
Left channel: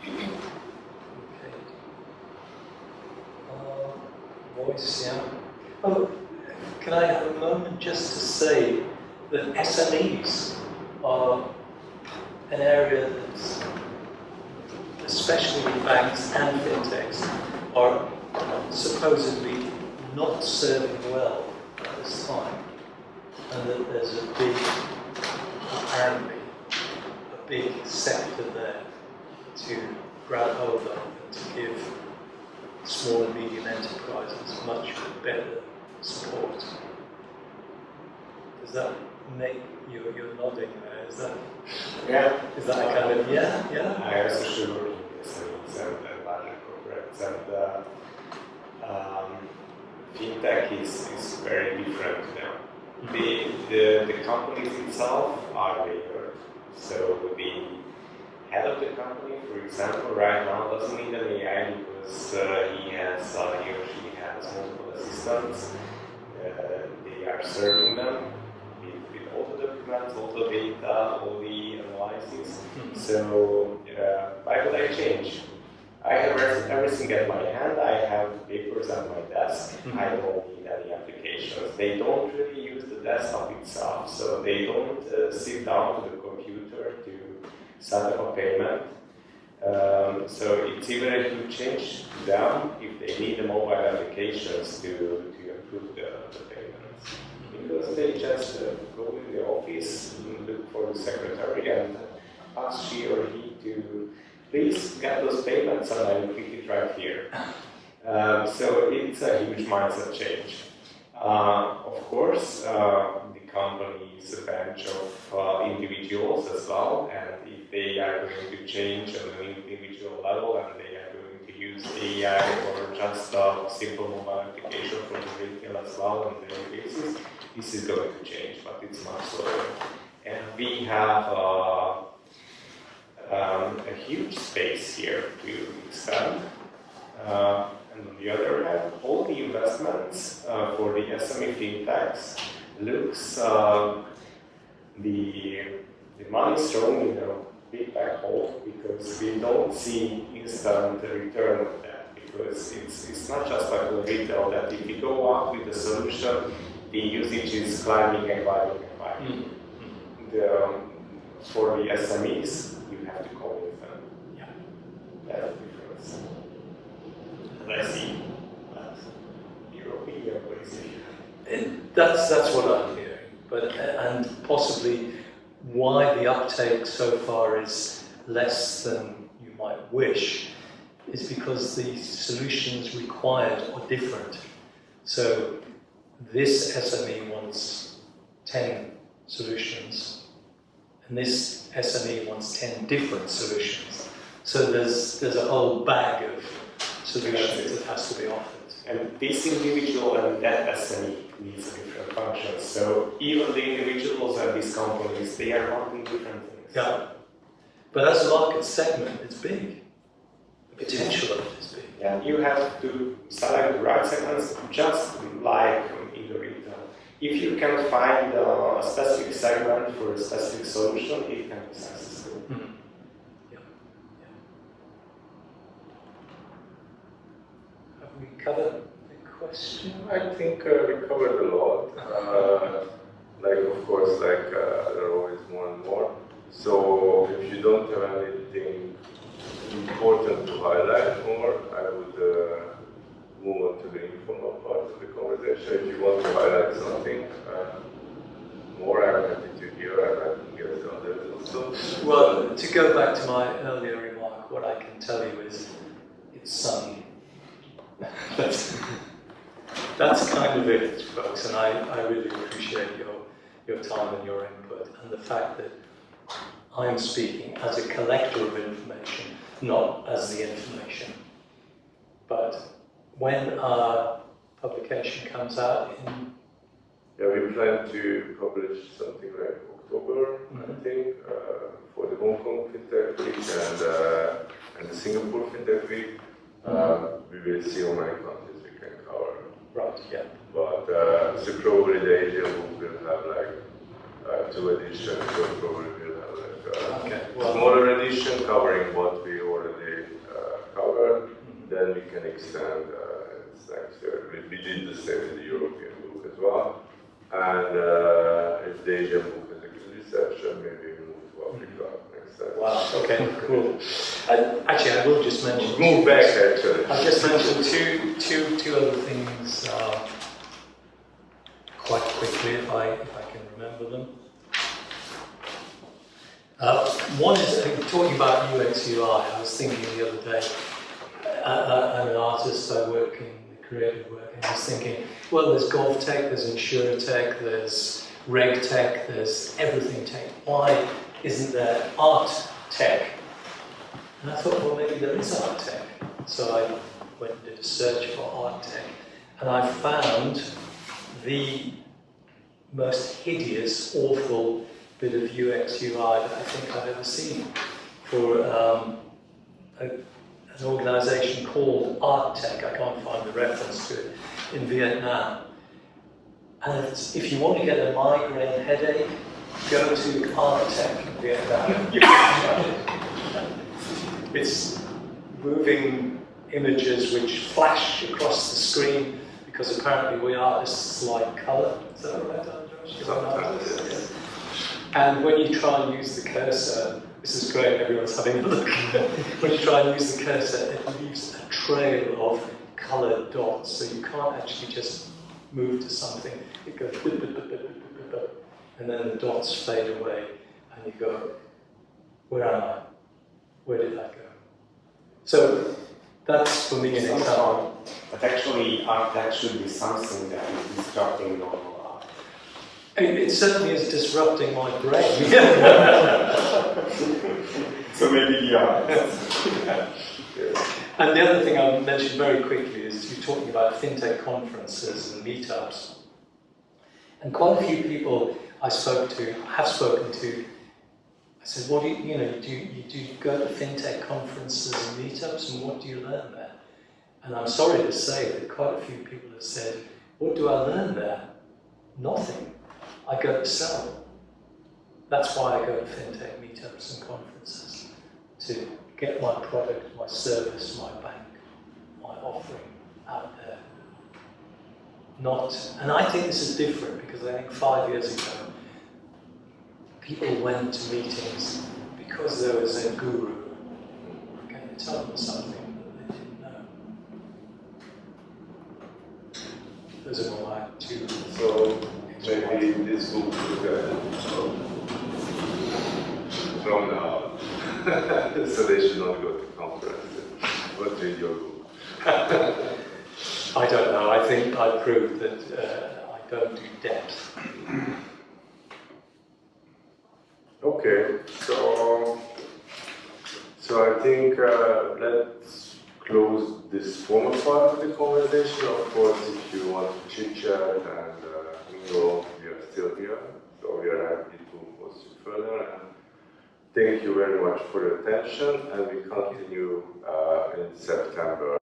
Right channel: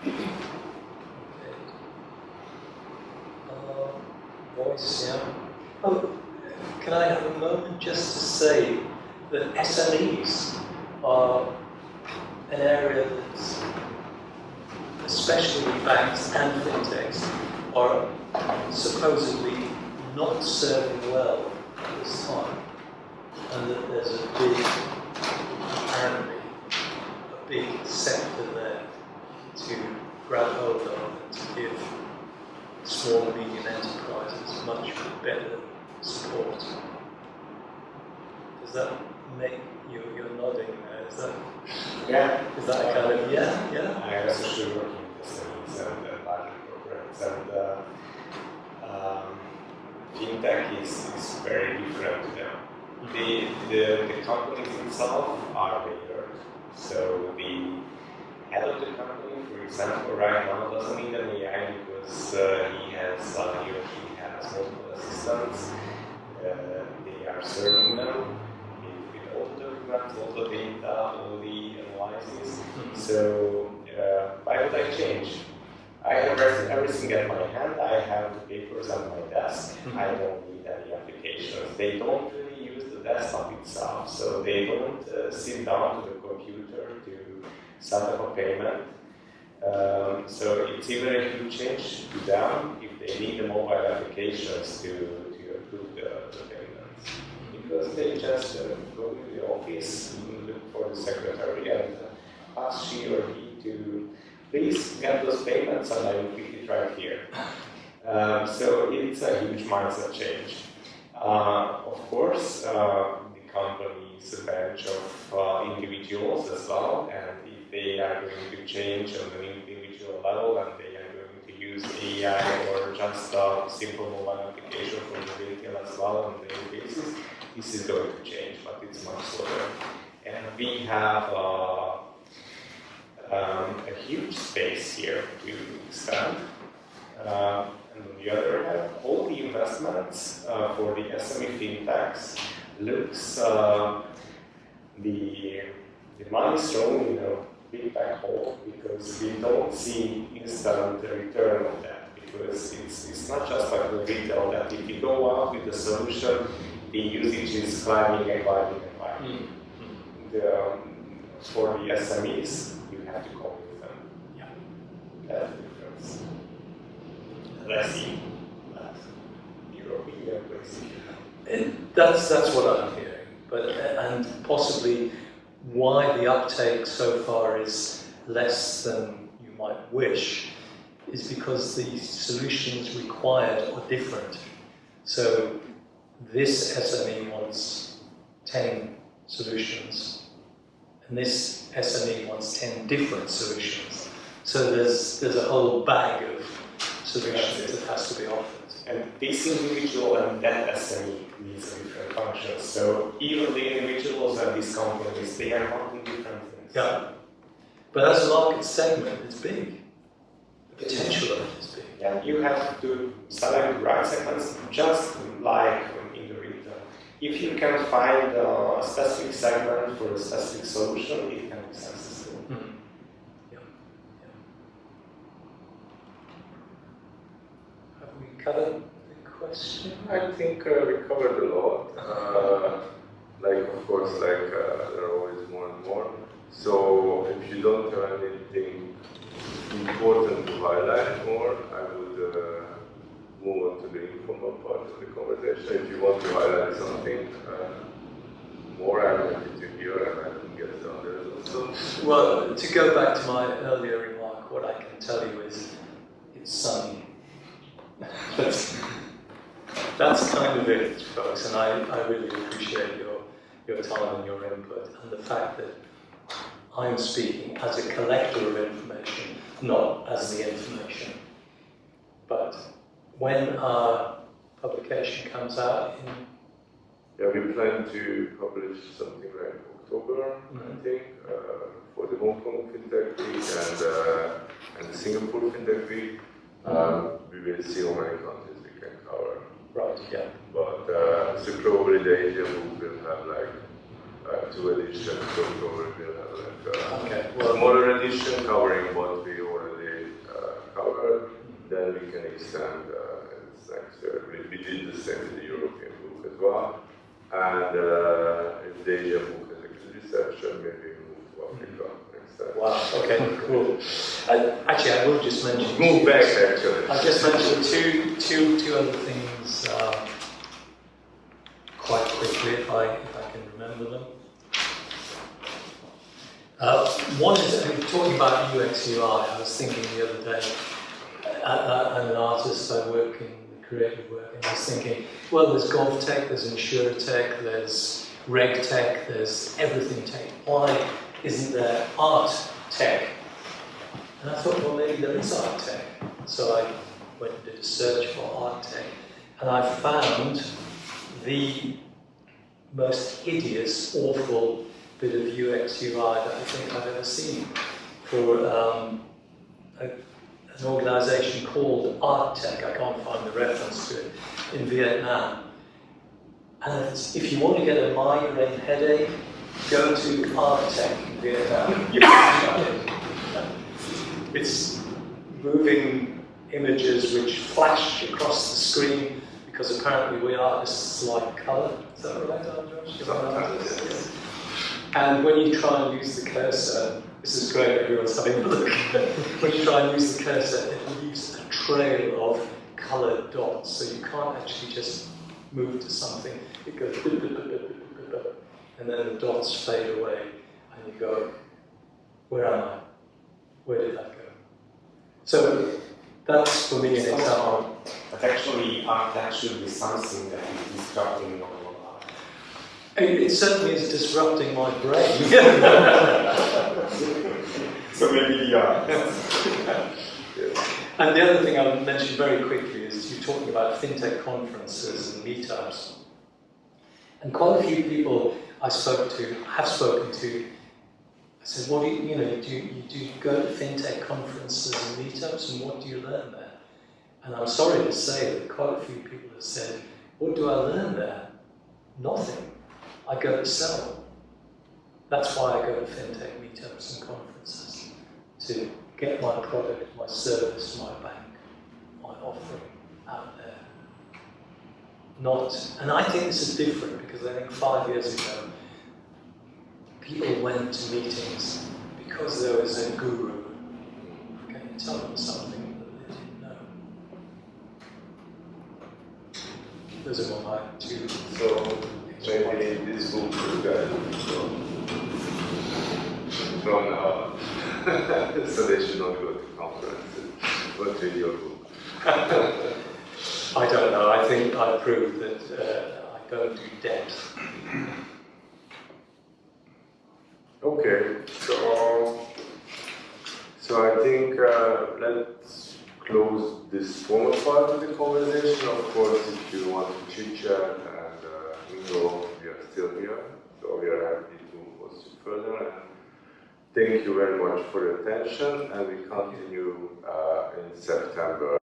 Okay. Voice, yeah. Can I have a moment just to say that SMEs are an area that's, especially banks and fintechs, are supposedly not serving well at this time, and that there's apparently a big sector there to grab hold of and to give small and medium enterprises much better support. Does that make you're nodding there? Is that a kind of yeah? I am especially working with SMEs and larger corporates, and fintech is very different to them. The companies itself are bigger, so the head of the company, for example, right now doesn't need an AI because he or she has multiple assistants. They are serving them with all the documents, all the data, all the analysis. So why would I change? I have everything at my hand. I have the papers at my desk. I don't need any applications. They don't really use the desktop itself, so they don't sit down to the computer to set up a payment. So it's even a huge change to them if they need the mobile applications to approve the payments. Because they just go in the office, look for the secretary and ask she or he to please get those payments and I will pick it right here. So it's a huge mindset change. Of course, the company is a bunch of individuals as well, and if they are going to change on an individual level and they are going to use AI or just a simple mobile application for the retail as well on a daily basis, this is going to change, but it's much slower. And we have a huge space here to expand. And on the other hand, all the investments for the SME fintechs looks the money is thrown in a big black hole because we don't see instant return on that, because it's not just like the retail that if you go out with a solution, the usage is climbing and climbing and climbing. For the SMEs, you have to go with them. Yeah. That's the difference. And I see that European places here. And that's what I'm hearing, but and possibly why the uptake so far is less than you might wish is because the solutions required are different. So this SME wants 10 solutions, and this SME wants 10 different solutions. So there's a whole bag of solutions that has to be offered. And this individual and that SME needs a different function. So even the individuals and these companies, they are wanting different things. Yeah. But as a market segment, it's big. The potential of it is big. Yeah, you have to select the right segments, just like in the retail. If you can find a specific segment for a specific solution, it can be successful. Mm-hmm. Yeah. Yeah. Have we covered the question? I think we covered a lot. Of course, there are always more and more. So if you don't have anything important to highlight more, I would move on to the informal part of the conversation. If you want to highlight something more, I'm happy to hear, and I can get the others also. Well, to go back to my earlier remark, what I can tell you is it's sunny. That's kind of it, folks, and I really appreciate your time and your input, and the fact that I'm speaking as a collector of information, not as the information. But when our publication comes out in... Yeah, we plan to publish something like October, I think, for the Hong Kong Fintech Week and the Singapore Fintech Week. We will see how many countries we can cover. Right, yeah. But so probably the Asia book will have 2 editions, so probably we'll have a smaller edition covering what we already covered. Then we can extend it's next year. We did the same with the European book as well. And if the Asian book has a good reception, maybe we move to Africa next time. Wow, okay, cool. Actually, I will just mention... Move back, actually. I just mentioned two other things quite quickly, if I can remember them. One is talking about UX UI. I was thinking the other day, I'm an artist, I work in creative work, and I was thinking, well, there's golf tech, there's insure tech, there's reg tech, there's everything tech. Why isn't there art tech? And I thought, well, maybe there is art tech. So I went and did a search for art tech, and I found the most hideous, awful bit of UX UI that I think I've ever seen for an organization called Art Tech. I can't find the reference to it, in Vietnam. And if you want to get a migraine headache, go to Art Tech in Vietnam. It's moving images which flash across the screen, because apparently we artists like colour. Is that right, Andros? Sometimes, yes. And when you try and use the cursor, this is great, everyone's having a look. When you try and use the cursor, it leaves a trail of coloured dots, so you can't actually just move to something. It goes, and then the dots fade away, and you go, where am I? Where did that go? So That's for me an Sounds example. fun. But actually, art tech should be something that is disrupting normal art. It certainly is disrupting my brain. So maybe the art. And the other thing I'll mention very quickly is you're talking about fintech conferences and meetups. And quite a few people have spoken to, I said, what do you do go to fintech conferences and meetups, and what do you learn there? And I'm sorry to say that quite a few people have said, what do I learn there? Nothing. I go to sell. That's why I go to fintech meetups and conferences, to get my product, my service, my bank, my offering out there. And I think this is different because I think 5 years ago, people went to meetings because there was a guru. Can you tell them something that they didn't know? Those are my two. So maybe this book is good from now on. So they should not go to conferences, but read your book. I don't know. I think I proved that I don't do depth. Okay, so I think let's close this formal part of the conversation. Of course, if you want to chit chat and mingle, we are still here, so we are happy to host you further. And thank you very much for your attention, and we continue in September